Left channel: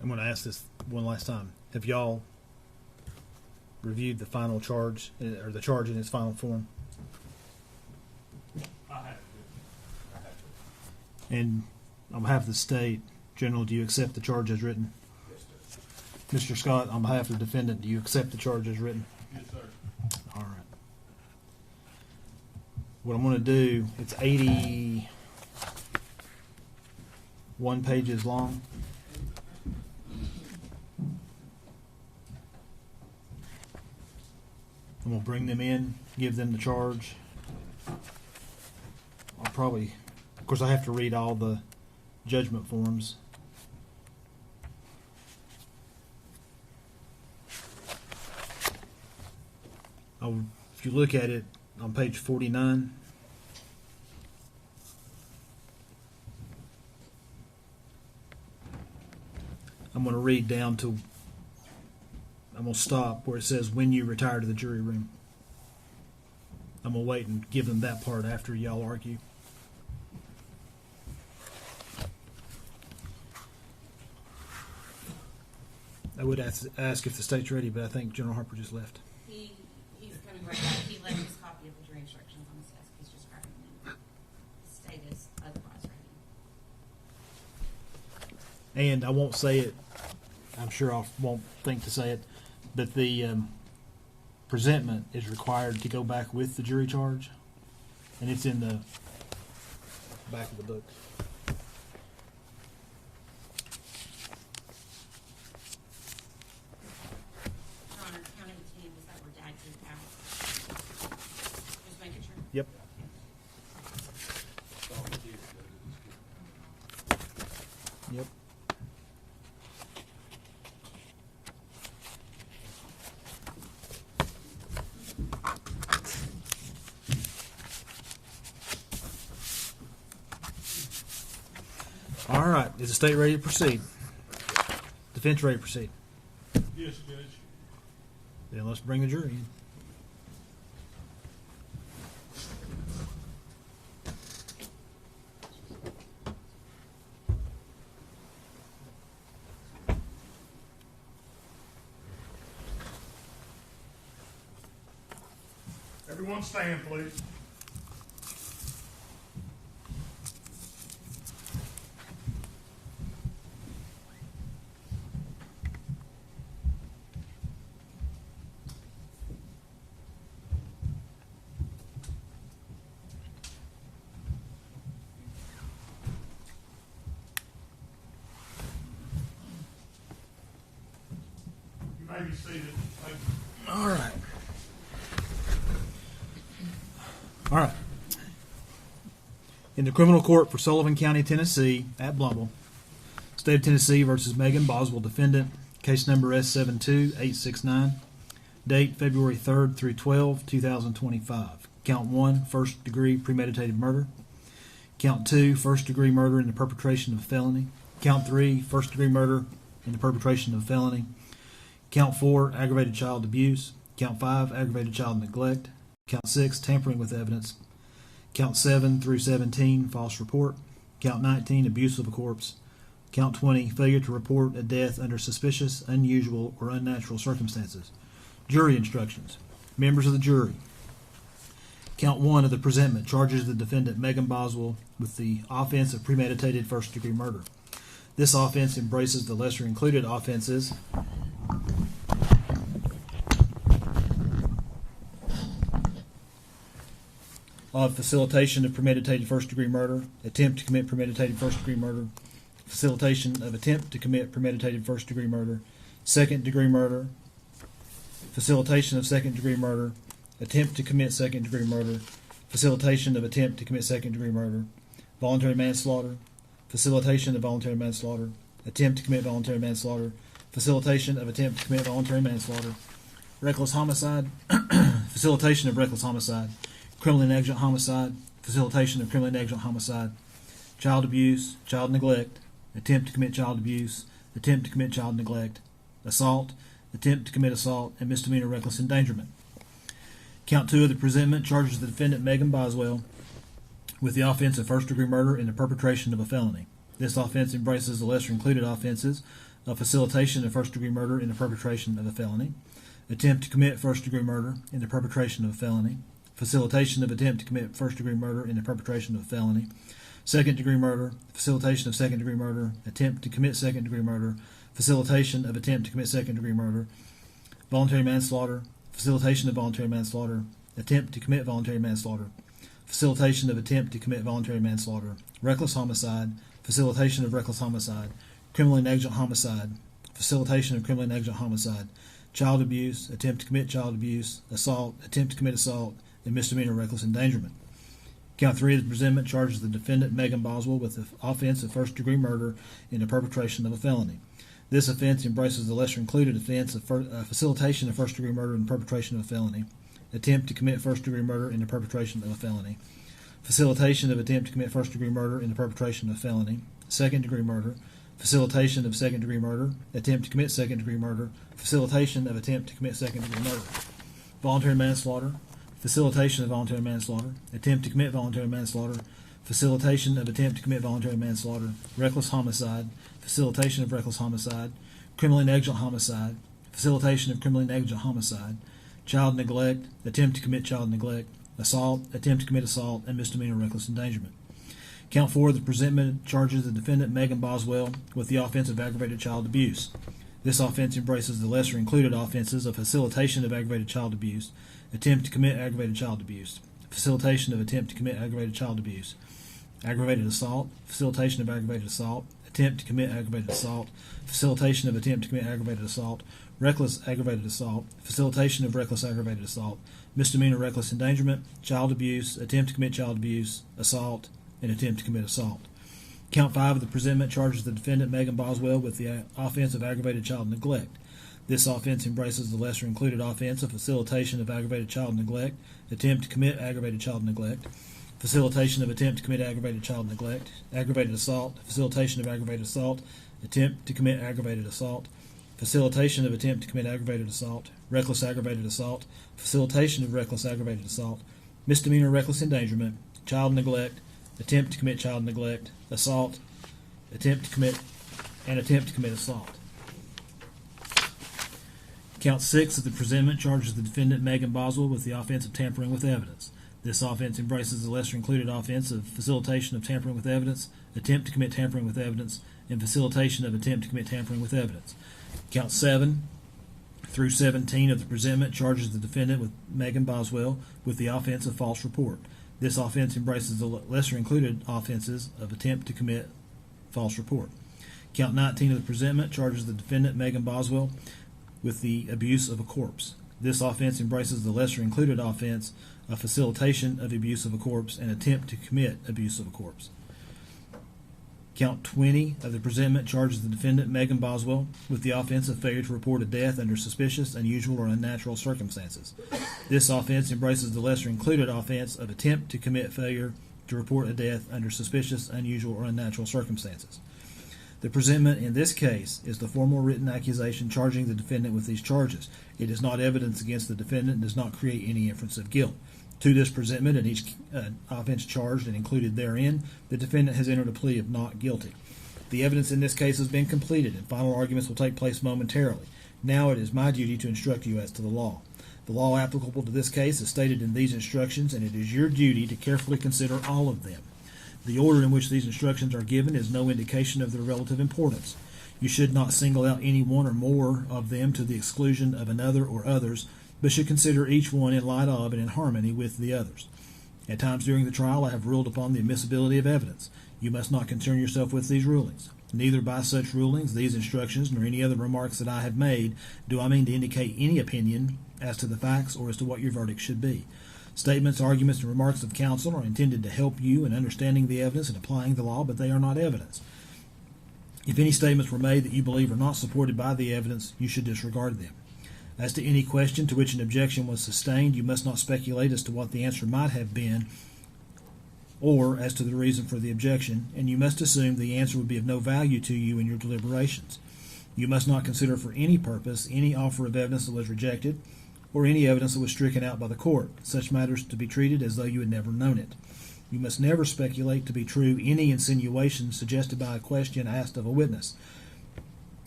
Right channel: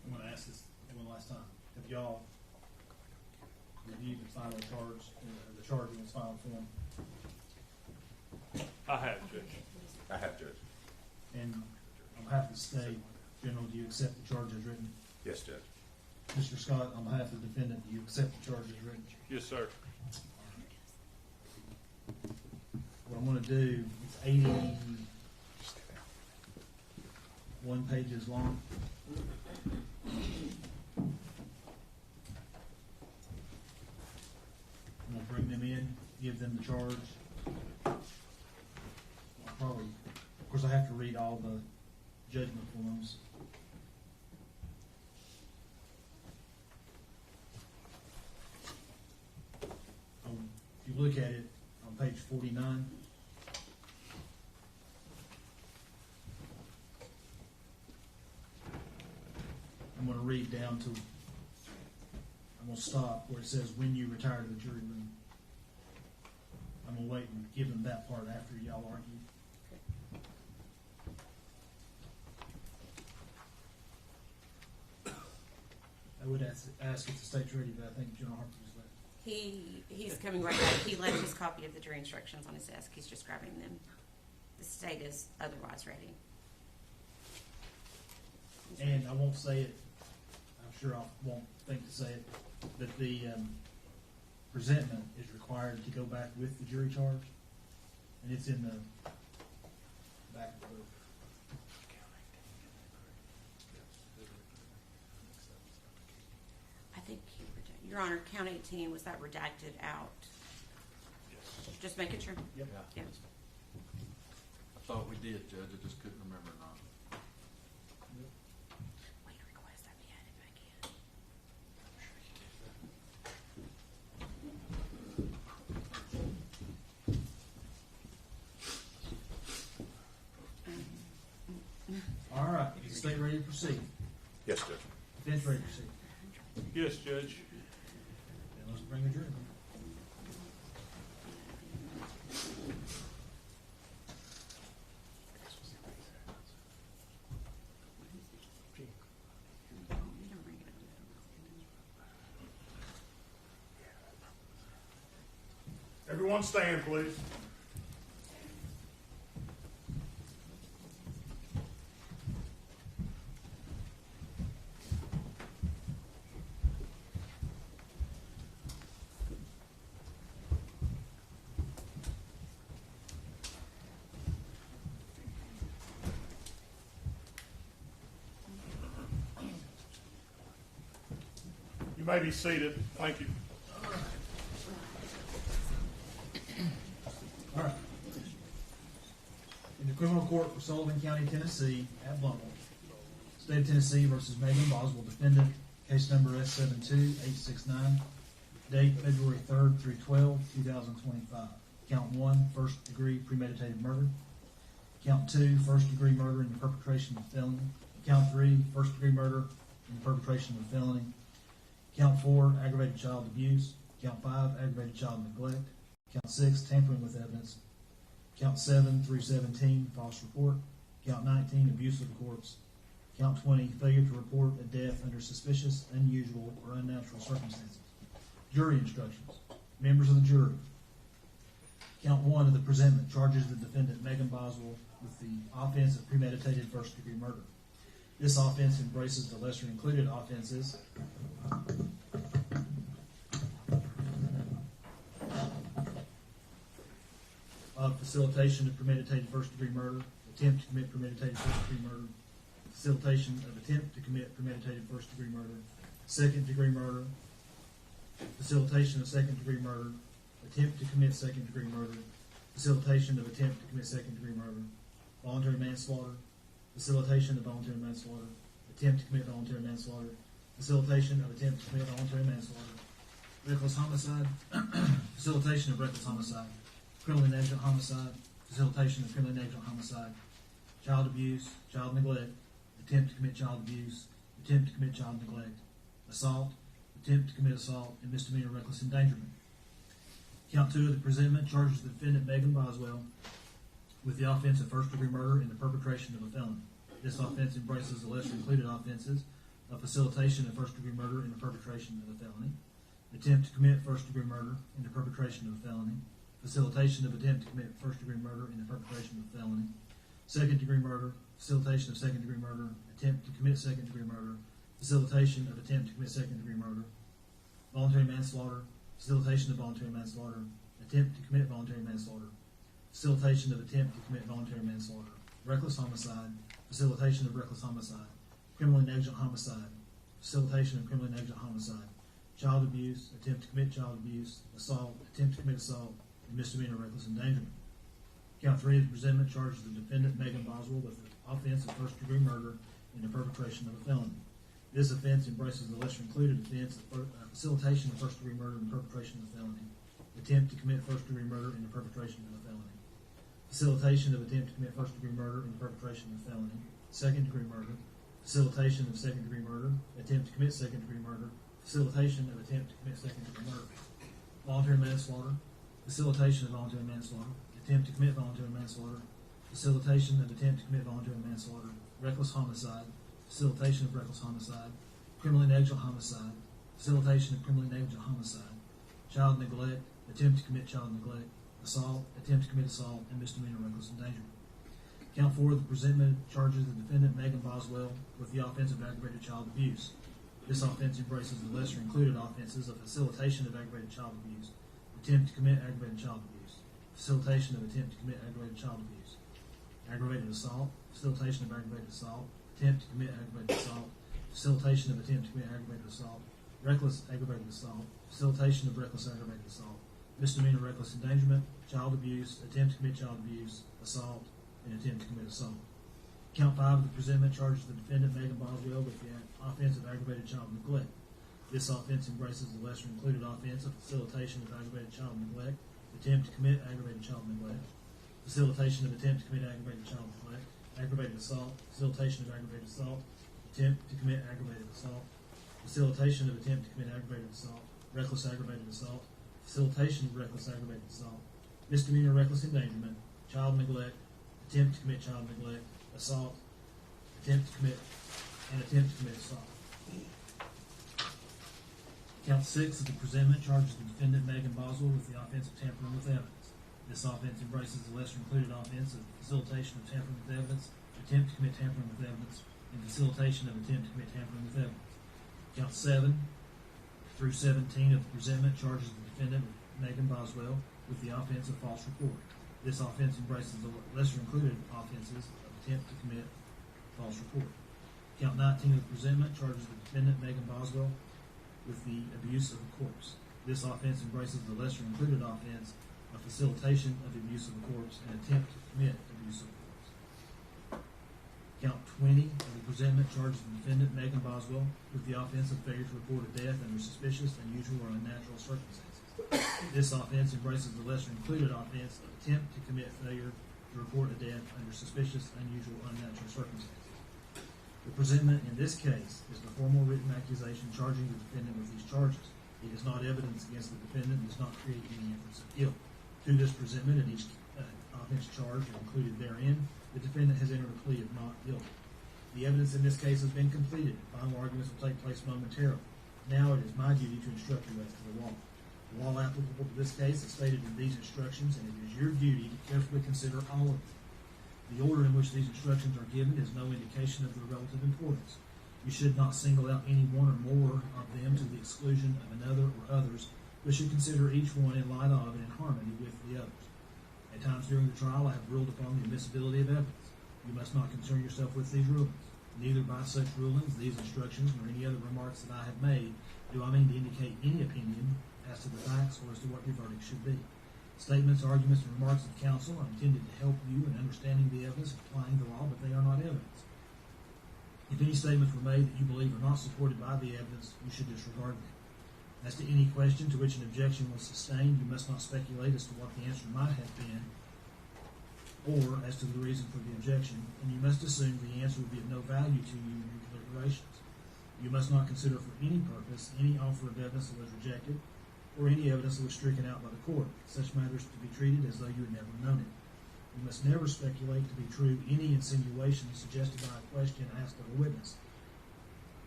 I'm going to ask this one last time. Have y'all reviewed the final charge, or the charge in its final form? I have, Judge. I have to. And on behalf of the state, General, do you accept the charge as written? Yes, Judge. Mr. Scott, on behalf of the defendant, do you accept the charge as written? Yes, sir. All right. What I'm going to do, it's 81 pages long. I'm going to bring them in, give them the charge. I'll probably, of course, I have to read all the judgment forms. If you look at it on page 49, I'm going to read down to, I'm going to stop where it says when you retire to the jury room. I'm going to wait and give them that part after y'all argue. I would ask if the state's ready, but I think General Harper just left. He's coming right back. He left his copy of the jury instructions on his desk. He's just grabbing them. The state is otherwise ready. And I won't say it, I'm sure I won't think to say it, but the presentment is required to go back with the jury charge, and it's in the back of the book. Your Honor, count 18, was that redacted out? Just making sure. Yep. Yeah. Thought we did, Judge. I just couldn't remember now. Yep. All right. Is the state ready to proceed? Yes, sir. Defense ready to proceed? Yes, Judge. Then let's bring the jury in. Everyone stand, please. You may be seated. Thank you. All right. All right. In the criminal court for Sullivan County, Tennessee, at Blumble, State of Tennessee versus Megan Boswell, defendant, case number S72869, date February 3rd through 12, 2025. Count 1, first degree premeditated murder. Count 2, first degree murder in the perpetration of a felony. Count 3, first degree murder in the perpetration of a felony. Count 4, aggravated child abuse. Count 5, aggravated child neglect. Count 6, tampering with evidence. Count 7 through 17, false report. Count 19, abuse of a corpse. Count 20, failure to report a death under suspicious, unusual, or unnatural circumstances. Jury instructions. Members of the jury. Count 1 of the presentment charges the defendant Megan Boswell with the offense of premeditated first-degree murder. This offense embraces the lesser included offenses of facilitation of premeditated first-degree murder, attempt to commit premeditated first-degree murder, facilitation of attempt to commit premeditated first-degree murder, second-degree murder, facilitation of second-degree murder, attempt to commit second-degree murder, facilitation of attempt to commit second-degree murder, voluntary manslaughter, facilitation of voluntary manslaughter, attempt to commit voluntary manslaughter, facilitation of attempt to commit voluntary manslaughter, reckless homicide, facilitation of reckless homicide, criminally negligent homicide, facilitation of criminally negligent homicide, child abuse, child neglect, attempt to commit child abuse, attempt to commit child neglect, assault, attempt to commit assault, and misdemeanor reckless endangerment. Count 2 of the presentment charges the defendant Megan Boswell with the offense of first-degree murder in the perpetration of a felony. This offense embraces the lesser included offenses of facilitation of first-degree murder in the perpetration of a felony, attempt to commit first-degree murder in the perpetration of a felony, facilitation of attempt to commit first-degree murder in the perpetration of a felony, second-degree murder, facilitation of second-degree murder, attempt to commit second-degree murder, facilitation of attempt to commit second-degree murder, voluntary manslaughter, facilitation of voluntary manslaughter, attempt to commit voluntary manslaughter, facilitation of attempt to commit voluntary manslaughter, reckless homicide, facilitation of reckless homicide, criminally negligent homicide, facilitation of criminally negligent homicide, child abuse, attempt to commit child abuse, assault, attempt to commit assault, and misdemeanor reckless endangerment. Count 3 of the presentment charges the defendant Megan Boswell with the offense of first-degree murder in the perpetration of a felony. This offense embraces the lesser-included offense of facilitation of first-degree murder in the perpetration of a felony, attempt to commit first-degree murder in the perpetration of a felony, facilitation of attempt to commit first-degree murder in the perpetration of a felony, second-degree murder, facilitation of second-degree murder, attempt to commit second-degree murder, facilitation of attempt to commit second-degree murder, voluntary manslaughter, facilitation of voluntary manslaughter, attempt to commit voluntary manslaughter, facilitation of attempt to commit voluntary manslaughter, reckless homicide, facilitation of reckless homicide, criminally negligent homicide, facilitation of criminally negligent homicide, child neglect, attempt to commit child neglect, assault, attempt to commit assault, and misdemeanor reckless endangerment. Count 4 of the presentment charges the defendant Megan Boswell with the offense of aggravated child abuse. This offense embraces the lesser included offenses of facilitation of aggravated child abuse, attempt to commit aggravated child abuse, facilitation of attempt to commit aggravated child abuse, aggravated assault, facilitation of aggravated assault, attempt to commit aggravated assault, facilitation of attempt to commit aggravated assault, reckless aggravated assault, facilitation of reckless aggravated assault, misdemeanor reckless endangerment, child abuse, attempt to commit child abuse, assault, and attempt to commit assault. Count 5 of the presentment charges the defendant Megan Boswell with the offense of aggravated child neglect. This offense embraces the lesser included offense of facilitation of aggravated child neglect, attempt to commit aggravated child neglect, facilitation of attempt to commit aggravated child neglect, aggravated assault, facilitation of aggravated assault, attempt to commit aggravated assault, facilitation of attempt to commit aggravated assault, reckless aggravated assault, facilitation of reckless aggravated assault, misdemeanor reckless endangerment, child neglect, attempt to commit child neglect, assault, attempt to commit assault. Count 6 of the presentment charges the defendant Megan Boswell with the offense of tampering with evidence. This offense embraces the lesser included offense of facilitation of tampering with evidence, attempt to commit tampering with evidence, and facilitation of attempt to commit tampering with evidence. Count 7 through 17 of the presentment charges the defendant with Megan Boswell with the offense of false report. This offense embraces the lesser included offenses of attempt to commit false report. Count 19 of the presentment charges the defendant Megan Boswell with the abuse of a corpse. This offense embraces the lesser included offense of facilitation of abuse of a corpse and attempt to commit abuse of a corpse. Count 20 of the presentment charges the defendant Megan Boswell with the offense of failure to report a death under suspicious, unusual, or unnatural circumstances. This offense embraces the lesser included offense of attempt to commit failure to report a death under suspicious, unusual, or unnatural circumstances. The presentment in this case is the formal written accusation charging the defendant with these charges. It is not evidence against the defendant and does not create any inference of guilt. To this presentment and each offense charged and included therein, the defendant has entered a plea of not guilty. The evidence in this case has been completed and final arguments will take place momentarily. Now it is my duty to instruct you as to the law. The law applicable to this case is stated in these instructions, and it is your duty to carefully consider all of them. The order in which these instructions are given is no indication of their relative importance. You should not single out any one or more of them to the exclusion of another or others, but should consider each one in light of and in harmony with the others. At times during the trial, I have ruled upon the admissibility of evidence. You must not concern yourself with these rulings. Neither by such rulings, these instructions, nor any other remarks that I have made, do I mean to indicate any opinion as to the facts or as to what your verdict should be. Statements, arguments, and remarks of counsel are intended to help you in understanding the evidence and applying the law, but they are not evidence. If any statements were made that you believe are not supported by the evidence, you should disregard them. As to any question to which an objection was sustained, you must not speculate as to what the answer might have been or as to the reason for the objection, and you must assume the answer would be of no value to you in your deliberations. You must not consider for any purpose any offer of evidence that was rejected or any evidence that was stricken out by the court, such matters to be treated as though you had never known it. You must never speculate to be true any insinuation suggested by a question asked of a witness.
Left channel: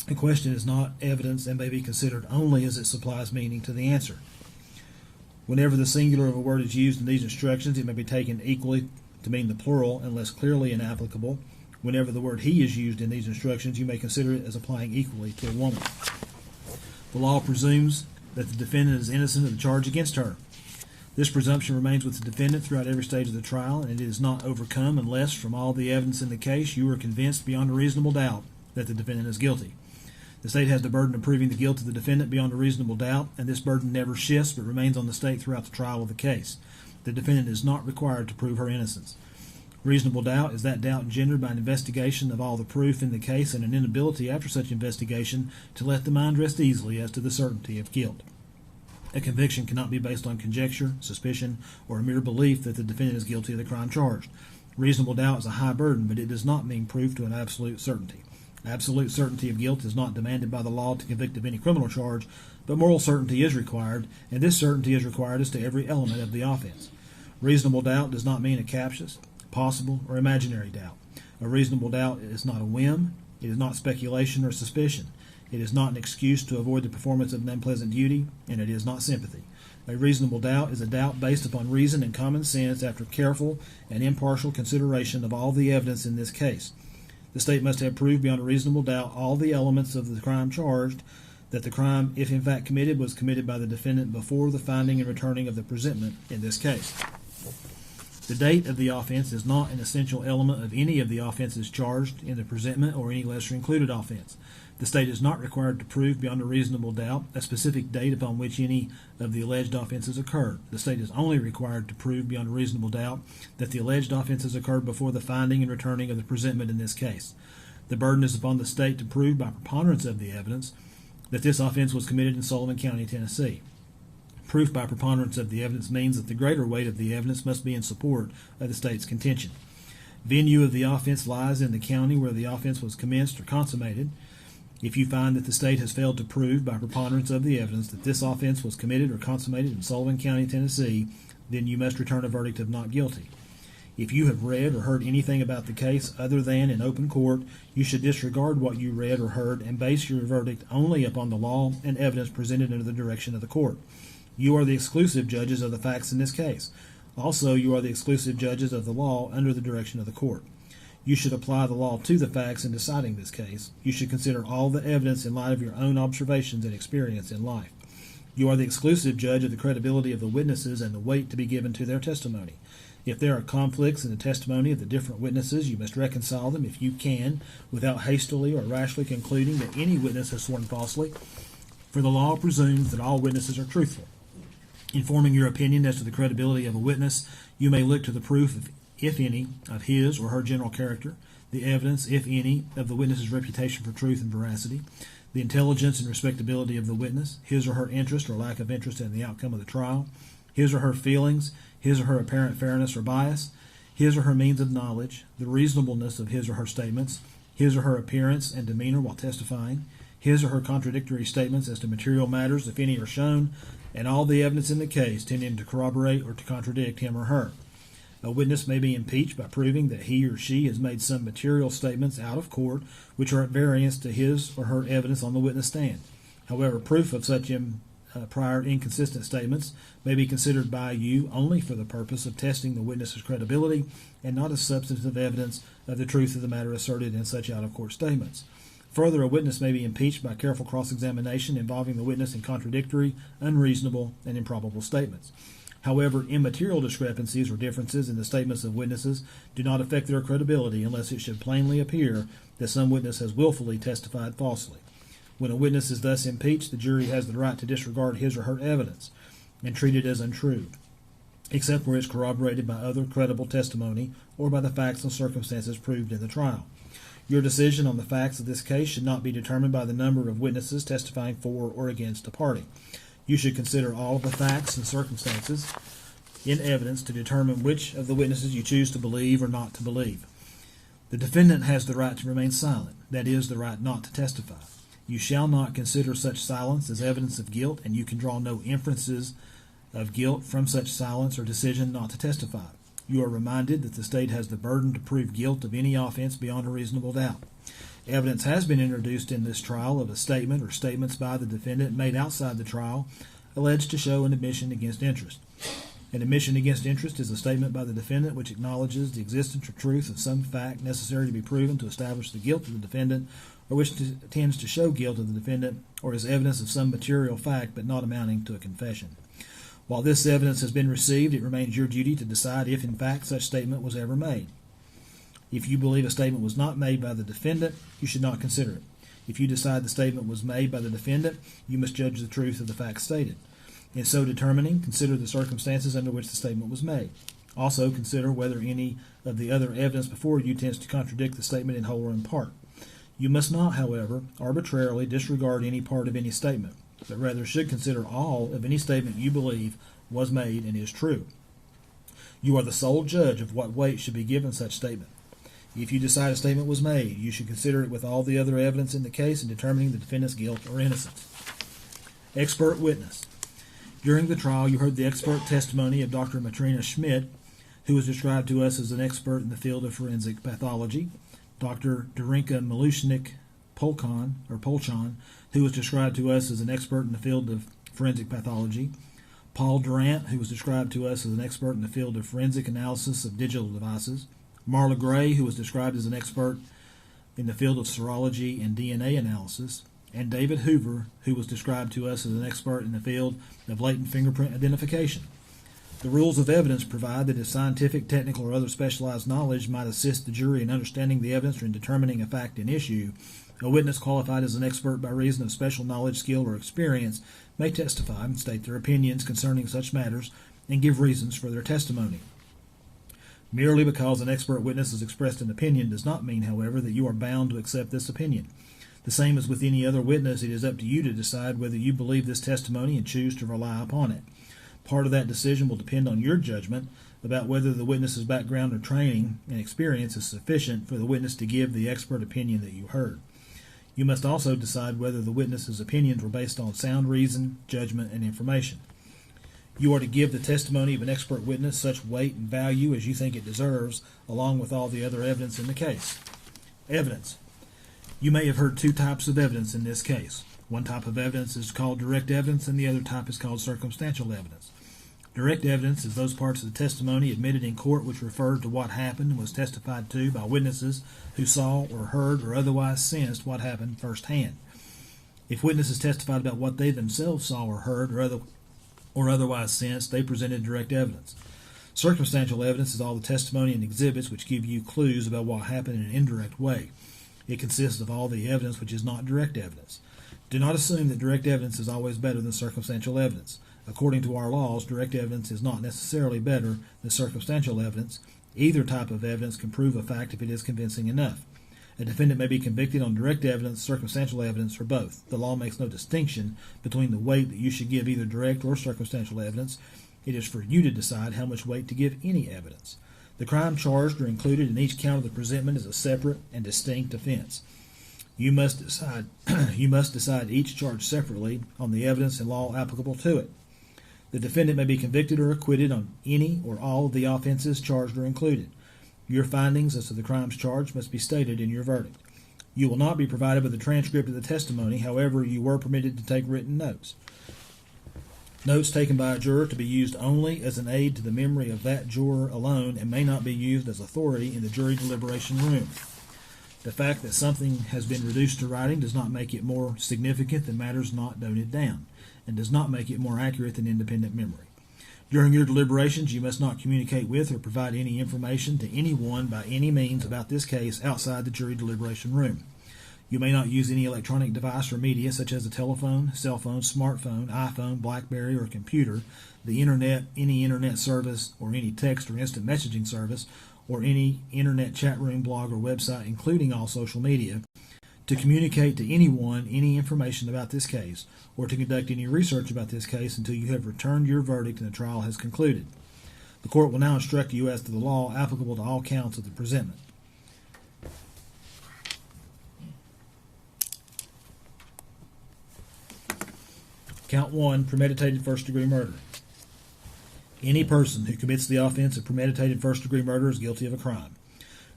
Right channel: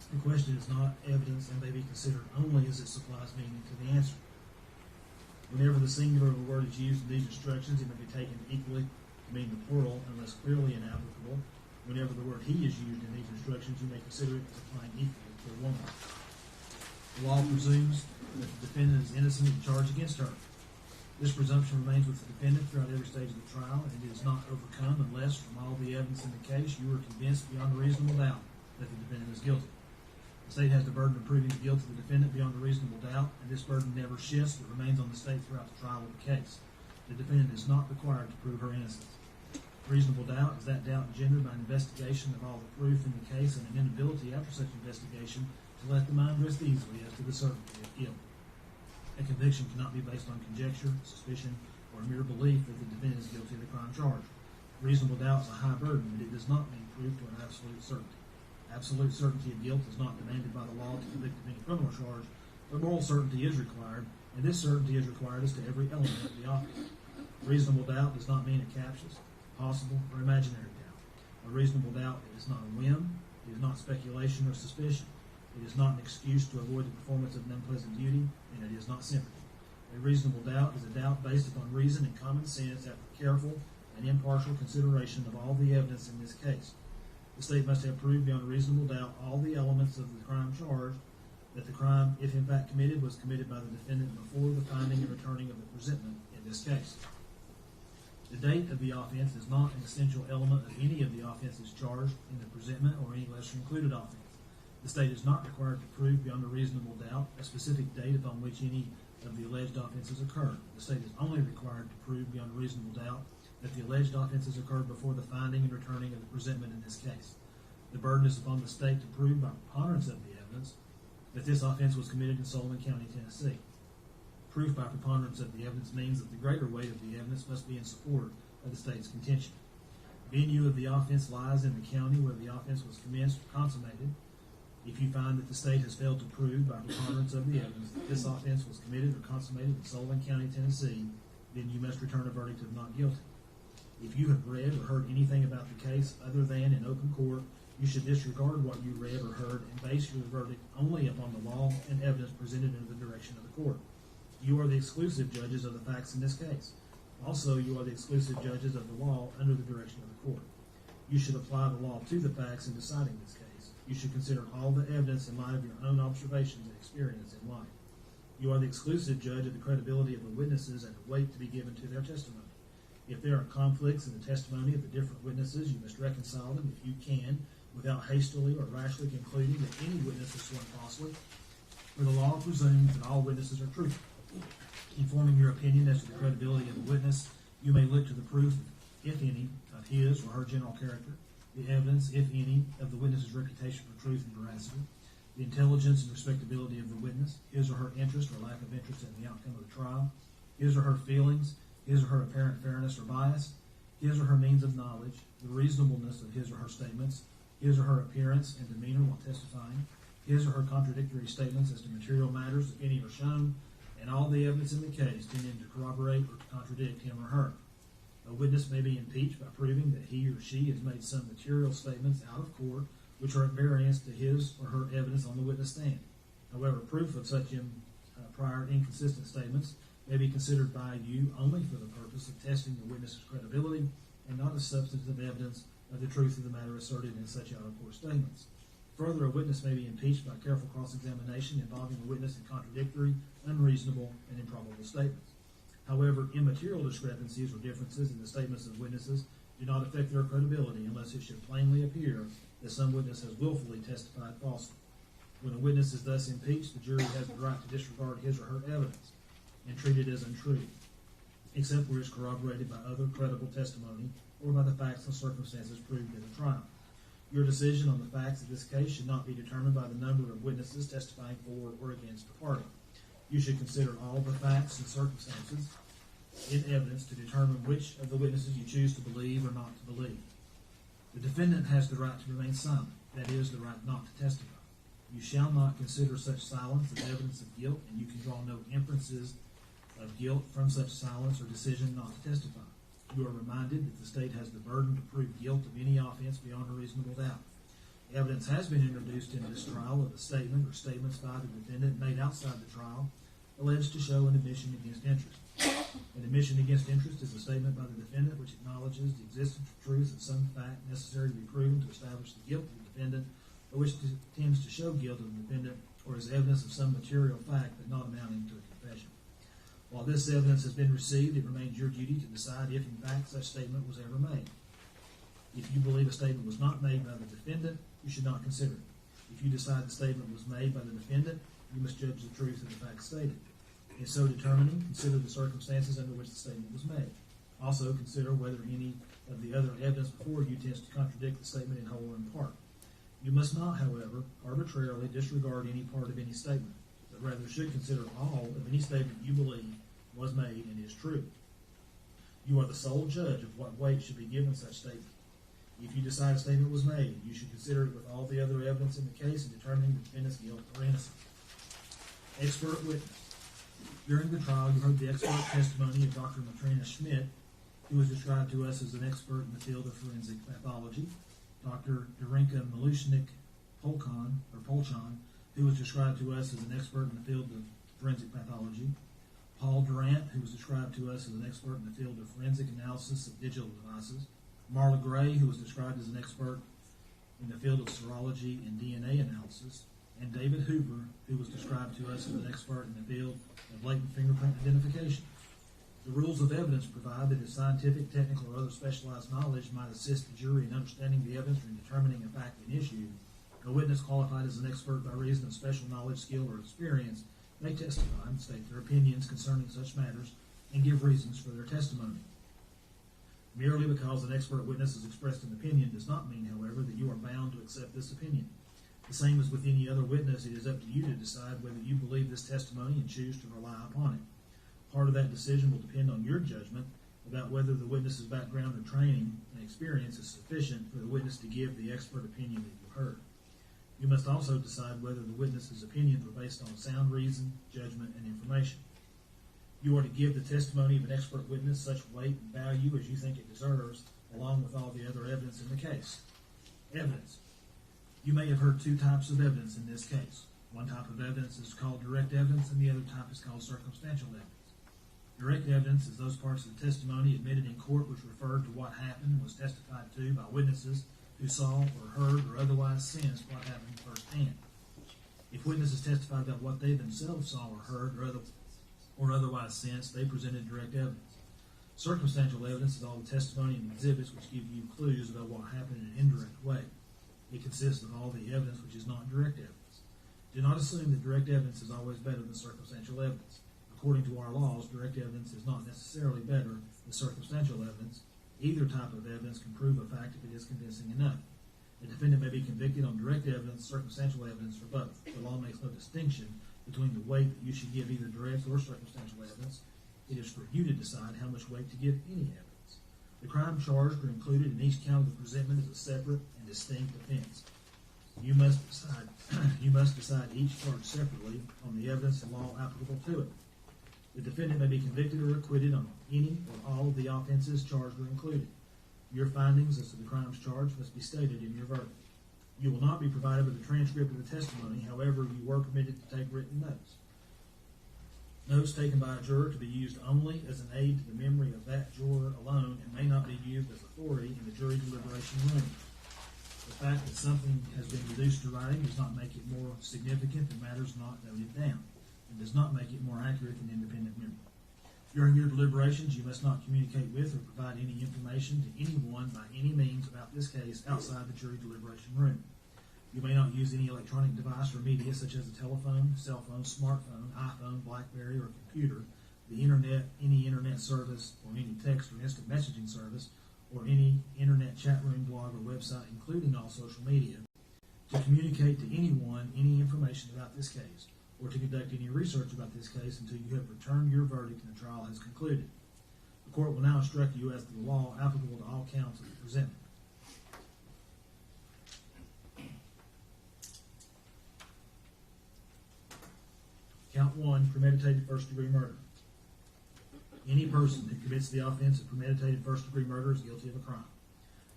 A question is not evidence and may be considered only as it supplies meaning to the answer. Whenever the singular of a word is used in these instructions, it may be taken equally to mean the plural unless clearly inapplicable. Whenever the word he is used in these instructions, you may consider it as applying equally to a woman. The law presumes that the defendant is innocent of the charge against her. This presumption remains with the defendant throughout every stage of the trial, and it is not overcome unless, from all the evidence in the case, you are convinced beyond a reasonable doubt that the defendant is guilty. The state has the burden of proving the guilt of the defendant beyond a reasonable doubt, and this burden never shifts but remains on the state throughout the trial of the case. The defendant is not required to prove her innocence. Reasonable doubt is that doubt engendered by an investigation of all the proof in the case and an inability after such investigation to let the mind rest easily as to the certainty of guilt. A conviction cannot be based on conjecture, suspicion, or a mere belief that the defendant is guilty of the crime charged. Reasonable doubt is a high burden, but it does not mean proof to an absolute certainty. Absolute certainty of guilt is not demanded by the law to convict of any criminal charge, but moral certainty is required, and this certainty is required as to every element of the offense. Reasonable doubt does not mean a captious, possible, or imaginary doubt. A reasonable doubt is not a whim, it is not speculation or suspicion. It is not an excuse to avoid the performance of an unpleasant duty, and it is not sympathy. A reasonable doubt is a doubt based upon reason and common sense after careful and impartial consideration of all the evidence in this case. The state must have proved beyond a reasonable doubt all the elements of the crime charged, that the crime, if in fact committed, was committed by the defendant before the finding and returning of the presentment in this case. The date of the offense is not an essential element of any of the offenses charged in the presentment or any lesser included offense. The state is not required to prove beyond a reasonable doubt a specific date upon which any of the alleged offenses occurred. The state is only required to prove beyond a reasonable doubt that the alleged offenses occurred before the finding and returning of the presentment in this case. The burden is upon the state to prove by preponderance of the evidence that this offense was committed in Sullivan County, Tennessee. Proof by preponderance of the evidence means that the greater weight of the evidence must be in support of the state's contention. Venue of the offense lies in the county where the offense was commenced or consummated. If you find that the state has failed to prove by preponderance of the evidence that this offense was committed or consummated in Sullivan County, Tennessee, then you must return a verdict of not guilty. If you have read or heard anything about the case other than in open court, you should disregard what you read or heard and base your verdict only upon the law and evidence presented under the direction of the court. You are the exclusive judges of the facts in this case. Also, you are the exclusive judges of the law under the direction of the court. You should apply the law to the facts in deciding this case. You should consider all the evidence in light of your own observations and experience in life. You are the exclusive judge of the credibility of the witnesses and the weight to be given to their testimony. If there are conflicts in the testimony of the different witnesses, you must reconcile them if you can, without hastily or rashly concluding that any witness has sworn falsely, for the law presumes that all witnesses are truthful. In forming your opinion as to the credibility of a witness, you may look to the proof, if any, of his or her general character, the evidence, if any, of the witness's reputation for truth and veracity, the intelligence and respectability of the witness, his or her interest or lack of interest in the outcome of the trial, his or her feelings, his or her apparent fairness or bias, his or her means of knowledge, the reasonableness of his or her statements, his or her appearance and demeanor while testifying, his or her contradictory statements as to material matters, if any are shown, and all the evidence in the case tending to corroborate or to contradict him or her. A witness may be impeached by proving that he or she has made some material statements out of court which are at variance to his or her evidence on the witness stand. However, proof of such prior inconsistent statements may be considered by you only for the purpose of testing the witness's credibility and not as substantive evidence of the truth of the matter asserted in such out-of-court statements. Further, a witness may be impeached by careful cross-examination involving the witness in contradictory, unreasonable, and improbable statements. However, immaterial discrepancies or differences in the statements of witnesses do not affect their credibility unless it should plainly appear that some witness has willfully testified falsely. When a witness is thus impeached, the jury has the right to disregard his or her evidence and treat it as untrue, except where it's corroborated by other credible testimony or by the facts and circumstances proved in the trial. Your decision on the facts of this case should not be determined by the number of witnesses testifying for or against a party. You should consider all of the facts and circumstances in evidence to determine which of the witnesses you choose to believe or not to believe. The defendant has the right to remain silent, that is, the right not to testify. You shall not consider such silence as evidence of guilt, and you can draw no inferences of guilt from such silence or decision not to testify. You are reminded that the state has the burden to prove guilt of any offense beyond a reasonable doubt. Evidence has been introduced in this trial of a statement or statements by the defendant made outside the trial alleged to show an admission against interest. An admission against interest is a statement by the defendant which acknowledges the existence or truth of some fact necessary to be proven to establish the guilt of the defendant, or which tends to show guilt of the defendant, or is evidence of some material fact but not amounting to a confession. While this evidence has been received, it remains your duty to decide if in fact such statement was ever made. If you believe a statement was not made by the defendant, you should not consider it. If you decide the statement was made by the defendant, you must judge the truth of the facts stated. In so determining, consider the circumstances under which the statement was made. Also, consider whether any of the other evidence before you tends to contradict the statement in whole or in part. You must not, however, arbitrarily disregard any part of any statement, but rather should consider all of any statement you believe was made and is true. You are the sole judge of what weight should be given such statement. If you decide a statement was made, you should consider it with all the other evidence in the case in determining the defendant's guilt or innocence. Expert witness. During the trial, you heard the expert testimony of Dr. Matrina Schmidt, who was described to us as an expert in the field of forensic pathology, Dr. Darinka Polchan, who was described to us as an expert in the field of forensic pathology, Paul Durant, who was described to us as an expert in the field of forensic analysis of digital devices, Marla Gray, who was described as an expert in the field of serology and DNA analysis, and David Hoover, who was described to us as an expert in the field of latent fingerprint identification. The rules of evidence provide that if scientific, technical, or other specialized knowledge might assist the jury in understanding the evidence or in determining a fact in issue, a witness qualified as an expert by reason of special knowledge, skill, or experience may testify and state their opinions concerning such matters and give reasons for their testimony. Merely because an expert witness has expressed an opinion does not mean, however, that you are bound to accept this opinion. The same as with any other witness, it is up to you to decide whether you believe this testimony and choose to rely upon it. Part of that decision will depend on your judgment about whether the witness's background or training and experience is sufficient for the witness to give the expert opinion that you heard. You must also decide whether the witness's opinions were based on sound reason, judgment, and information. You are to give the testimony of an expert witness such weight and value as you think it deserves, along with all the other evidence in the case. Evidence. You may have heard two types of evidence in this case. One type of evidence is called direct evidence, and the other type is called circumstantial evidence. Direct evidence is those parts of the testimony admitted in court which refer to what happened and was testified to by witnesses who saw or heard or otherwise sensed what happened firsthand. If witnesses testified about what they themselves saw or heard or otherwise sensed, they presented direct evidence. Circumstantial evidence is all the testimony and exhibits which give you clues about what happened in an indirect way. It consists of all the evidence which is not direct evidence. Do not assume that direct evidence is always better than circumstantial evidence. According to our laws, direct evidence is not necessarily better than circumstantial evidence. Either type of evidence can prove a fact if it is convincing enough. A defendant may be convicted on direct evidence, circumstantial evidence, or both. The law makes no distinction between the weight that you should give either direct or circumstantial evidence. It is for you to decide how much weight to give any evidence. The crime charged or included in each count of the presentment is a separate and distinct offense. You must decide each charge separately on the evidence and law applicable to it. The defendant may be convicted or acquitted on any or all of the offenses charged or included. Your findings as to the crimes charged must be stated in your verdict. You will not be provided with a transcript of the testimony, however, you were permitted to take written notes. Notes taken by a juror to be used only as an aid to the memory of that juror alone and may not be used as authority in the jury deliberation room. The fact that something has been reduced to writing does not make it more significant than matters not noted down, and does not make it more accurate than independent memory. During your deliberations, you must not communicate with or provide any information to anyone by any means about this case outside the jury deliberation room. You may not use any electronic device or media such as a telephone, cell phone, smartphone, iPhone, BlackBerry, or computer, the internet, any internet service, or any text or instant messaging service, or any internet chat room, blog, or website, including all social media, to communicate to anyone any information about this case, or to conduct any research about this case until you have returned your verdict and the trial has concluded. The court will now instruct you as to the law applicable to all counts of the presentment. Count 1, premeditated first-degree murder. Any person who commits the offense of premeditated first-degree murder is guilty of a crime.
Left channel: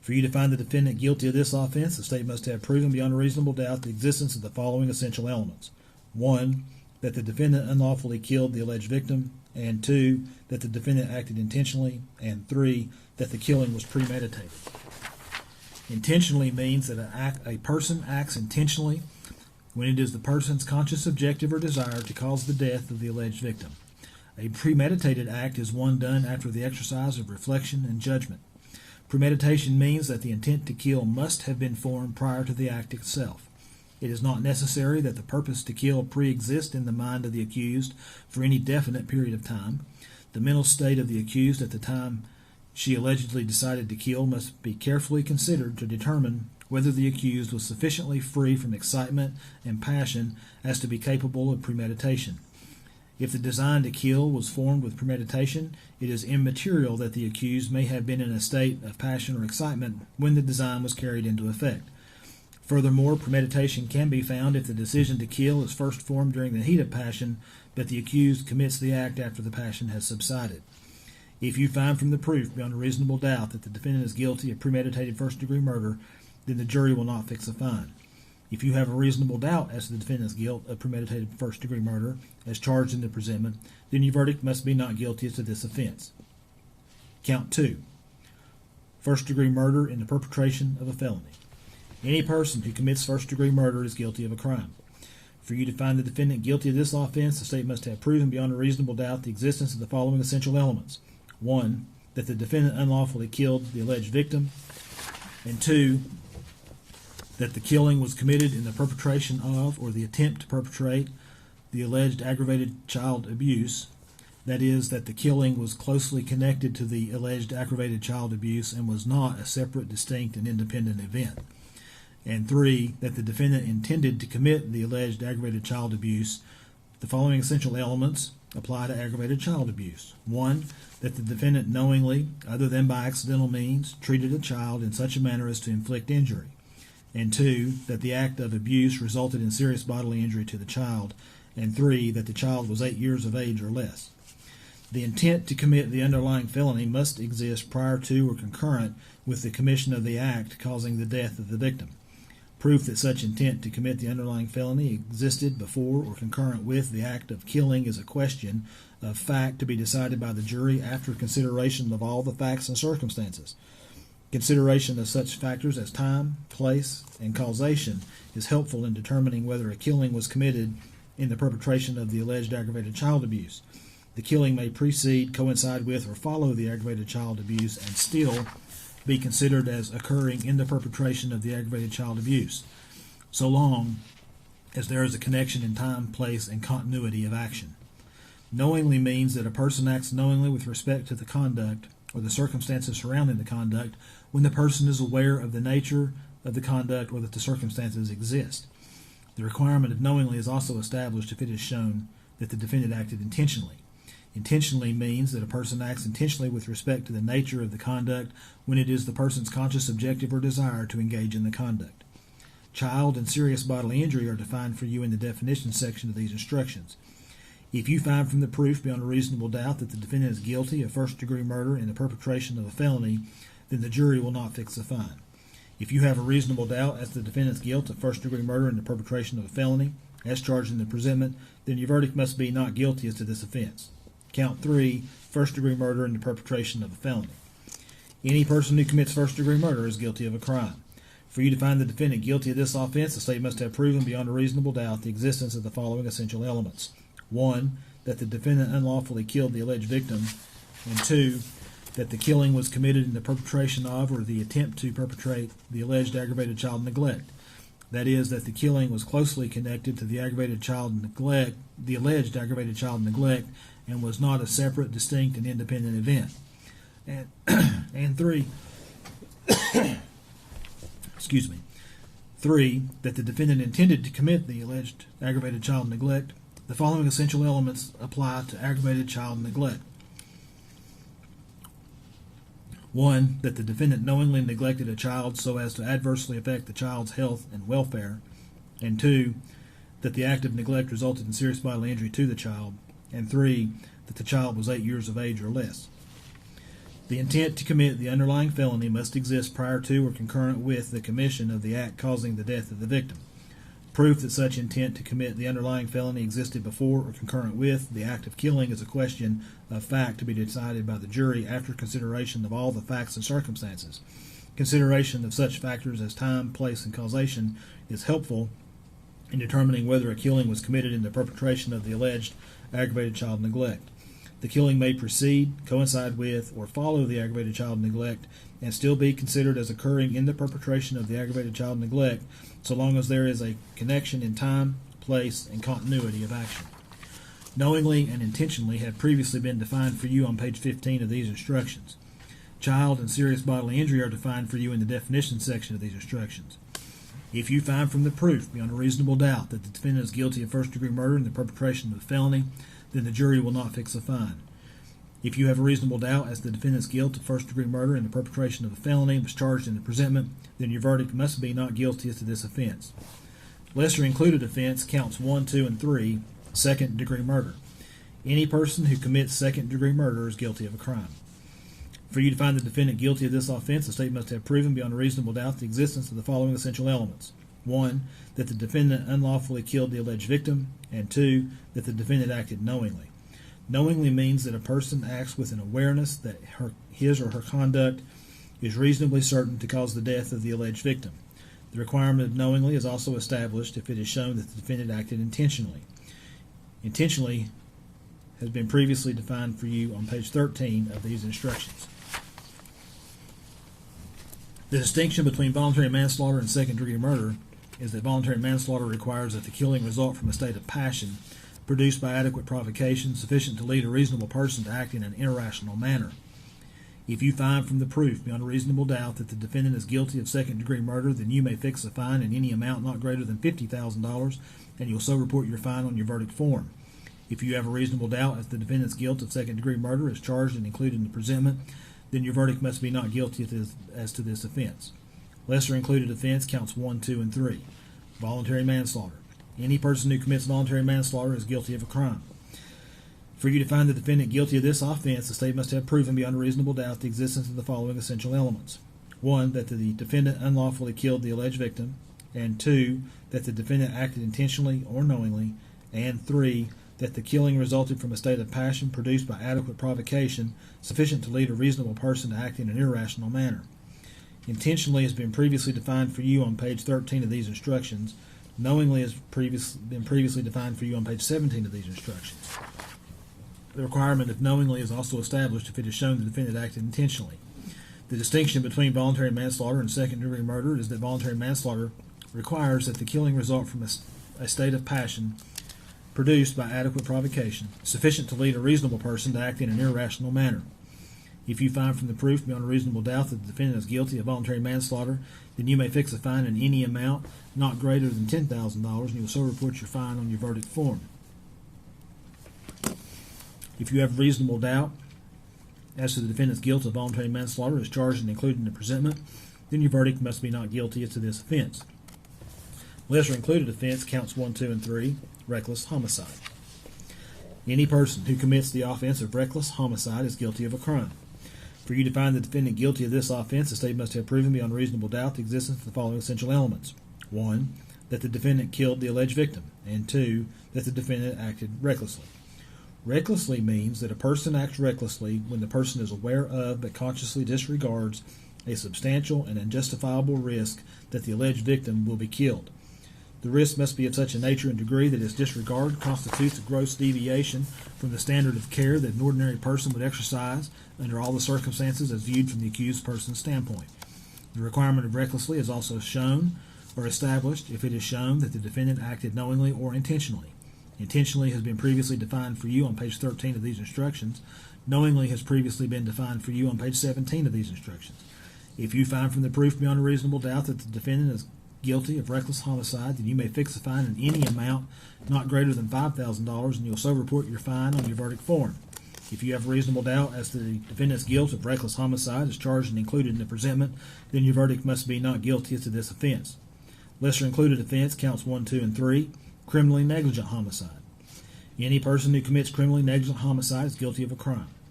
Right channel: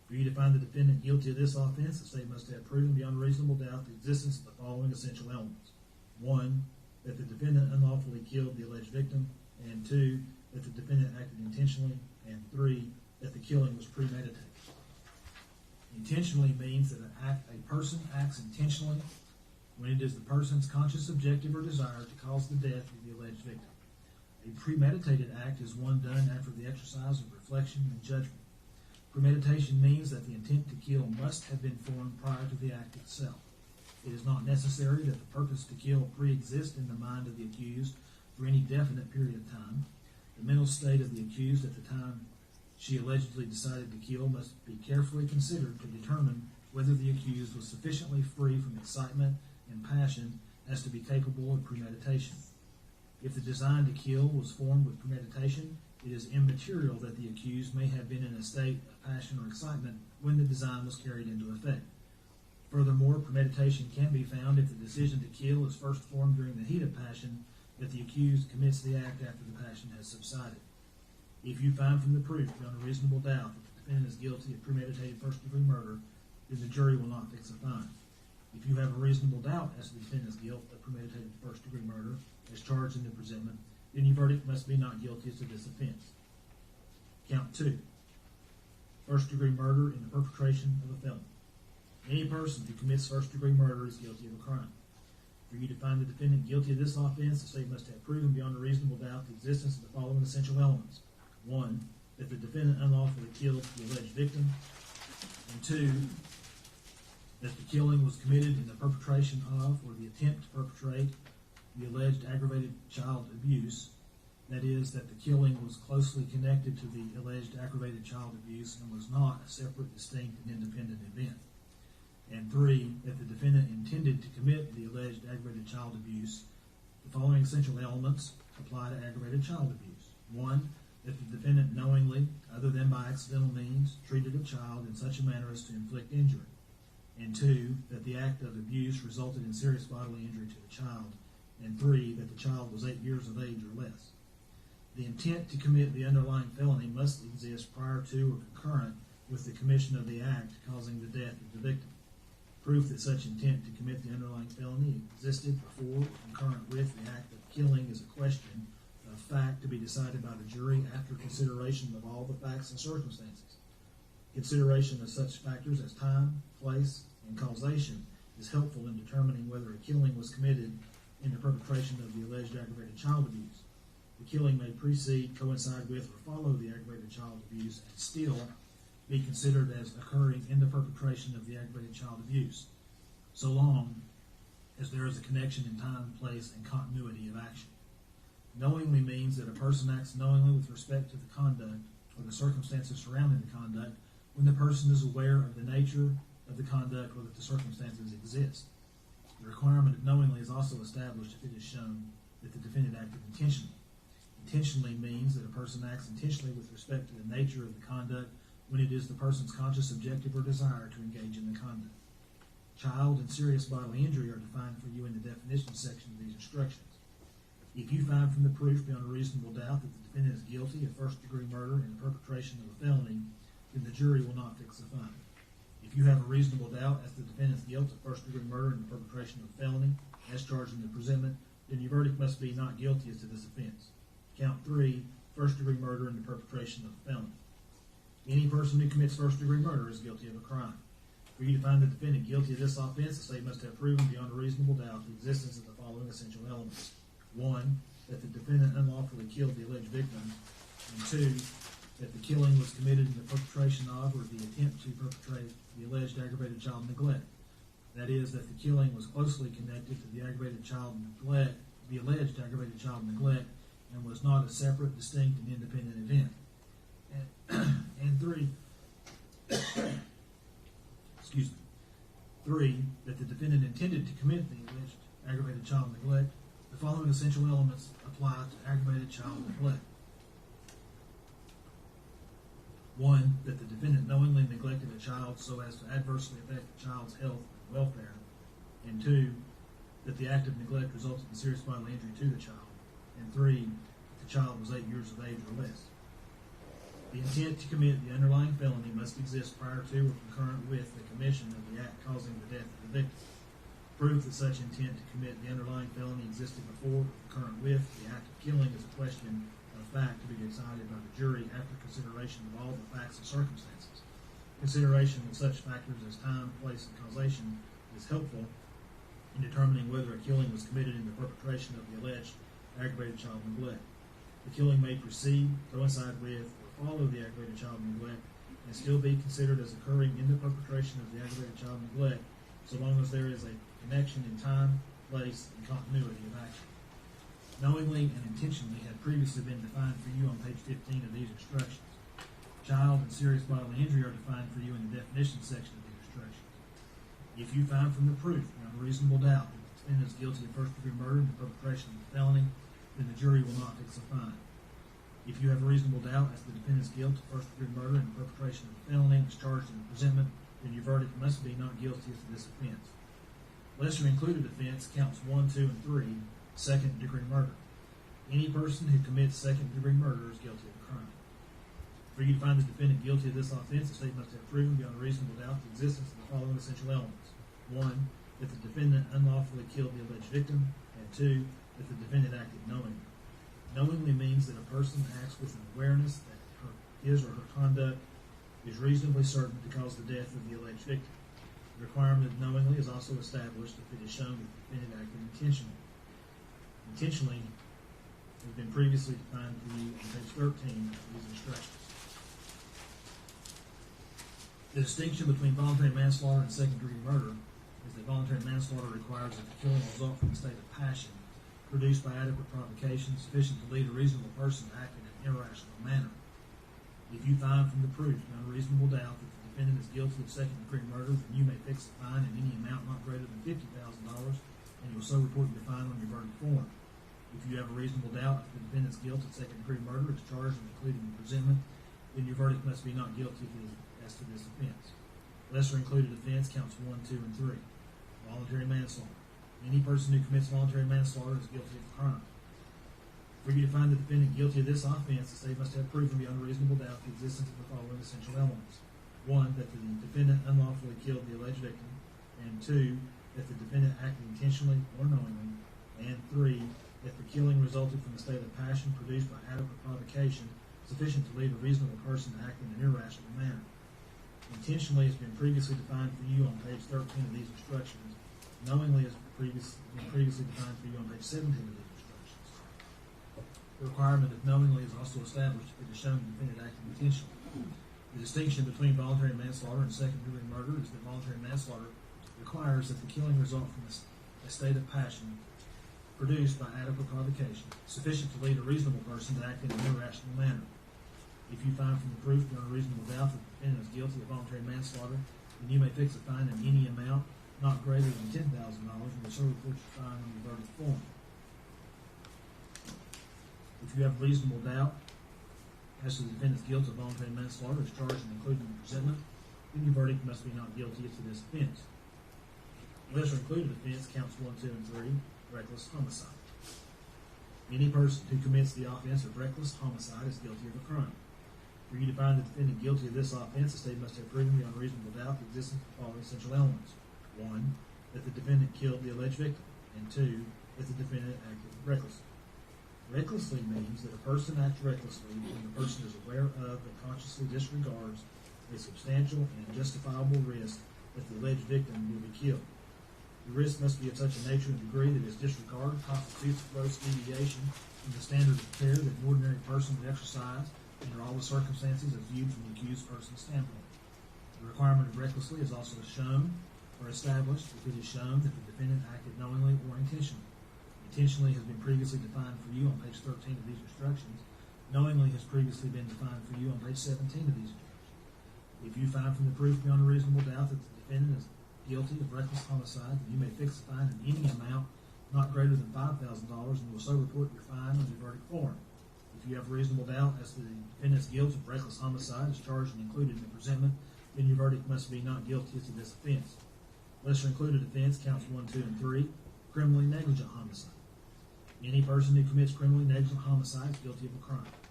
For you to find the defendant guilty of this offense, the state must have proven beyond a reasonable doubt the existence of the following essential elements. 1, that the defendant unlawfully killed the alleged victim, and 2, that the defendant acted intentionally, and 3, that the killing was premeditated. Intentionally means that a person acts intentionally when it is the person's conscious objective or desire to cause the death of the alleged victim. A premeditated act is one done after the exercise of reflection and judgment. Premeditation means that the intent to kill must have been formed prior to the act itself. It is not necessary that the purpose to kill pre-exist in the mind of the accused for any definite period of time. The mental state of the accused at the time she allegedly decided to kill must be carefully considered to determine whether the accused was sufficiently free from excitement and passion as to be capable of premeditation. If the design to kill was formed with premeditation, it is immaterial that the accused may have been in a state of passion or excitement when the design was carried into effect. Furthermore, premeditation can be found if the decision to kill is first formed during the heat of passion, but the accused commits the act after the passion has subsided. If you find from the proof beyond a reasonable doubt that the defendant is guilty of premeditated first-degree murder, then the jury will not fix a fine. If you have a reasonable doubt as to the defendant's guilt of premeditated first-degree murder, as charged in the presentment, then your verdict must be not guilty as to this offense. Count 2. First-degree murder in the perpetration of a felony. Any person who commits first-degree murder is guilty of a crime. For you to find the defendant guilty of this offense, the state must have proven beyond a reasonable doubt the existence of the following essential elements. 1, that the defendant unlawfully killed the alleged victim, and 2, that the killing was committed in the perpetration of or the attempt to perpetrate the alleged aggravated child abuse, that is, that the killing was closely connected to the alleged aggravated child abuse and was not a separate, distinct, and independent event. And 3, that the defendant intended to commit the alleged aggravated child abuse. The following essential elements apply to aggravated child abuse. 1, that the defendant knowingly, other than by accidental means, treated a child in such a manner as to inflict injury. And 2, that the act of abuse resulted in serious bodily injury to the child. And 3, that the child was 8 years of age or less. The intent to commit the underlying felony must exist prior to or concurrent with the commission of the act causing the death of the victim. Proof that such intent to commit the underlying felony existed before or concurrent with the act of killing is a question of fact to be decided by the jury after consideration of all the facts and circumstances. Consideration of such factors as time, place, and causation is helpful in determining whether a killing was committed in the perpetration of the alleged aggravated child abuse. The killing may precede, coincide with, or follow the aggravated child abuse and still be considered as occurring in the perpetration of the aggravated child abuse, so long as there is a connection in time, place, and continuity of action. Knowingly means that a person acts knowingly with respect to the conduct or the circumstances surrounding the conduct when the person is aware of the nature of the conduct or that the circumstances exist. The requirement of knowingly is also established if it is shown that the defendant acted intentionally. Intentionally means that a person acts intentionally with respect to the nature of the conduct when it is the person's conscious objective or desire to engage in the conduct. Child and serious bodily injury are defined for you in the definition section of these instructions. If you find from the proof beyond a reasonable doubt that the defendant is guilty of first-degree murder in the perpetration of a felony, then the jury will not fix a fine. If you have a reasonable doubt as to the defendant's guilt of first-degree murder in the perpetration of a felony, as charged in the presentment, then your verdict must be not guilty as to this offense. Count 3, first-degree murder in the perpetration of a felony. Any person who commits first-degree murder is guilty of a crime. For you to find the defendant guilty of this offense, the state must have proven beyond a reasonable doubt the existence of the following essential elements. 1, that the defendant unlawfully killed the alleged victim, and 2, that the killing was committed in the perpetration of or the attempt to perpetrate the alleged aggravated child neglect. That is, that the killing was closely connected to the aggravated child neglect, the alleged aggravated child neglect, and was not a separate, distinct, and independent event. And 3, excuse me, 3, that the defendant intended to commit the alleged aggravated child neglect. The following essential elements apply to aggravated child neglect. 1, that the defendant knowingly neglected a child so as to adversely affect the child's health and welfare. And 2, that the act of neglect resulted in serious bodily injury to the child. And 3, that the child was 8 years of age or less. The intent to commit the underlying felony must exist prior to or concurrent with the commission of the act causing the death of the victim. Proof that such intent to commit the underlying felony existed before or concurrent with the act of killing is a question of fact to be decided by the jury after consideration of all the facts and circumstances. Consideration of such factors as time, place, and causation is helpful in determining whether a killing was committed in the perpetration of the alleged aggravated child neglect. The killing may precede, coincide with, or follow the aggravated child neglect and still be considered as occurring in the perpetration of the aggravated child neglect so long as there is a connection in time, place, and continuity of action. Knowingly and intentionally have previously been defined for you on page 15 of these instructions. Child and serious bodily injury are defined for you in the definition section of these instructions. If you find from the proof beyond a reasonable doubt that the defendant is guilty of first-degree murder in the perpetration of the felony, then the jury will not fix a fine. If you have a reasonable doubt as to the defendant's guilt of first-degree murder in the perpetration of the felony and was charged in the presentment, then your verdict must be not guilty as to this offense. Lesser included offense counts 1, 2, and 3, second-degree murder. Any person who commits second-degree murder is guilty of a crime. For you to find the defendant guilty of this offense, the state must have proven beyond a reasonable doubt the existence of the following essential elements. 1, that the defendant unlawfully killed the alleged victim, and 2, that the defendant acted knowingly. Knowingly means that a person acts with an awareness that his or her conduct is reasonably certain to cause the death of the alleged victim. The requirement of knowingly is also established if it is shown that the defendant acted intentionally. Intentionally has been previously defined for you on page 13 of these instructions. The distinction between voluntary manslaughter and second-degree murder is that voluntary manslaughter requires that the killing result from a state of passion produced by adequate provocation sufficient to lead a reasonable person to act in an irrational manner. If you find from the proof beyond a reasonable doubt that the defendant is guilty of second-degree murder, then you may fix a fine in any amount not greater than $50,000, and you'll so report your fine on your verdict form. If you have a reasonable doubt as to the defendant's guilt of second-degree murder is charged and included in the presentment, then your verdict must be not guilty as to this offense. Lesser included offense counts 1, 2, and 3. Voluntary manslaughter. Any person who commits voluntary manslaughter is guilty of a crime. For you to find the defendant guilty of this offense, the state must have proven beyond a reasonable doubt the existence of the following essential elements. 1, that the defendant unlawfully killed the alleged victim, and 2, that the defendant acted intentionally or knowingly, and 3, that the killing resulted from a state of passion produced by adequate provocation sufficient to lead a reasonable person to act in an irrational manner. Intentionally has been previously defined for you on page 13 of these instructions. Knowingly has been previously defined for you on page 17 of these instructions. The requirement of knowingly is also established if it is shown the defendant acted intentionally. The distinction between voluntary manslaughter and second-degree murder is that voluntary manslaughter requires that the killing result from a state of passion produced by adequate provocation, sufficient to lead a reasonable person to act in an irrational manner. If you find from the proof beyond a reasonable doubt that the defendant is guilty of voluntary manslaughter, then you may fix a fine in any amount not greater than $10,000, and you will so report your fine on your verdict form. If you have reasonable doubt as to the defendant's guilt of voluntary manslaughter as charged and included in the presentment, then your verdict must be not guilty as to this offense. Lesser included offense counts 1, 2, and 3, reckless homicide. Any person who commits the offense of reckless homicide is guilty of a crime. For you to find the defendant guilty of this offense, the state must have proven beyond reasonable doubt the existence of the following essential elements. 1, that the defendant killed the alleged victim, and 2, that the defendant acted recklessly. Recklessly means that a person acts recklessly when the person is aware of but consciously disregards a substantial and unjustifiable risk that the alleged victim will be killed. The risk must be of such a nature and degree that its disregard constitutes a gross deviation from the standard of care that an ordinary person would exercise under all the circumstances as viewed from the accused person's standpoint. The requirement of recklessly is also shown or established if it is shown that the defendant acted knowingly or intentionally. Intentionally has been previously defined for you on page 13 of these instructions. Knowingly has previously been defined for you on page 17 of these instructions. If you find from the proof beyond a reasonable doubt that the defendant is guilty of reckless homicide, then you may fix a fine in any amount not greater than $5,000, and you'll so report your fine on your verdict form. If you have reasonable doubt as to the defendant's guilt of reckless homicide as charged and included in the presentment, then your verdict must be not guilty as to this offense. Lesser included offense counts 1, 2, and 3, criminally negligent homicide. Any person who commits criminally negligent homicide is guilty of a crime.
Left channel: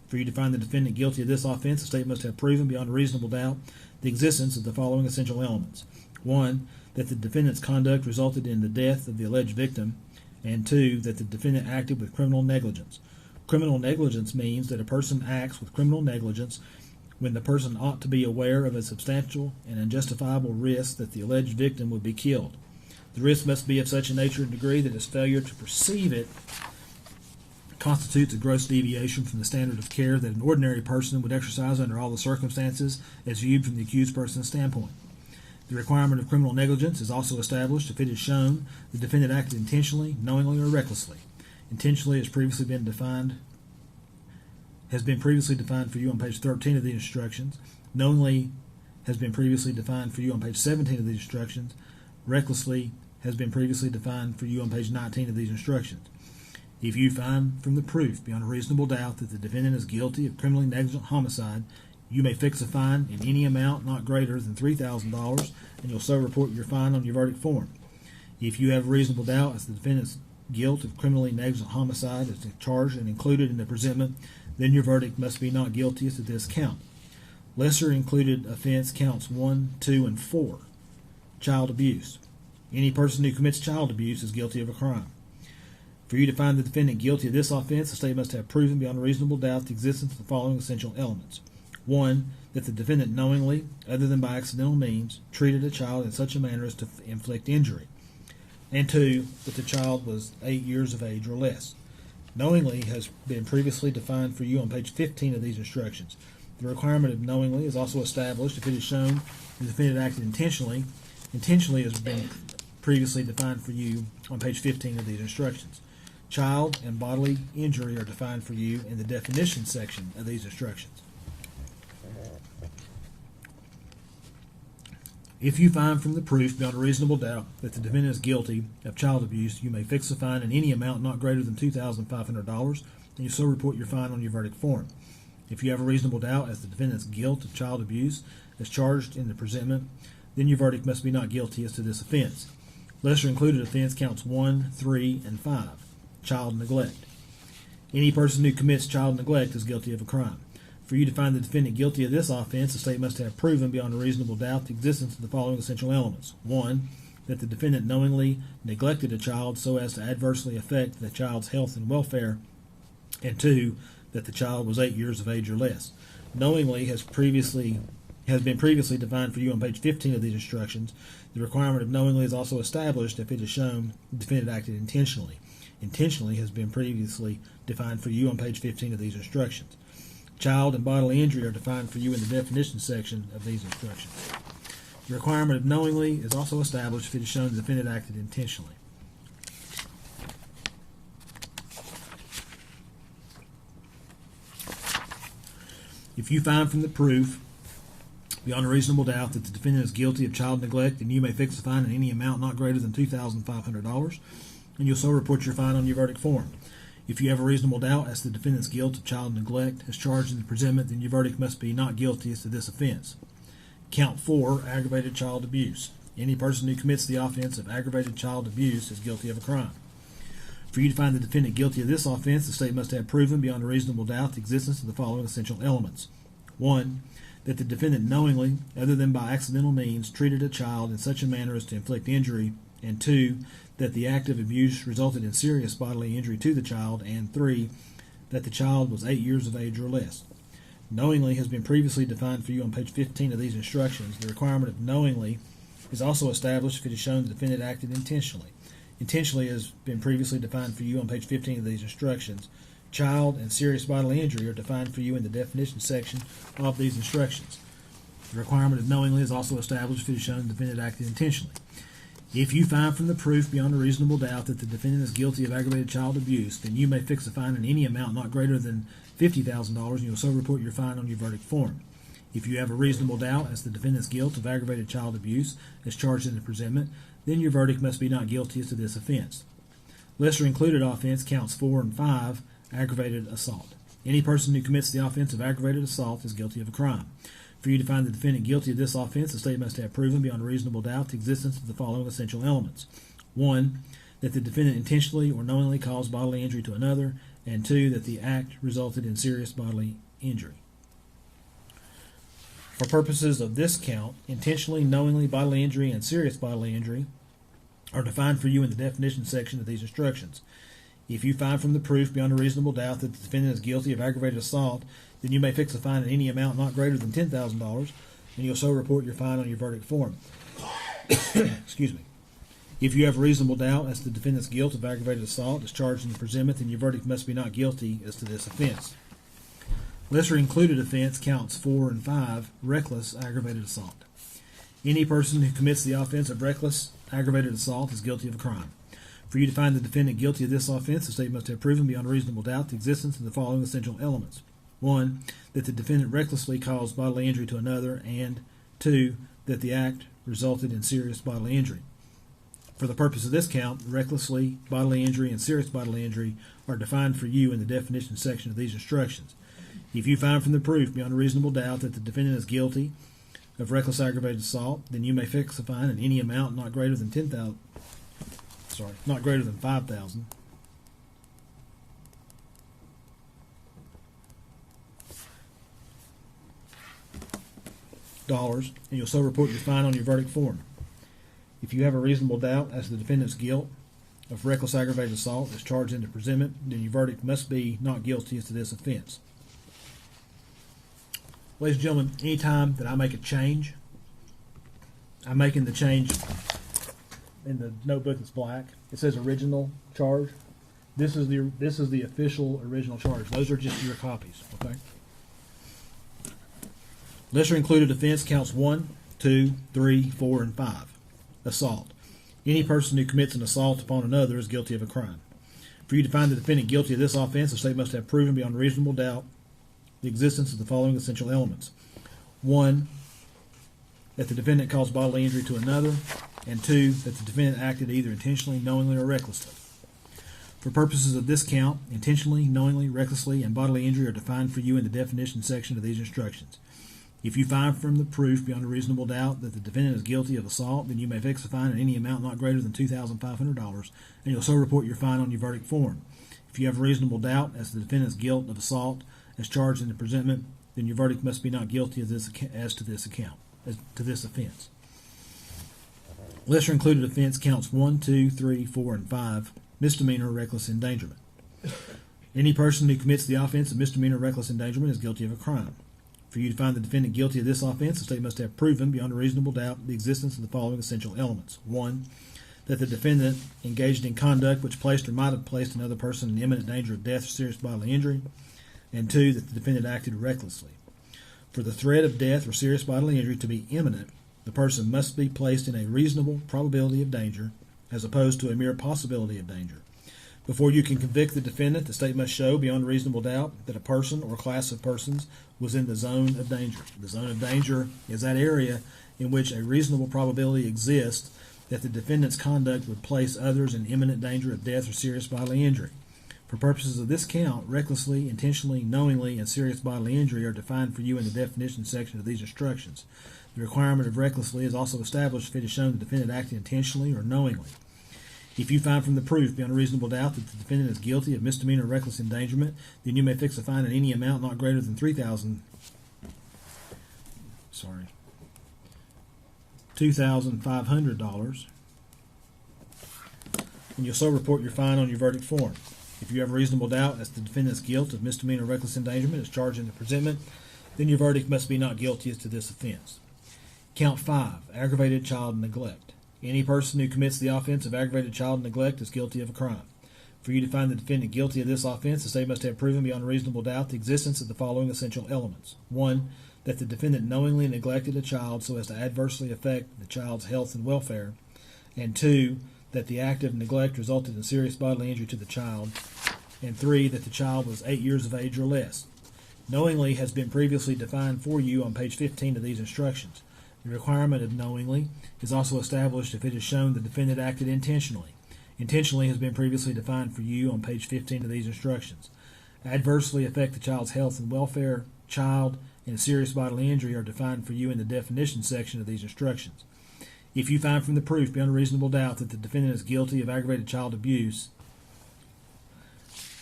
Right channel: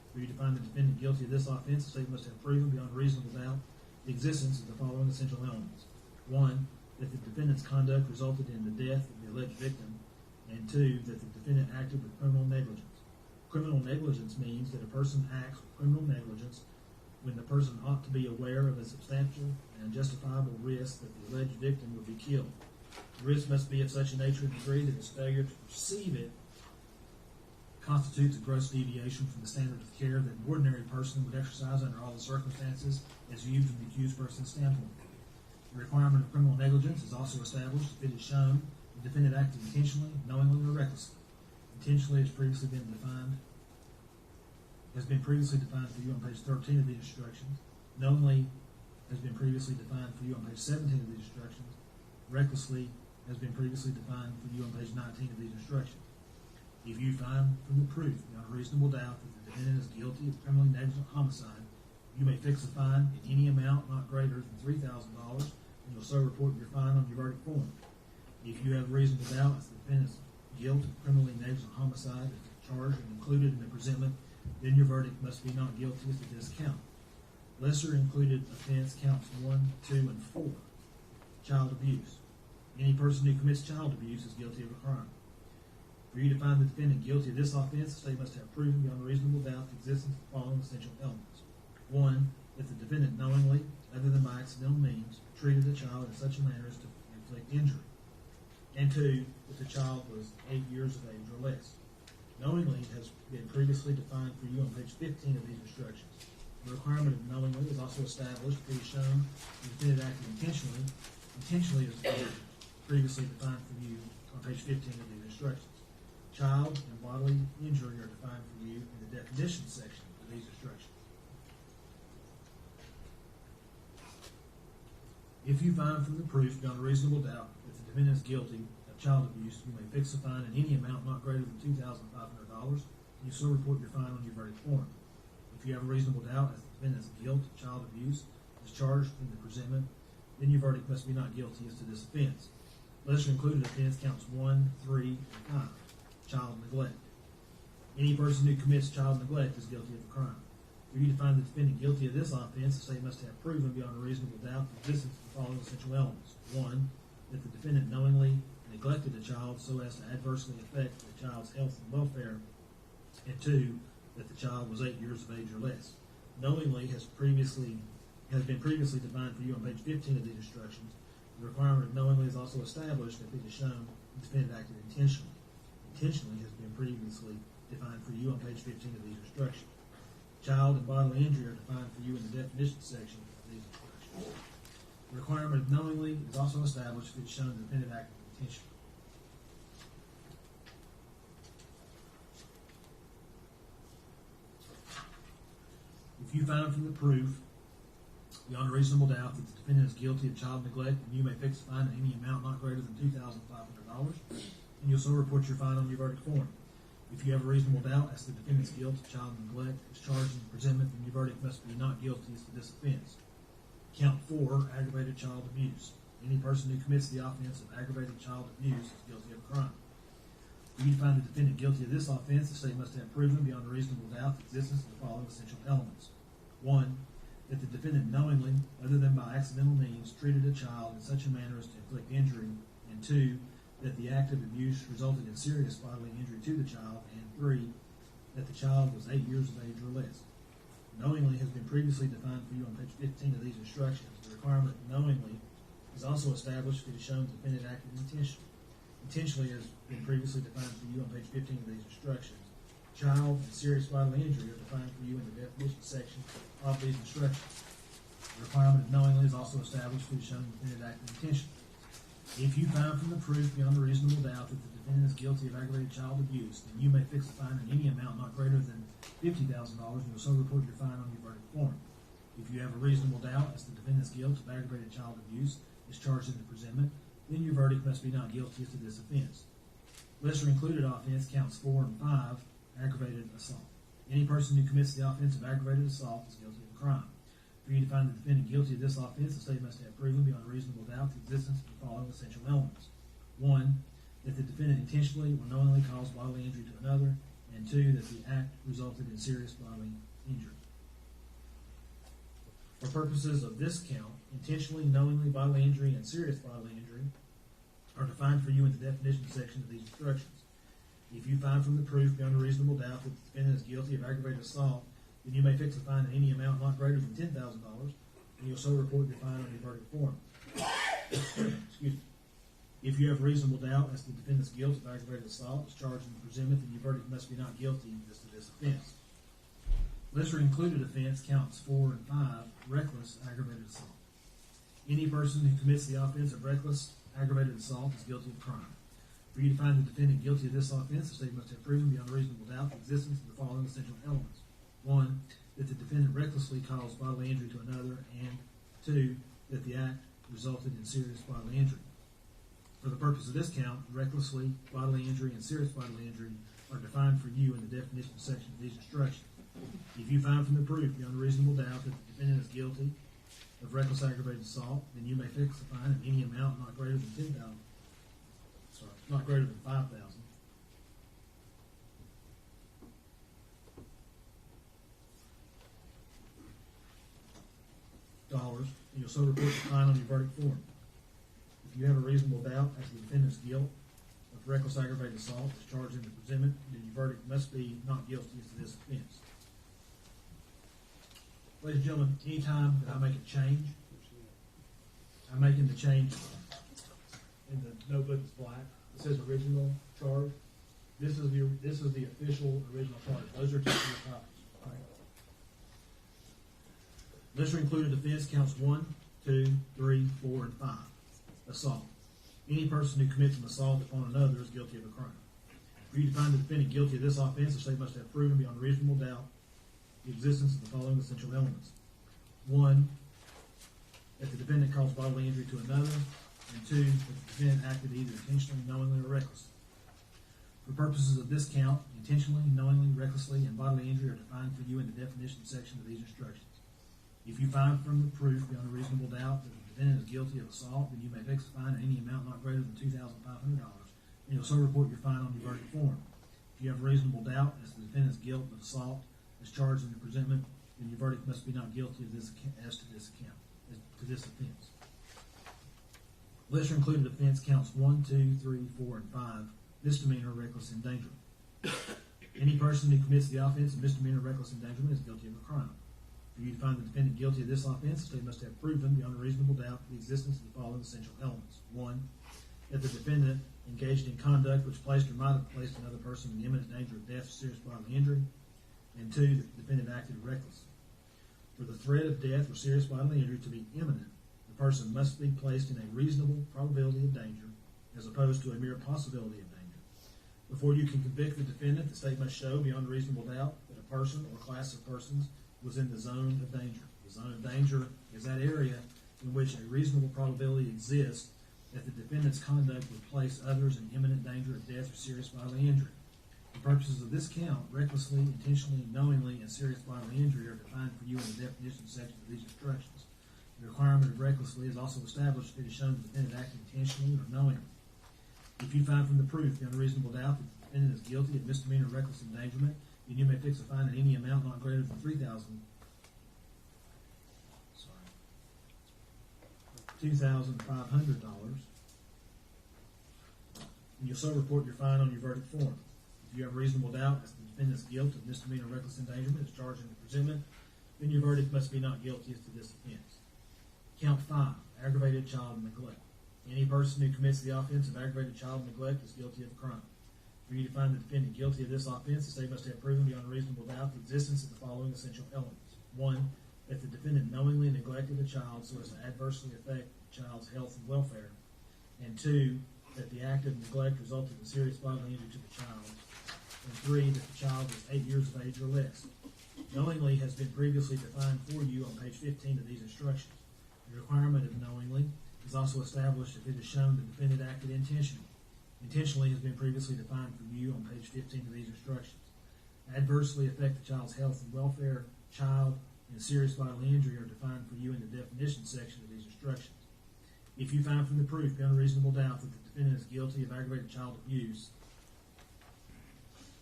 For you to find the defendant guilty of this offense, the state must have proven beyond a reasonable doubt the existence of the following essential elements. 1, that the defendant's conduct resulted in the death of the alleged victim, and 2, that the defendant acted with criminal negligence. Criminal negligence means that a person acts with criminal negligence when the person ought to be aware of a substantial and unjustifiable risk that the alleged victim would be killed. The risk must be of such a nature and degree that his failure to perceive it constitutes a gross deviation from the standard of care that an ordinary person would exercise under all the circumstances as viewed from the accused person's standpoint. The requirement of criminal negligence is also established if it is shown the defendant acted intentionally, knowingly, or recklessly. Intentionally has been previously defined for you on page 13 of the instructions. Knowingly has been previously defined for you on page 17 of the instructions. Recklessly has been previously defined for you on page 19 of these instructions. If you find from the proof beyond a reasonable doubt that the defendant is guilty of criminally negligent homicide, you may fix a fine in any amount not greater than $3,000, and you'll so report your fine on your verdict form. If you have a reasonable doubt as to the defendant's guilt of criminally negligent homicide is charged and included in the presentment, then your verdict must be not guilty as to this count. Lesser included offense counts 1, 2, and 4. Child abuse. Any person who commits child abuse is guilty of a crime. For you to find the defendant guilty of this offense, the state must have proven beyond a reasonable doubt the existence of the following essential elements. 1, that the defendant knowingly, other than by accidental means, treated a child in such a manner as to inflict injury. And 2, that the child was 8 years of age or less. Knowingly has been previously defined for you on page 15 of these instructions. The requirement of knowingly is also established if it is shown the defendant acted intentionally. Intentionally has been previously defined for you on page 15 of these instructions. Child and bodily injury are defined for you in the definition section of these instructions. If you find from the proof beyond a reasonable doubt that the defendant is guilty of child abuse, you may fix a fine in any amount not greater than $2,500, and you so report your fine on your verdict form. If you have a reasonable doubt as to the defendant's guilt of child abuse as charged in the presentment, then your verdict must be not guilty as to this offense. Lesser included offense counts 1, 3, and 5. Child neglect. Any person who commits child neglect is guilty of a crime. For you to find the defendant guilty of this offense, the state must have proven beyond a reasonable doubt the existence of the following essential elements. 1, that the defendant knowingly neglected a child so as to adversely affect the child's health and welfare, and 2, that the child was 8 years of age or less. Knowingly has been previously defined for you on page 15 of these instructions. The requirement of knowingly is also established if it is shown the defendant acted intentionally. Intentionally has been previously defined for you on page 15 of these instructions. Child and bodily injury are defined for you in the definition section of these instructions. The requirement of knowingly is also established if it is shown the defendant acted intentionally. If you find from the proof beyond a reasonable doubt that the defendant is guilty of child neglect, then you may fix a fine in any amount not greater than $2,500, and you'll so report your fine on your verdict form. If you have a reasonable doubt as to the defendant's guilt of child neglect as charged in the presentment, then your verdict must be not guilty as to this offense. Count 4, aggravated child abuse. Any person who commits the offense of aggravated child abuse is guilty of a crime. For you to find the defendant guilty of this offense, the state must have proven beyond a reasonable doubt the existence of the following essential elements. 1, that the defendant knowingly, other than by accidental means, treated a child in such a manner as to inflict injury, and 2, that the act of abuse resulted in serious bodily injury to the child, and 3, that the child was 8 years of age or less. Knowingly has been previously defined for you on page 15 of these instructions. The requirement of knowingly is also established if it is shown the defendant acted intentionally. Intentionally has been previously defined for you on page 15 of these instructions. Child and serious bodily injury are defined for you in the definition section of these instructions. The requirement of knowingly is also established if it is shown the defendant acted intentionally. If you find from the proof beyond a reasonable doubt that the defendant is guilty of aggravated child abuse, then you may fix a fine in any amount not greater than $50,000, and you'll so report your fine on your verdict form. If you have a reasonable doubt as to the defendant's guilt of aggravated child abuse as charged in the presentment, then your verdict must be not guilty as to this offense. Lesser included offense counts 4 and 5, aggravated assault. Any person who commits the offense of aggravated assault is guilty of a crime. For you to find the defendant guilty of this offense, the state must have proven beyond a reasonable doubt the existence of the following essential elements. 1, that the defendant intentionally or knowingly caused bodily injury to another, and 2, that the act resulted in serious bodily injury. For purposes of this count, intentionally, knowingly bodily injury and serious bodily injury are defined for you in the definition section of these instructions. If you find from the proof beyond a reasonable doubt that the defendant is guilty of aggravated assault, then you may fix a fine in any amount not greater than $10,000, and you'll so report your fine on your verdict form. Excuse me. If you have reasonable doubt as to the defendant's guilt of aggravated assault as charged in the presentment, then your verdict must be not guilty as to this offense. Lesser included offense counts 4 and 5, reckless aggravated assault. Any person who commits the offense of reckless aggravated assault is guilty of a crime. For you to find the defendant guilty of this offense, the state must have proven beyond a reasonable doubt the existence of the following essential elements. 1, that the defendant recklessly caused bodily injury to another, and 2, that the act resulted in serious bodily injury. For the purpose of this count, recklessly bodily injury and serious bodily injury are defined for you in the definition section of these instructions. If you find from the proof beyond a reasonable doubt that the defendant is guilty of reckless aggravated assault, then you may fix a fine in any amount not greater than $5,000. And you'll so report your fine on your verdict form. If you have a reasonable doubt as to the defendant's guilt of reckless aggravated assault as charged in the presentment, then your verdict must be not guilty as to this offense. Ladies and gentlemen, anytime that I make a change, I'm making the change in the notebook that's black. It says original charge. This is the official original charge. Those are just your copies, okay? Lesser included offense counts 1, 2, 3, 4, and 5. Assault. Any person who commits an assault upon another is guilty of a crime. For you to find the defendant guilty of this offense, the state must have proven beyond reasonable doubt the existence of the following essential elements. 1, that the defendant caused bodily injury to another, and 2, that the defendant acted either intentionally, knowingly, or recklessly. For purposes of this count, intentionally, knowingly, recklessly, and bodily injury are defined for you in the definition section of these instructions. If you find from the proof beyond a reasonable doubt that the defendant is guilty of assault, then you may fix a fine in any amount not greater than $2,500, and you'll so report your fine on your verdict form. If you have reasonable doubt as to the defendant's guilt of assault as charged in the presentment, then your verdict must be not guilty as to this offense. Lesser included offense counts 1, 2, 3, 4, and 5, misdemeanor reckless endangerment. Any person who commits the offense of misdemeanor reckless endangerment is guilty of a crime. For you to find the defendant guilty of this offense, the state must have proven beyond a reasonable doubt the existence of the following essential elements. 1, that the defendant engaged in conduct which placed or might have placed another person in imminent danger of death or serious bodily injury, and 2, that the defendant acted recklessly. For the threat of death or serious bodily injury to be imminent, the person must be placed in a reasonable probability of danger as opposed to a mere possibility of danger. Before you can convict the defendant, the state must show beyond a reasonable doubt that a person or class of persons was in the zone of danger. The zone of danger is that area in which a reasonable probability exists that the defendant's conduct would place others in imminent danger of death or serious bodily injury. For purposes of this count, recklessly, intentionally, knowingly, and serious bodily injury are defined for you in the definition section of these instructions. The requirement of recklessly is also established if it is shown the defendant acted intentionally or knowingly. If you find from the proof beyond a reasonable doubt that the defendant is guilty of misdemeanor reckless endangerment, then you may fix a fine in any amount not greater than $2,500, and you'll so report your fine on your verdict form. If you have a reasonable doubt as to the defendant's guilt of misdemeanor reckless endangerment as charged in the presentment, then your verdict must be not guilty as to this offense. Count 5, aggravated child neglect. Any person who commits the offense of aggravated child neglect is guilty of a crime. For you to find the defendant guilty of this offense, the state must have proven beyond a reasonable doubt the existence of the following essential elements. 1, that the defendant knowingly neglected a child so as to adversely affect the child's health and welfare, and 2, that the act of neglect resulted in serious bodily injury to the child, and 3, that the child was 8 years of age or less. Knowingly has been previously defined for you on page 15 of these instructions. The requirement of knowingly is also established if it is shown the defendant acted intentionally. Intentionally has been previously defined for you on page 15 of these instructions. Adversely affect the child's health and welfare, child, and serious bodily injury are defined for you in the definition section of these instructions. If you find from the proof beyond a reasonable doubt that the defendant is guilty of aggravated child abuse,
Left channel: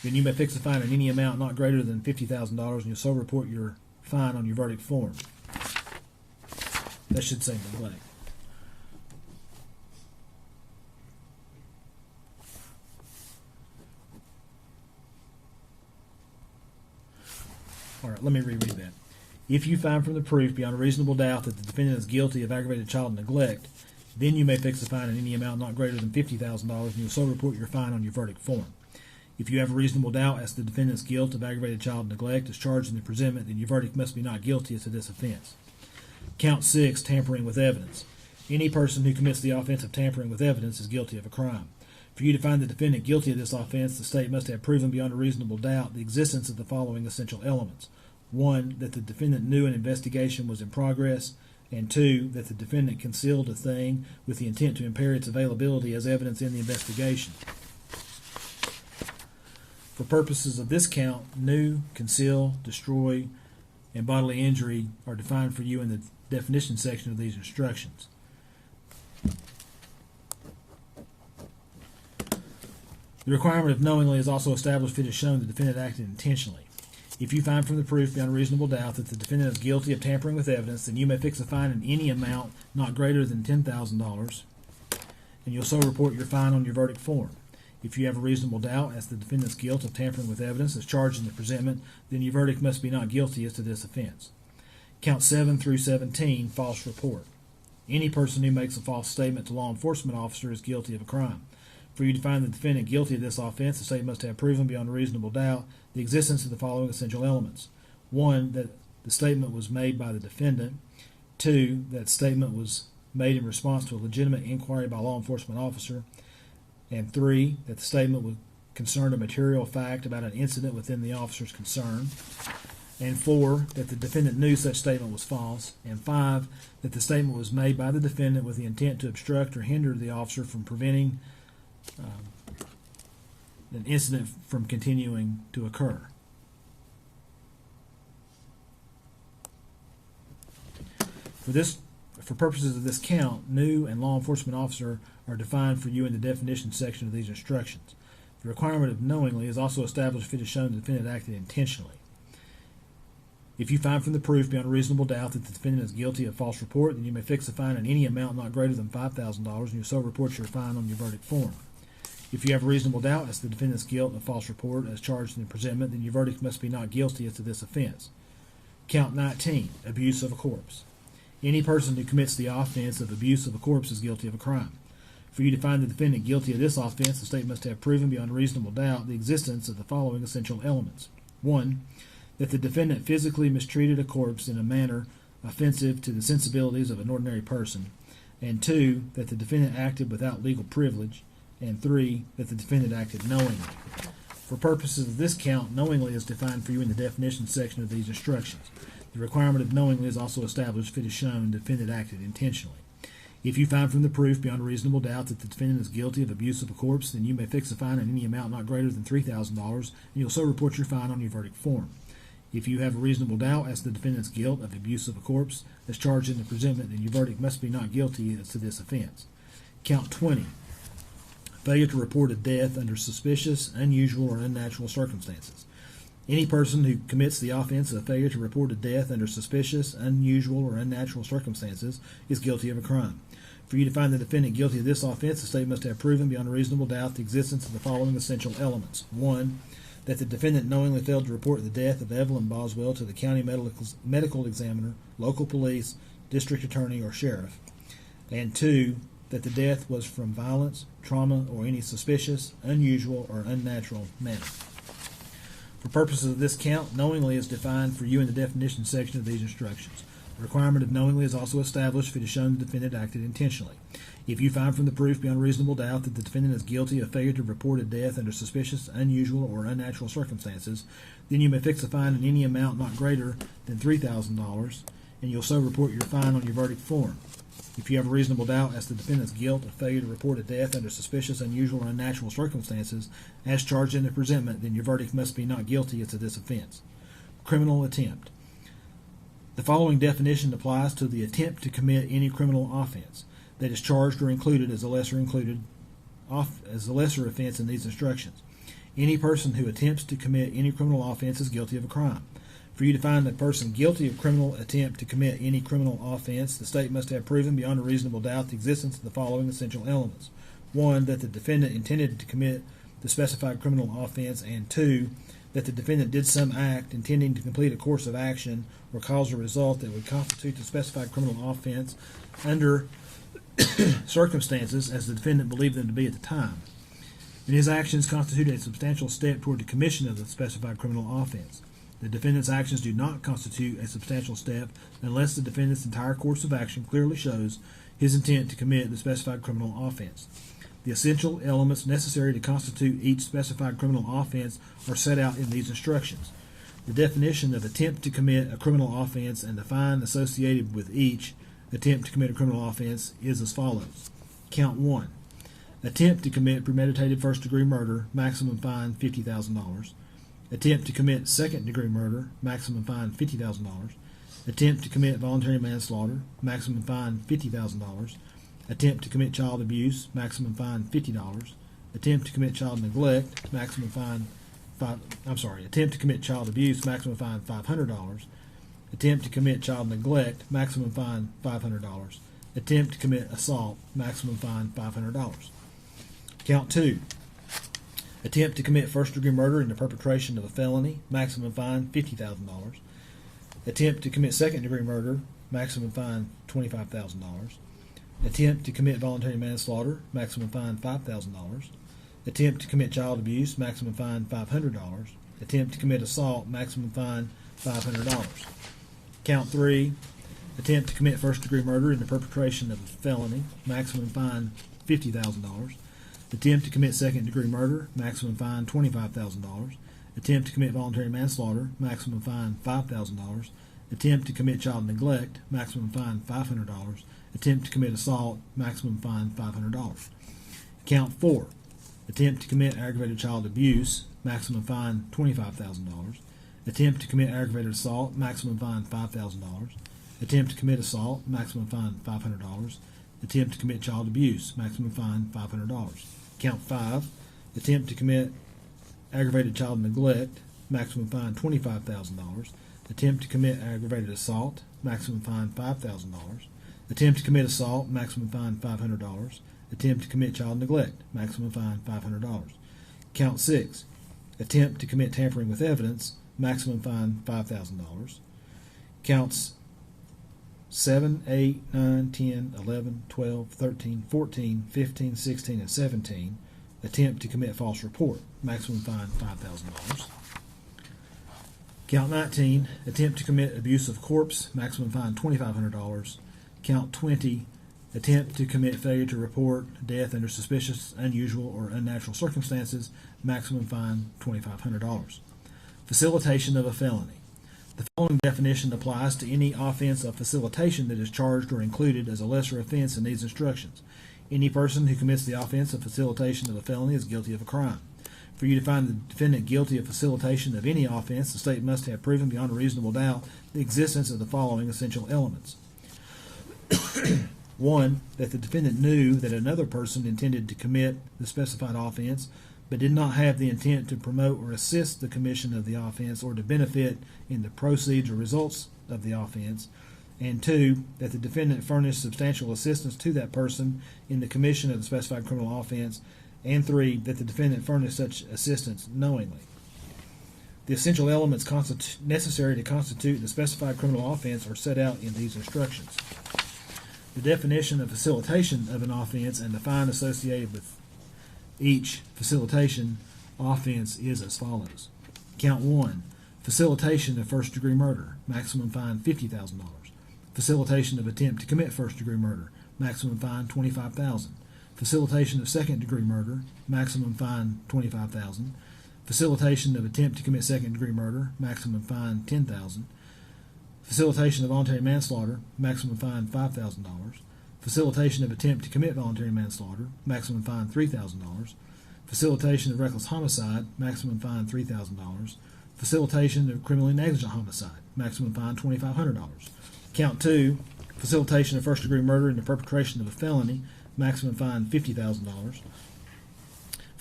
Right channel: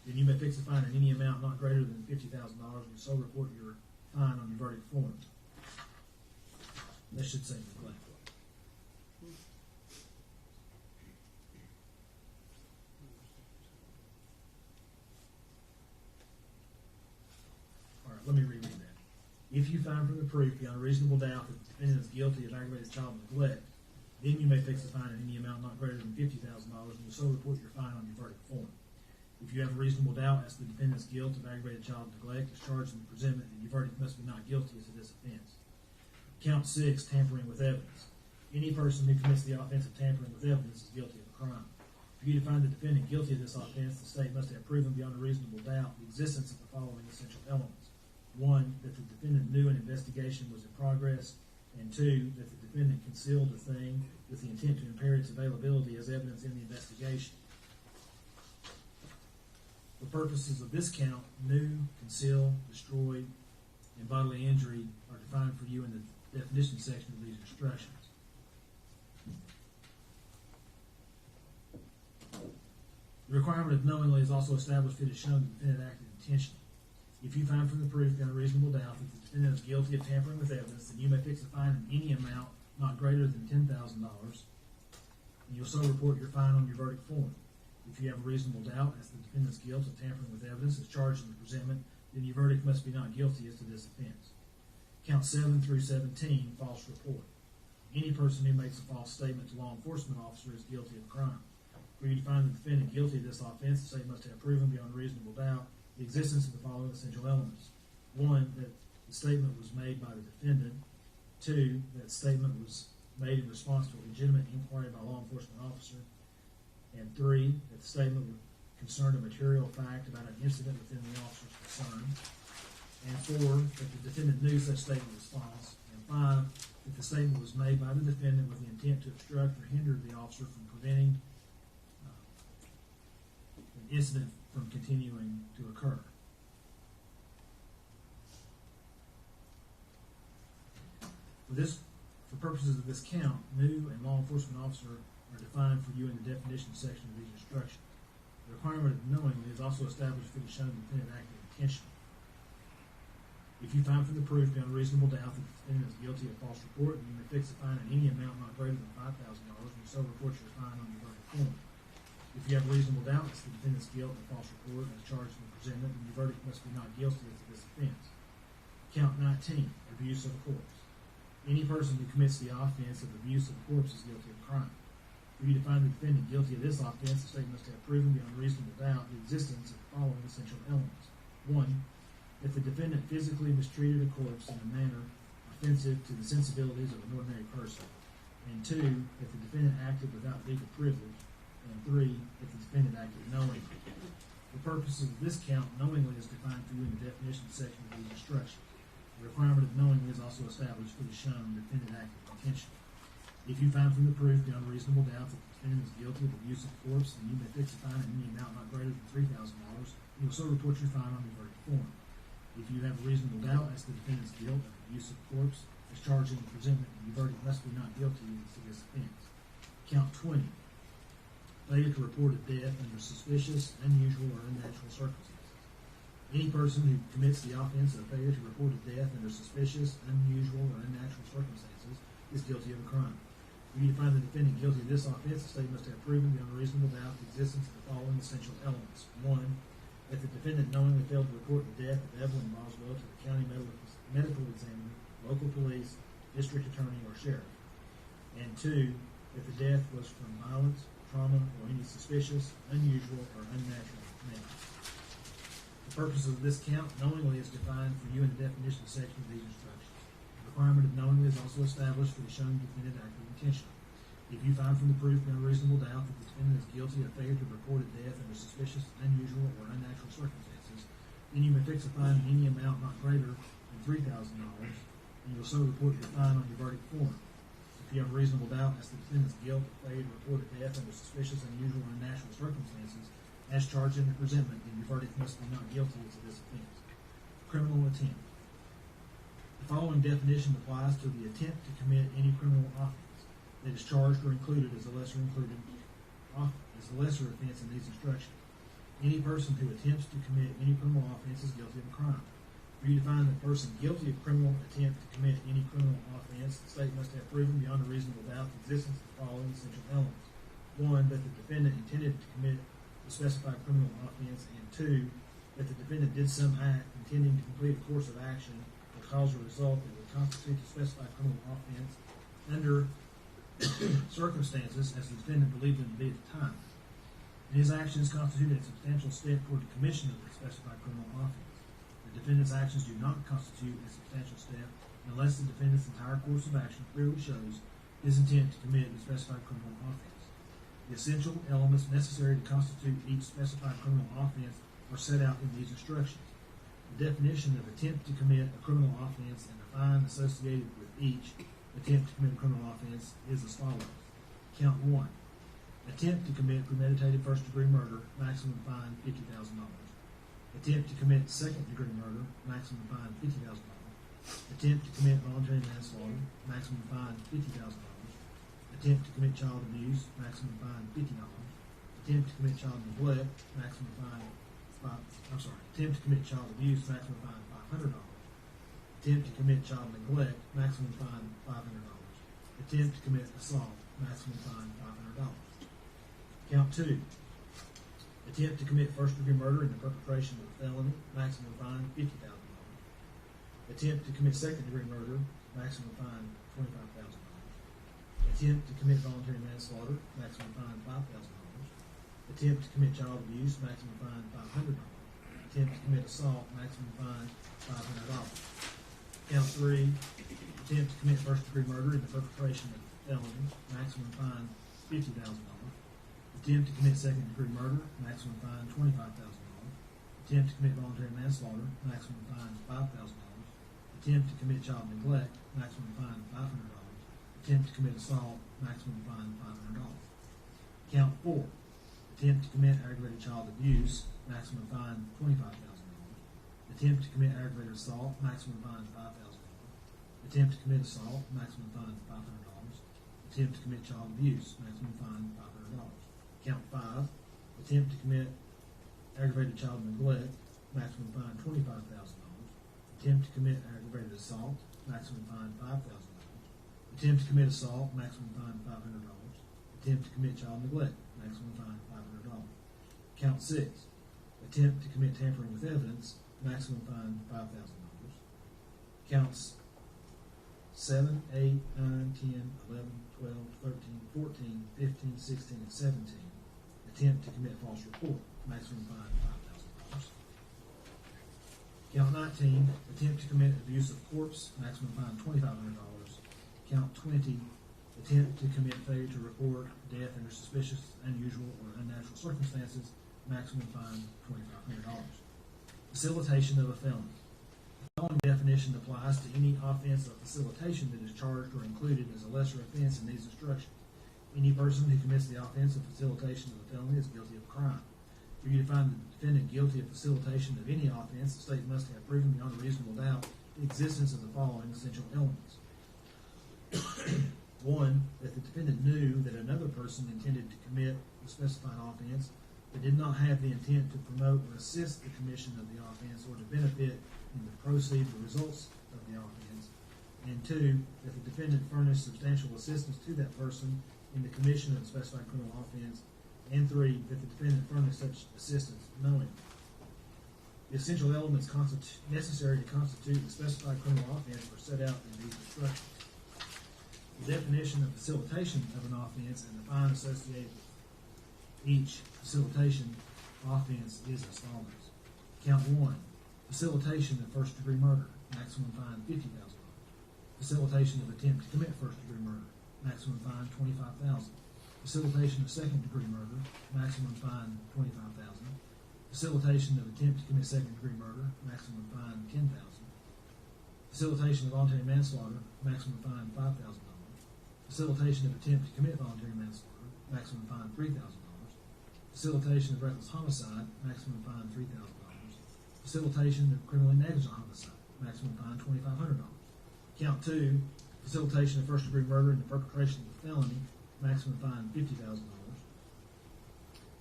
then you may fix a fine in any amount not greater than $50,000, and you'll so report your fine on your verdict form. That should say neglect. All right, let me reread that. If you find from the proof beyond a reasonable doubt that the defendant is guilty of aggravated child neglect, then you may fix a fine in any amount not greater than $50,000, and you'll so report your fine on your verdict form. If you have a reasonable doubt as to the defendant's guilt of aggravated child neglect as charged in the presentment, then your verdict must be not guilty as to this offense. Count 6, tampering with evidence. Any person who commits the offense of tampering with evidence is guilty of a crime. For you to find the defendant guilty of this offense, the state must have proven beyond a reasonable doubt the existence of the following essential elements. 1, that the defendant knew an investigation was in progress, and 2, that the defendant concealed a thing with the intent to impair its availability as evidence in the investigation. For purposes of this count, knew, conceal, destroy, and bodily injury are defined for you in the definition section of these instructions. The requirement of knowingly is also established if it is shown the defendant acted intentionally. If you find from the proof beyond a reasonable doubt that the defendant is guilty of tampering with evidence, then you may fix a fine in any amount not greater than $10,000, and you'll so report your fine on your verdict form. If you have a reasonable doubt as to the defendant's guilt of tampering with evidence as charged in the presentment, then your verdict must be not guilty as to this offense. Count 7 through 17, false report. Any person who makes a false statement to law enforcement officer is guilty of a crime. For you to find the defendant guilty of this offense, the state must have proven beyond a reasonable doubt the existence of the following essential elements. 1, that the statement was made by the defendant. 2, that statement was made in response to a legitimate inquiry by a law enforcement officer. And 3, that the statement concerned a material fact about an incident within the officer's concern. And 4, that the defendant knew such statement was false. And 5, that the statement was made by the defendant with the intent to obstruct or hinder the officer from preventing an incident from continuing to occur. For purposes of this count, new and law enforcement officer are defined for you in the definition section of these instructions. The requirement of knowingly is also established if it is shown the defendant acted intentionally. If you find from the proof beyond a reasonable doubt that the defendant is guilty of false report, then you may fix a fine in any amount not greater than $5,000, and you so report your fine on your verdict form. If you have a reasonable doubt as to the defendant's guilt of false report as charged in the presentment, then your verdict must be not guilty as to this offense. Count 19, abuse of a corpse. Any person who commits the offense of abuse of a corpse is guilty of a crime. For you to find the defendant guilty of this offense, the state must have proven beyond a reasonable doubt the existence of the following essential elements. 1, that the defendant physically mistreated a corpse in a manner offensive to the sensibilities of an ordinary person. And 2, that the defendant acted without legal privilege. And 3, that the defendant acted knowingly. For purposes of this count, knowingly is defined for you in the definition section of these instructions. The requirement of knowingly is also established if it is shown the defendant acted intentionally. If you find from the proof beyond a reasonable doubt that the defendant is guilty of abuse of a corpse, then you may fix a fine in any amount not greater than $3,000, and you'll so report your fine on your verdict form. If you have a reasonable doubt as to the defendant's guilt of abuse of a corpse as charged in the presentment, then your verdict must be not guilty as to this offense. Count 20. Failure to report a death under suspicious, unusual, or unnatural circumstances. Any person who commits the offense of failure to report a death under suspicious, unusual, or unnatural circumstances is guilty of a crime. For you to find the defendant guilty of this offense, the state must have proven beyond a reasonable doubt the existence of the following essential elements. 1, that the defendant knowingly failed to report the death of Megan Boswell to the county medical examiner, local police, district attorney, or sheriff. And 2, that the death was from violence, trauma, or any suspicious, unusual, or unnatural manner. For purposes of this count, knowingly is defined for you in the definition section of these instructions. The requirement of knowingly is also established if it is shown the defendant acted intentionally. If you find from the proof beyond reasonable doubt that the defendant is guilty of failure to report a death under suspicious, unusual, or unnatural circumstances, then you may fix a fine in any amount not greater than $3,000, and you'll so report your fine on your verdict form. If you have a reasonable doubt as to the defendant's guilt of failure to report a death under suspicious, unusual, or unnatural circumstances as charged in the presentment, then your verdict must be not guilty as to this offense. Criminal attempt. The following definition applies to the attempt to commit any criminal offense that is charged or included as a lesser offense in these instructions. Any person who attempts to commit any criminal offense is guilty of a crime. For you to find a person guilty of criminal attempt to commit any criminal offense, the state must have proven beyond a reasonable doubt the existence of the following essential elements. 1, that the defendant intended to commit the specified criminal offense, and 2, that the defendant did some act intending to complete a course of action or cause a result that would constitute the specified criminal offense under circumstances as the defendant believed them to be at the time. And his actions constitute a substantial step toward the commission of the specified criminal offense. The defendant's actions do not constitute a substantial step unless the defendant's entire course of action clearly shows his intent to commit the specified criminal offense. The essential elements necessary to constitute each specified criminal offense are set out in these instructions. The definition of attempt to commit a criminal offense and the fine associated with each attempt to commit a criminal offense is as follows. Count 1. Attempt to commit premeditated first-degree murder, maximum fine $50,000. Attempt to commit second-degree murder, maximum fine $50,000. Attempt to commit voluntary manslaughter, maximum fine $50,000. Attempt to commit child abuse, maximum fine $50. Attempt to commit child neglect, maximum fine attempt to commit child abuse, maximum fine $500. Attempt to commit child neglect, maximum fine $500. Attempt to commit assault, maximum fine $500. Count 2. Attempt to commit first-degree murder in the perpetration of a felony, maximum fine $50,000. Attempt to commit second-degree murder, maximum fine $25,000. Attempt to commit voluntary manslaughter, maximum fine $5,000. Attempt to commit child abuse, maximum fine $500. Attempt to commit assault, maximum fine $500. Count 3. Attempt to commit first-degree murder in the perpetration of a felony, maximum fine $50,000. Attempt to commit second-degree murder, maximum fine $25,000. Attempt to commit voluntary manslaughter, maximum fine $5,000. Attempt to commit child neglect, maximum fine $500. Attempt to commit assault, maximum fine $500. Count 4. Attempt to commit aggravated child abuse, maximum fine $25,000. Attempt to commit aggravated assault, maximum fine $5,000. Attempt to commit assault, maximum fine $500. Attempt to commit child abuse, maximum fine $500. Count 5. Attempt to commit aggravated child neglect, maximum fine $25,000. Attempt to commit aggravated assault, maximum fine $5,000. Attempt to commit assault, maximum fine $500. Attempt to commit child neglect, maximum fine $500. Count 6. Attempt to commit tampering with evidence, maximum fine $5,000. Counts 7, 8, 9, 10, 11, 12, 13, 14, 15, 16, and 17. Attempt to commit false report, maximum fine $5,000. Count 19. Attempt to commit abuse of corpse, maximum fine $2,500. Count 20. Attempt to commit failure to report death under suspicious, unusual, or unnatural circumstances, maximum fine $2,500. Facilitation of a felony. The following definition applies to any offense of facilitation that is charged or included as a lesser offense in these instructions. Any person who commits the offense of facilitation of a felony is guilty of a crime. For you to find the defendant guilty of facilitation of any offense, the state must have proven beyond a reasonable doubt the existence of the following essential elements. 1. That the defendant knew that another person intended to commit the specified offense, but did not have the intent to promote or assist the commission of the offense or to benefit in the proceeds or results of the offense. And 2. That the defendant furnished substantial assistance to that person in the commission of the specified criminal offense. And 3. That the defendant furnished such assistance knowingly. The essential elements necessary to constitute the specified criminal offense are set out in these instructions. The definition of facilitation of an offense and the fine associated with each facilitation offense is as follows. Count 1. Facilitation of first-degree murder, maximum fine $50,000. Facilitation of attempt to commit first-degree murder, maximum fine $25,000. Facilitation of second-degree murder, maximum fine $25,000. Facilitation of attempt to commit second-degree murder, maximum fine $10,000. Facilitation of voluntary manslaughter, maximum fine $5,000. Facilitation of attempt to commit voluntary manslaughter, maximum fine $3,000. Facilitation of reckless homicide, maximum fine $3,000. Facilitation of criminally negligent homicide, maximum fine $2,500. Count 2. Facilitation of first-degree murder in the perpetration of a felony, maximum fine $50,000.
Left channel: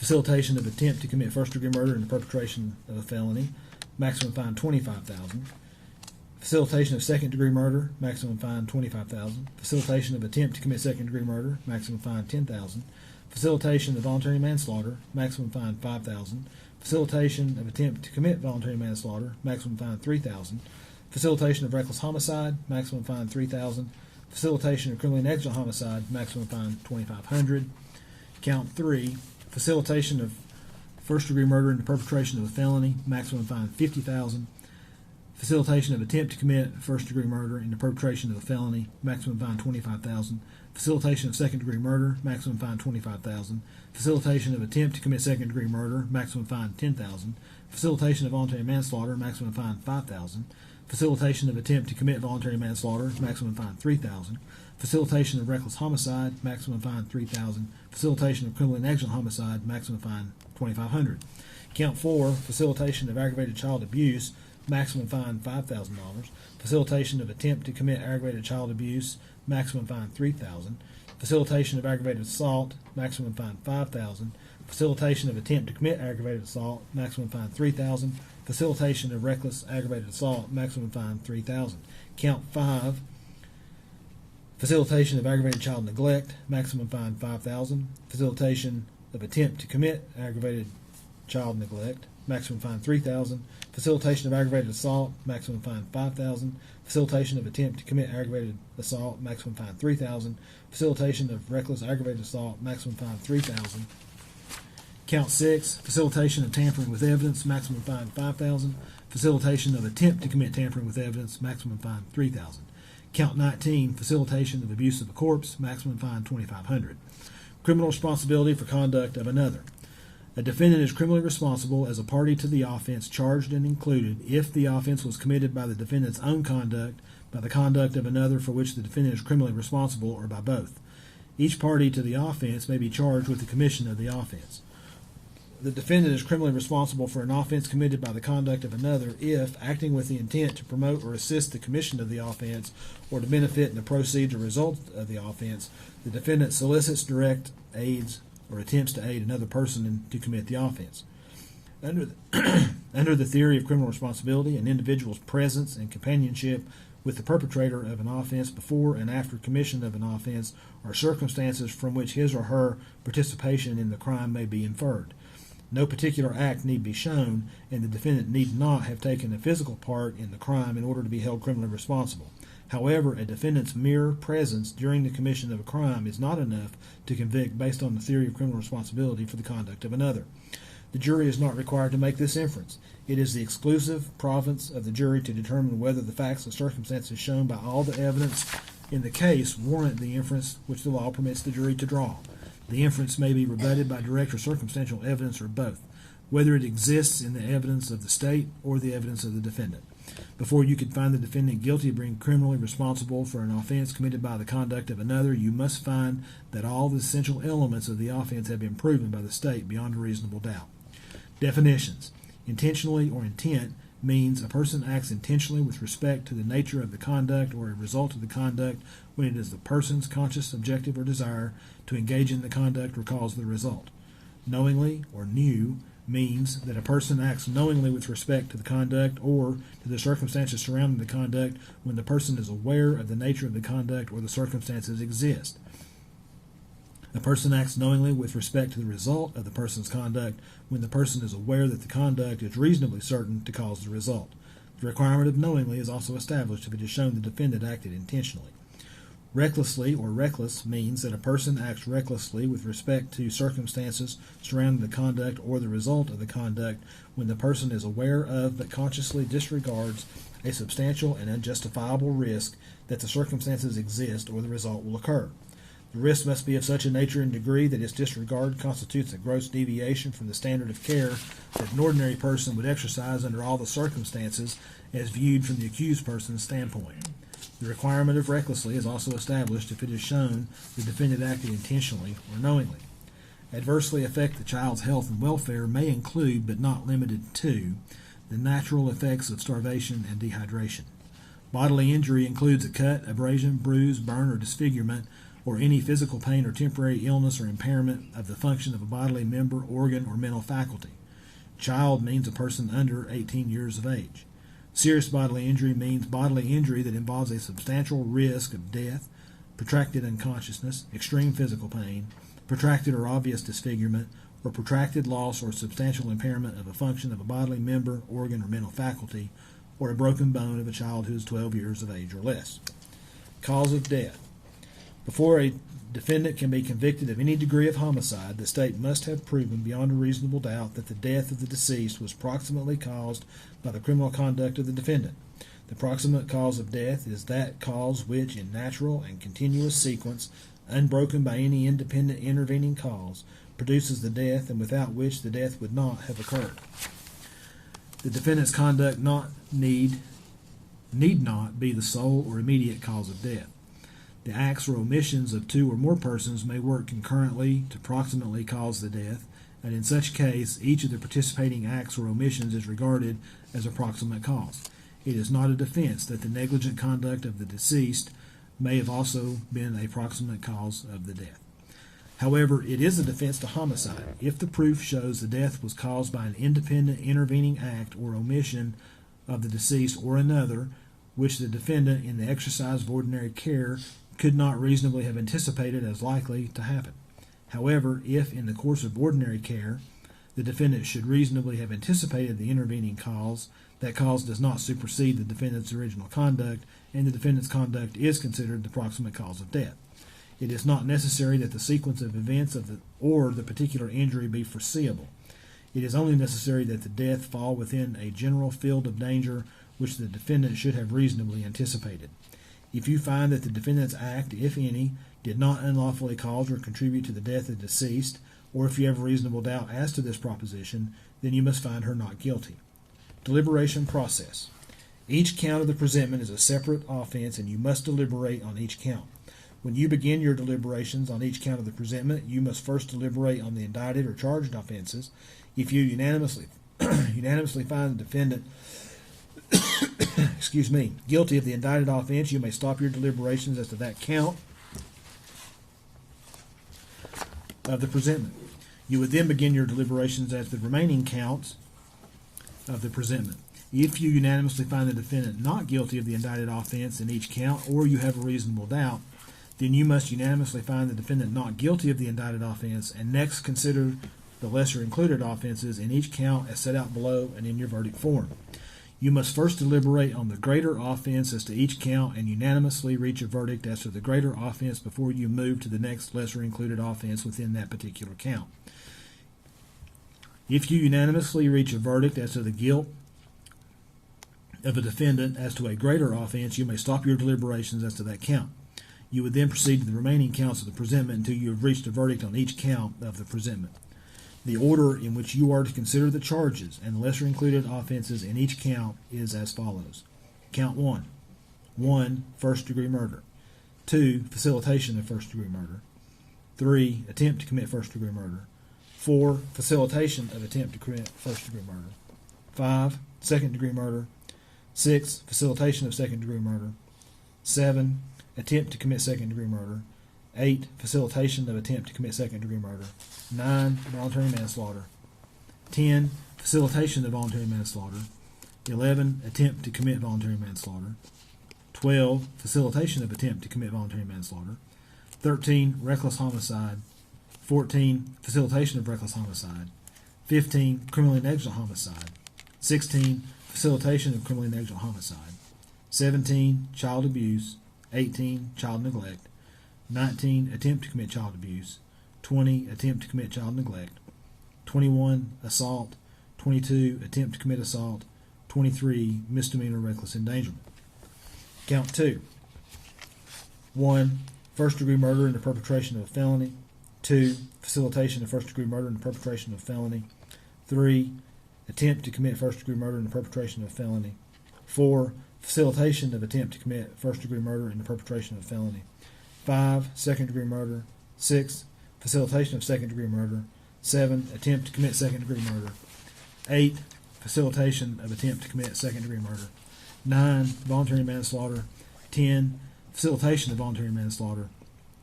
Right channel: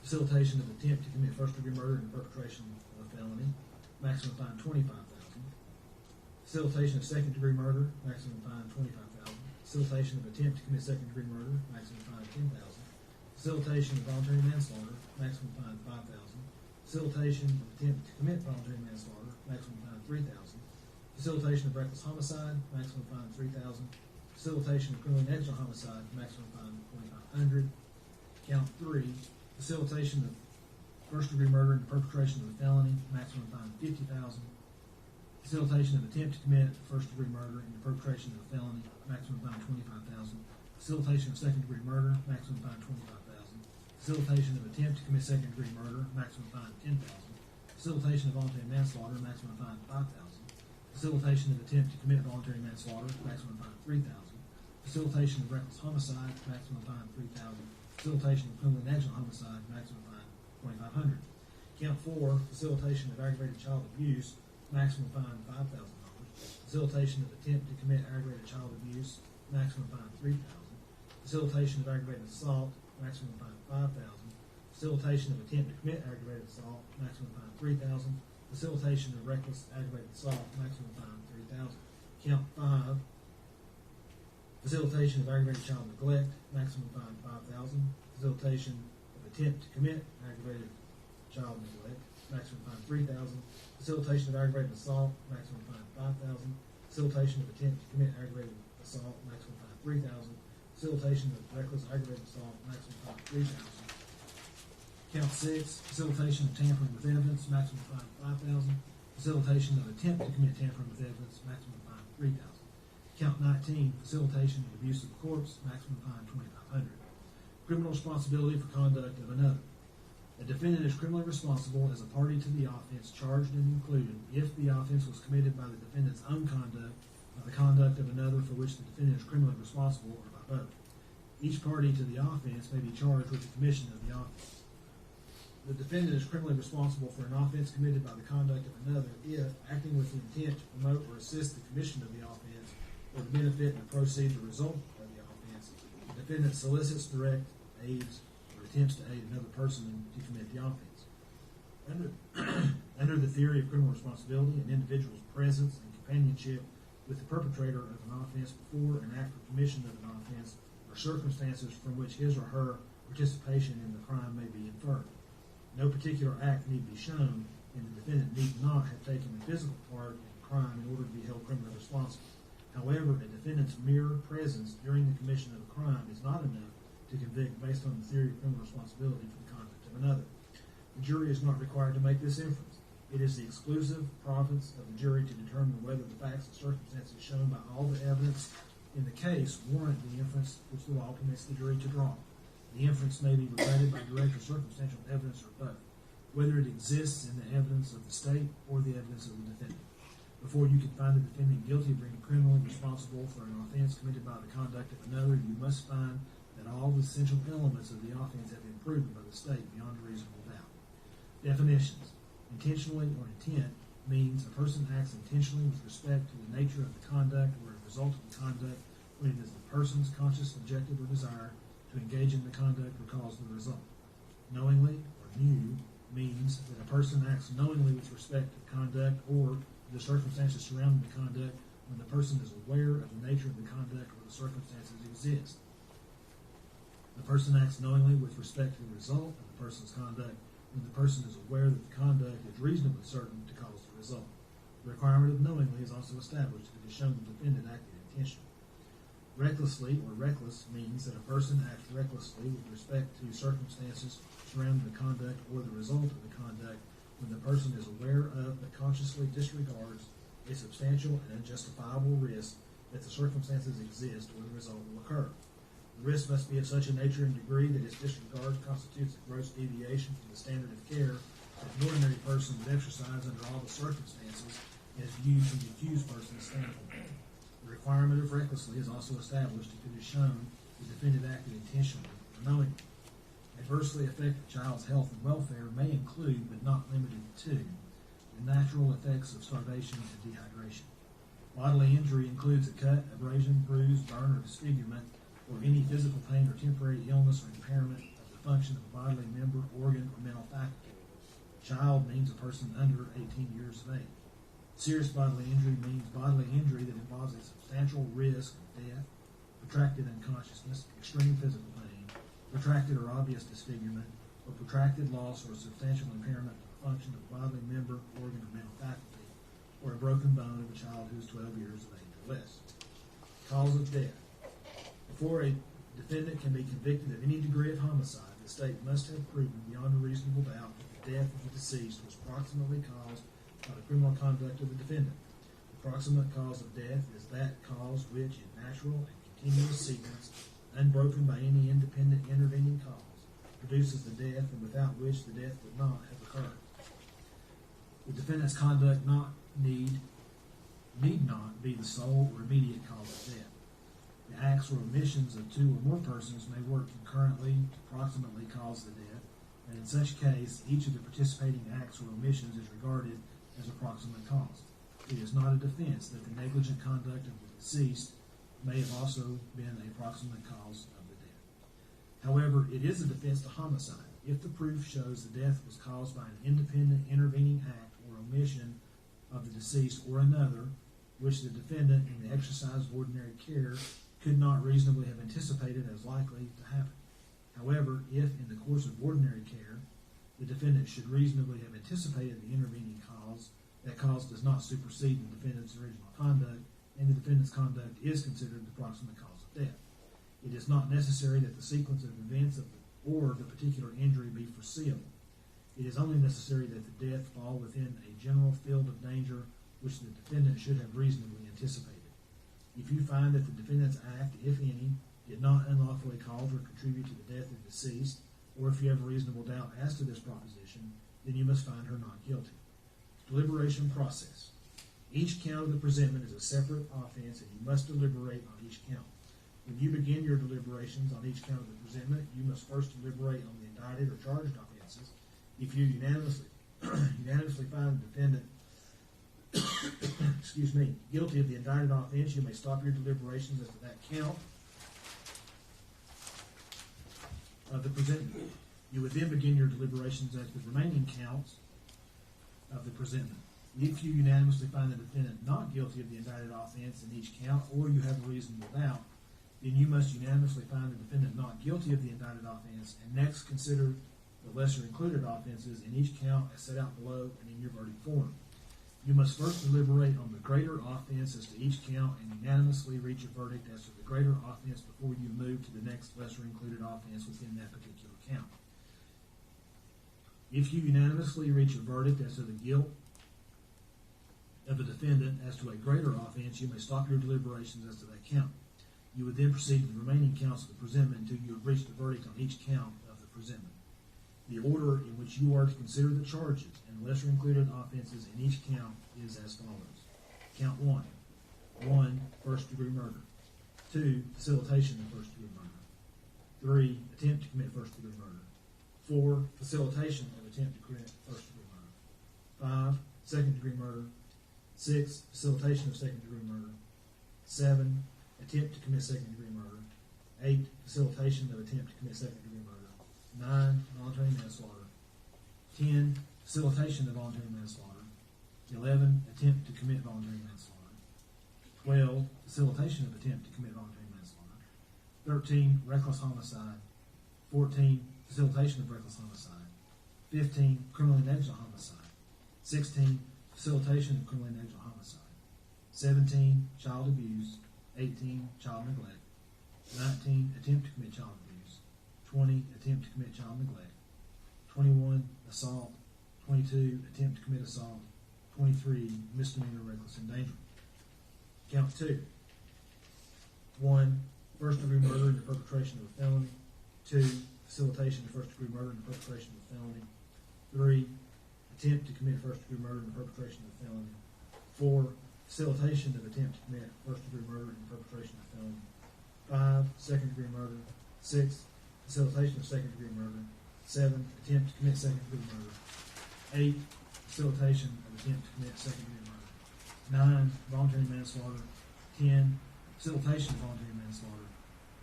Facilitation of attempt to commit first-degree murder in the perpetration of a felony, maximum fine $25,000. Facilitation of second-degree murder, maximum fine $25,000. Facilitation of attempt to commit second-degree murder, maximum fine $10,000. Facilitation of voluntary manslaughter, maximum fine $5,000. Facilitation of attempt to commit voluntary manslaughter, maximum fine $3,000. Facilitation of reckless homicide, maximum fine $3,000. Facilitation of criminally negligent homicide, maximum fine $2,500. Count 3, facilitation of first-degree murder in the perpetration of a felony, maximum fine $50,000. Facilitation of attempt to commit first-degree murder in the perpetration of a felony, maximum fine $25,000. Facilitation of second-degree murder, maximum fine $25,000. Facilitation of attempt to commit second-degree murder, maximum fine $10,000. Facilitation of voluntary manslaughter, maximum fine $5,000. Facilitation of attempt to commit voluntary manslaughter, maximum fine $3,000. Facilitation of reckless homicide, maximum fine $3,000. Facilitation of criminally negligent homicide, maximum fine $2,500. Count 4, facilitation of aggravated child abuse, maximum fine $5,000. Facilitation of attempt to commit aggravated child abuse, maximum fine $3,000. Facilitation of aggravated assault, maximum fine $5,000. Facilitation of attempt to commit aggravated assault, maximum fine $3,000. Facilitation of reckless aggravated assault, maximum fine $3,000. Count 5, facilitation of aggravated child neglect, maximum fine $5,000. Facilitation of attempt to commit aggravated child neglect, maximum fine $3,000. Facilitation of aggravated assault, maximum fine $5,000. Facilitation of attempt to commit aggravated assault, maximum fine $3,000. Facilitation of reckless aggravated assault, maximum fine $3,000. Count 6, facilitation of tampering with evidence, maximum fine $5,000. Facilitation of attempt to commit tampering with evidence, maximum fine $3,000. Count 19, facilitation of abuse of a corpse, maximum fine $2,500. Criminal responsibility for conduct of another. A defendant is criminally responsible as a party to the offense charged and included if the offense was committed by the defendant's own conduct, by the conduct of another for which the defendant is criminally responsible, or by both. Each party to the offense may be charged with the commission of the offense. The defendant is criminally responsible for an offense committed by the conduct of another if, acting with the intent to promote or assist the commission of the offense or to benefit in the proceeds or result of the offense, the defendant solicits, directs, aids, or attempts to aid another person to commit the offense. Under the theory of criminal responsibility, an individual's presence and companionship with the perpetrator of an offense before and after commission of an offense are circumstances from which his or her participation in the crime may be inferred. No particular act need be shown, and the defendant need not have taken a physical part in the crime in order to be held criminally responsible. However, a defendant's mere presence during the commission of a crime is not enough to convict based on the theory of criminal responsibility for the conduct of another. The jury is not required to make this inference. It is the exclusive province of the jury to determine whether the facts and circumstances shown by all the evidence in the case warrant the inference which the law permits the jury to draw. The inference may be rebutted by direct or circumstantial evidence or both, whether it exists in the evidence of the state or the evidence of the defendant. Before you can find the defendant guilty of being criminally responsible for an offense committed by the conduct of another, you must find that all the essential elements of the offense have been proven by the state beyond a reasonable doubt. Definitions. Intentionally or intent means a person acts intentionally with respect to the nature of the conduct or a result of the conduct when it is the person's conscious objective or desire to engage in the conduct or cause the result. Knowingly or knew means that a person acts knowingly with respect to the conduct or to the circumstances surrounding the conduct when the person is aware of the nature of the conduct or the circumstances exist. A person acts knowingly with respect to the result of the person's conduct when the person is aware that the conduct is reasonably certain to cause the result. The requirement of knowingly is also established if it is shown the defendant acted intentionally. Recklessly or reckless means that a person acts recklessly with respect to circumstances surrounding the conduct or the result of the conduct when the person is aware of but consciously disregards a substantial and unjustifiable risk that the circumstances exist or the result will occur. The risk must be of such a nature and degree that its disregard constitutes a gross deviation from the standard of care that an ordinary person would exercise under all the circumstances as viewed from the accused person's standpoint. The requirement of recklessly is also established if it is shown the defendant acted intentionally or knowingly. Adversely affect the child's health and welfare may include, but not limited to, the natural effects of starvation and dehydration. Bodily injury includes a cut, abrasion, bruise, burn, or disfigurement or any physical pain or temporary illness or impairment of the function of a bodily member, organ, or mental faculty. Child means a person under 18 years of age. Serious bodily injury means bodily injury that involves a substantial risk of death, protracted unconsciousness, extreme physical pain, protracted or obvious disfigurement, or protracted loss or substantial impairment of a function of a bodily member, organ, or mental faculty, or a broken bone of a child who is 12 years of age or less. Cause of death. Before a defendant can be convicted of any degree of homicide, the state must have proven beyond a reasonable doubt that the death of the deceased was proximately caused by the criminal conduct of the defendant. The proximate cause of death is that cause which, in natural and continuous sequence, unbroken by any independent intervening cause, produces the death and without which the death would not have occurred. The defendant's conduct need not be the sole or immediate cause of death. The acts or omissions of two or more persons may work concurrently to proximately cause the death, and in such case, each of the participating acts or omissions is regarded as a proximate cause. It is not a defense that the negligent conduct of the deceased may have also been a proximate cause of the death. However, it is a defense to homicide if the proof shows the death was caused by an independent intervening act or omission of the deceased or another, which the defendant, in the exercise of ordinary care, could not reasonably have anticipated as likely to happen. However, if, in the course of ordinary care, the defendant should reasonably have anticipated the intervening cause, that cause does not supersede the defendant's original conduct, and the defendant's conduct is considered the proximate cause of death. It is not necessary that the sequence of events or the particular injury be foreseeable. It is only necessary that the death fall within a general field of danger which the defendant should have reasonably anticipated. If you find that the defendant's act, if any, did not unlawfully cause or contribute to the death of the deceased, or if you have a reasonable doubt as to this proposition, then you must find her not guilty. Deliberation process. Each count of the presentment is a separate offense, and you must deliberate on each count. When you begin your deliberations on each count of the presentment, you must first deliberate on the indicted or charged offenses. If you unanimously find the defendant guilty of the indicted offense, you may stop your deliberations as to that count of the presentment. You would then begin your deliberations as to the remaining counts of the presentment. If you unanimously find the defendant not guilty of the indicted offense in each count, or you have a reasonable doubt, then you must unanimously find the defendant not guilty of the indicted offense, and next consider the lesser included offenses in each count as set out below and in your verdict form. You must first deliberate on the greater offense as to each count and unanimously reach a verdict as to the greater offense before you move to the next lesser included offense within that particular count. If you unanimously reach a verdict as to the guilt of a defendant as to a greater offense, you may stop your deliberations as to that count. You would then proceed to the remaining counts of the presentment until you have reached a verdict on each count of the presentment. The order in which you are to consider the charges and the lesser included offenses in each count is as follows. Count 1. 1. First degree murder. 2. Facilitation of first degree murder. 3. Attempt to commit first degree murder. 4. Facilitation of attempt to commit first degree murder. 5. Second degree murder. 6. Facilitation of second degree murder. 7. Attempt to commit second degree murder. 8. Facilitation of attempt to commit second degree murder. 9. Voluntary manslaughter. 10. Facilitation of voluntary manslaughter. 11. Attempt to commit voluntary manslaughter. 12. Facilitation of attempt to commit voluntary manslaughter. 13. Reckless homicide. 14. Facilitation of reckless homicide. 15. Criminally negligent homicide. 16. Facilitation of criminally negligent homicide. 17. Child abuse. 18. Child neglect. 19. Attempt to commit child abuse. 20. Attempt to commit child neglect. 21. Assault. 22. Attempt to commit assault. 23. Misdemeanor reckless endangerment. Count 2. 1. First degree murder in the perpetration of a felony. 2. Facilitation of first degree murder in the perpetration of a felony. 3. Attempt to commit first degree murder in the perpetration of a felony. 4. Facilitation of attempt to commit first degree murder in the perpetration of a felony. 5. Second degree murder. 6. Facilitation of second degree murder. 7. Attempt to commit second degree murder. 8. Facilitation of attempt to commit second degree murder. 9. Voluntary manslaughter. 10. Facilitation of voluntary manslaughter.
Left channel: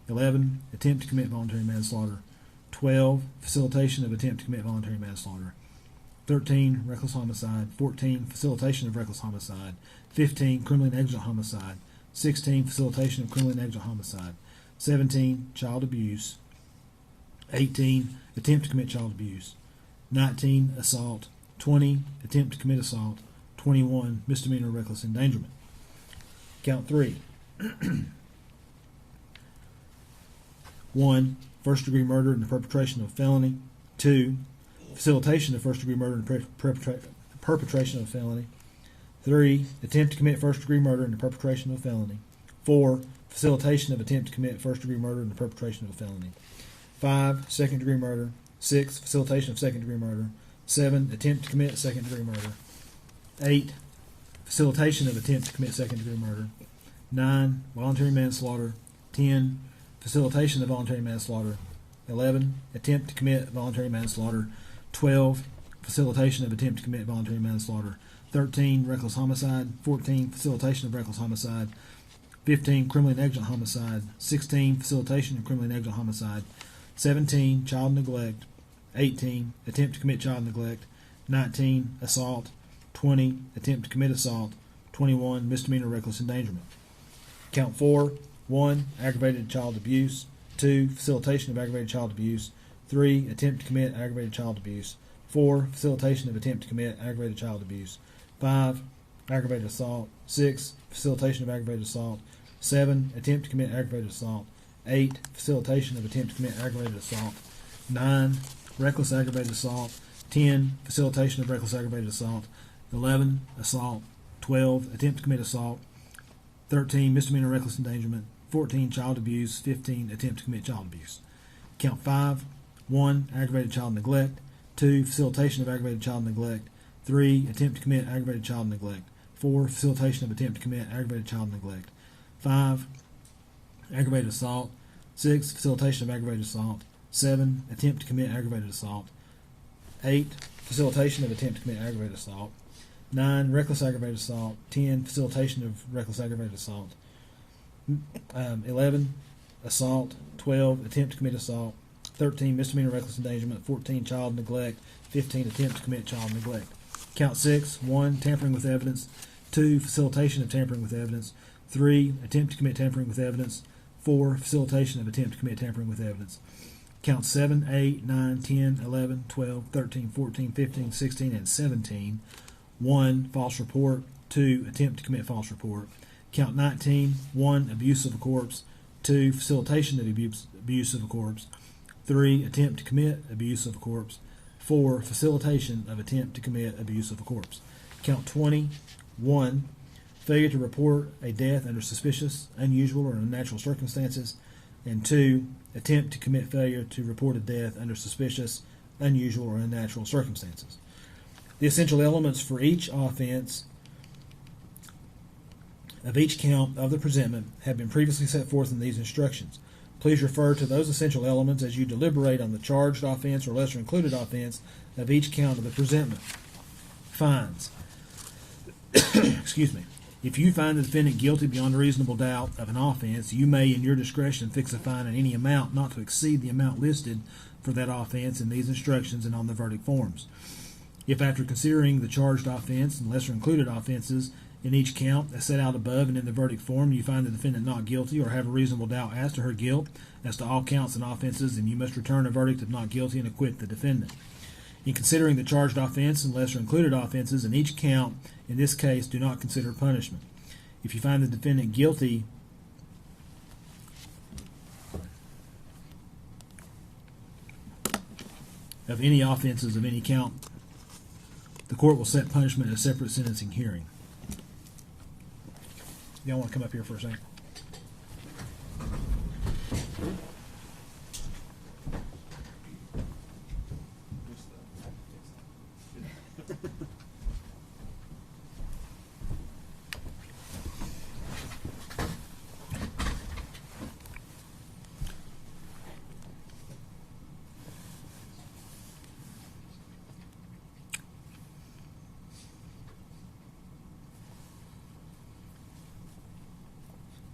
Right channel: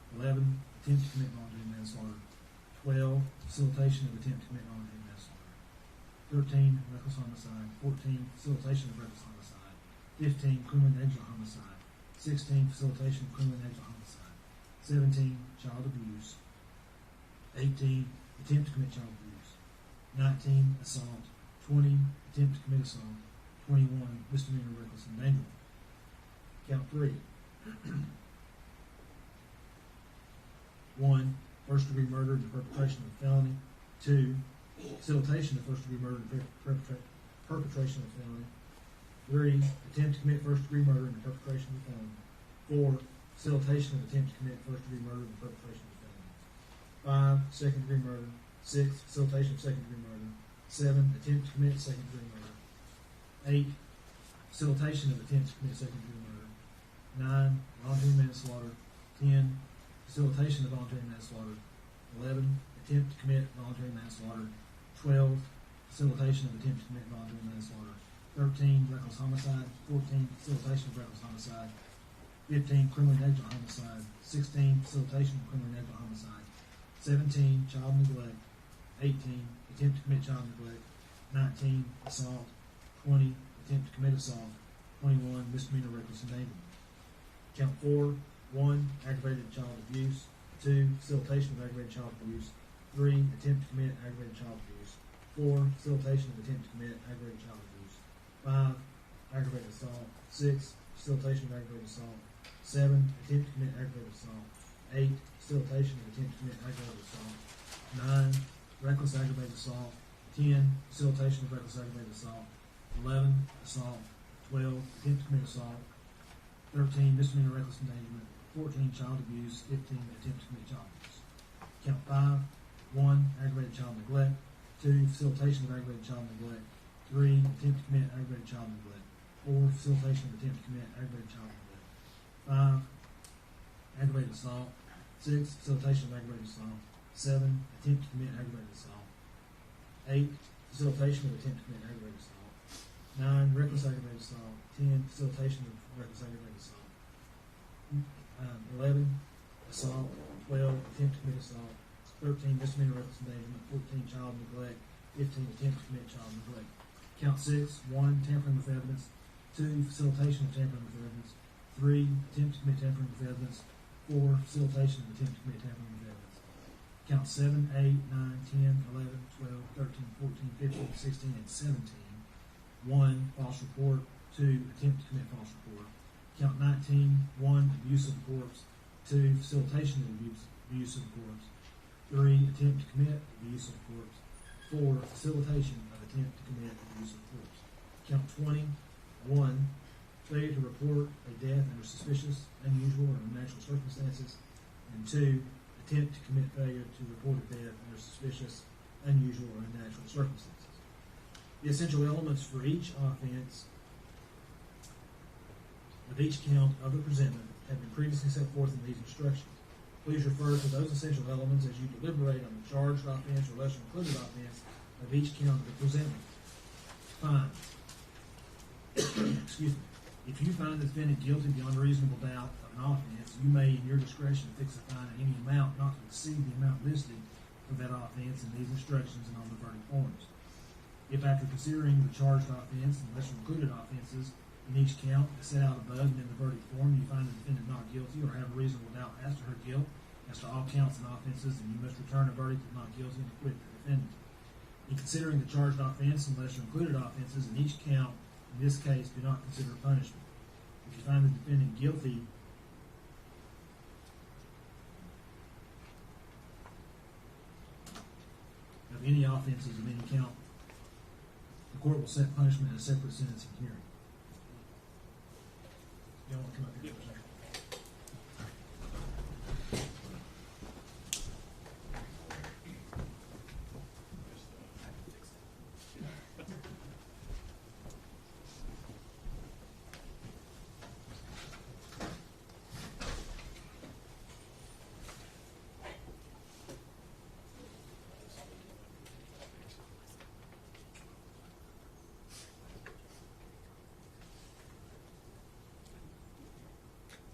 11, attempt to commit voluntary manslaughter. 12, facilitation of attempt to commit voluntary manslaughter. 13, reckless homicide. 14, facilitation of reckless homicide. 15, criminally negligent homicide. 16, facilitation of criminally negligent homicide. 17, child abuse. 18, attempt to commit child abuse. 19, assault. 20, attempt to commit assault. 21, misdemeanor reckless endangerment. Count 3. 1, first degree murder in the perpetration of a felony. 2, facilitation of first degree murder in the perpetration of a felony. 3, attempt to commit first degree murder in the perpetration of a felony. 4, facilitation of attempt to commit first degree murder in the perpetration of a felony. 5, second degree murder. 6, facilitation of second degree murder. 7, attempt to commit second degree murder. 8, facilitation of attempt to commit second degree murder. 9, voluntary manslaughter. 10, facilitation of voluntary manslaughter. 11, attempt to commit voluntary manslaughter. 12, facilitation of attempt to commit voluntary manslaughter. 13, reckless homicide. 14, facilitation of reckless homicide. 15, criminally negligent homicide. 16, facilitation of criminally negligent homicide. 17, child neglect. 18, attempt to commit child neglect. 19, assault. 20, attempt to commit assault. 21, misdemeanor reckless endangerment. Count 4. 1, aggravated child abuse. 2, facilitation of aggravated child abuse. 3, attempt to commit aggravated child abuse. 4, facilitation of attempt to commit aggravated child abuse. 5, aggravated assault. 6, facilitation of aggravated assault. 7, attempt to commit aggravated assault. 8, facilitation of attempt to commit aggravated assault. 9, reckless aggravated assault. 10, facilitation of reckless aggravated assault. 11, assault. 12, attempt to commit assault. 13, misdemeanor reckless endangerment. 14, child abuse. 15, attempt to commit child abuse. Count 5. 1, aggravated child neglect. 2, facilitation of aggravated child neglect. 3, attempt to commit aggravated child neglect. 4, facilitation of attempt to commit aggravated child neglect. 5, aggravated assault. 6, facilitation of aggravated assault. 7, attempt to commit aggravated assault. 8, facilitation of attempt to commit aggravated assault. 9, reckless aggravated assault. 10, facilitation of reckless aggravated assault. 11, assault. 12, attempt to commit assault. 13, misdemeanor reckless endangerment. 14, child neglect. 15, attempt to commit child neglect. Count 6. 1, tampering with evidence. 2, facilitation of tampering with evidence. 3, attempt to commit tampering with evidence. 4, facilitation of attempt to commit tampering with evidence. Count 7, 8, 9, 10, 11, 12, 13, 14, 15, 16, and 17. 1, false report. 2, attempt to commit false report. Count 19. 1, abuse of a corpse. 2, facilitation of abuse of a corpse. 3, attempt to commit abuse of a corpse. 4, facilitation of attempt to commit abuse of a corpse. Count 20. 1, failure to report a death under suspicious, unusual, or unnatural circumstances. And 2, attempt to commit failure to report a death under suspicious, unusual, or unnatural circumstances. The essential elements for each offense of each count of the presentment have been previously set forth in these instructions. Please refer to those essential elements as you deliberate on the charged offense or lesser included offense of each count of the presentment. Fines. Excuse me. If you find the defendant guilty beyond a reasonable doubt of an offense, you may, in your discretion, fix a fine in any amount not to exceed the amount listed for that offense in these instructions and on the verdict forms. If after considering the charged offense and lesser included offenses in each count as set out above and in the verdict form, you find the defendant not guilty or have a reasonable doubt as to her guilt as to all counts and offenses, then you must return a verdict of not guilty and acquit the defendant. In considering the charged offense and lesser included offenses in each count, in this case, do not consider punishment. If you find the defendant guilty of any offenses of any count, the court will set punishment at a separate sentencing hearing. Y'all want to come up here for a second?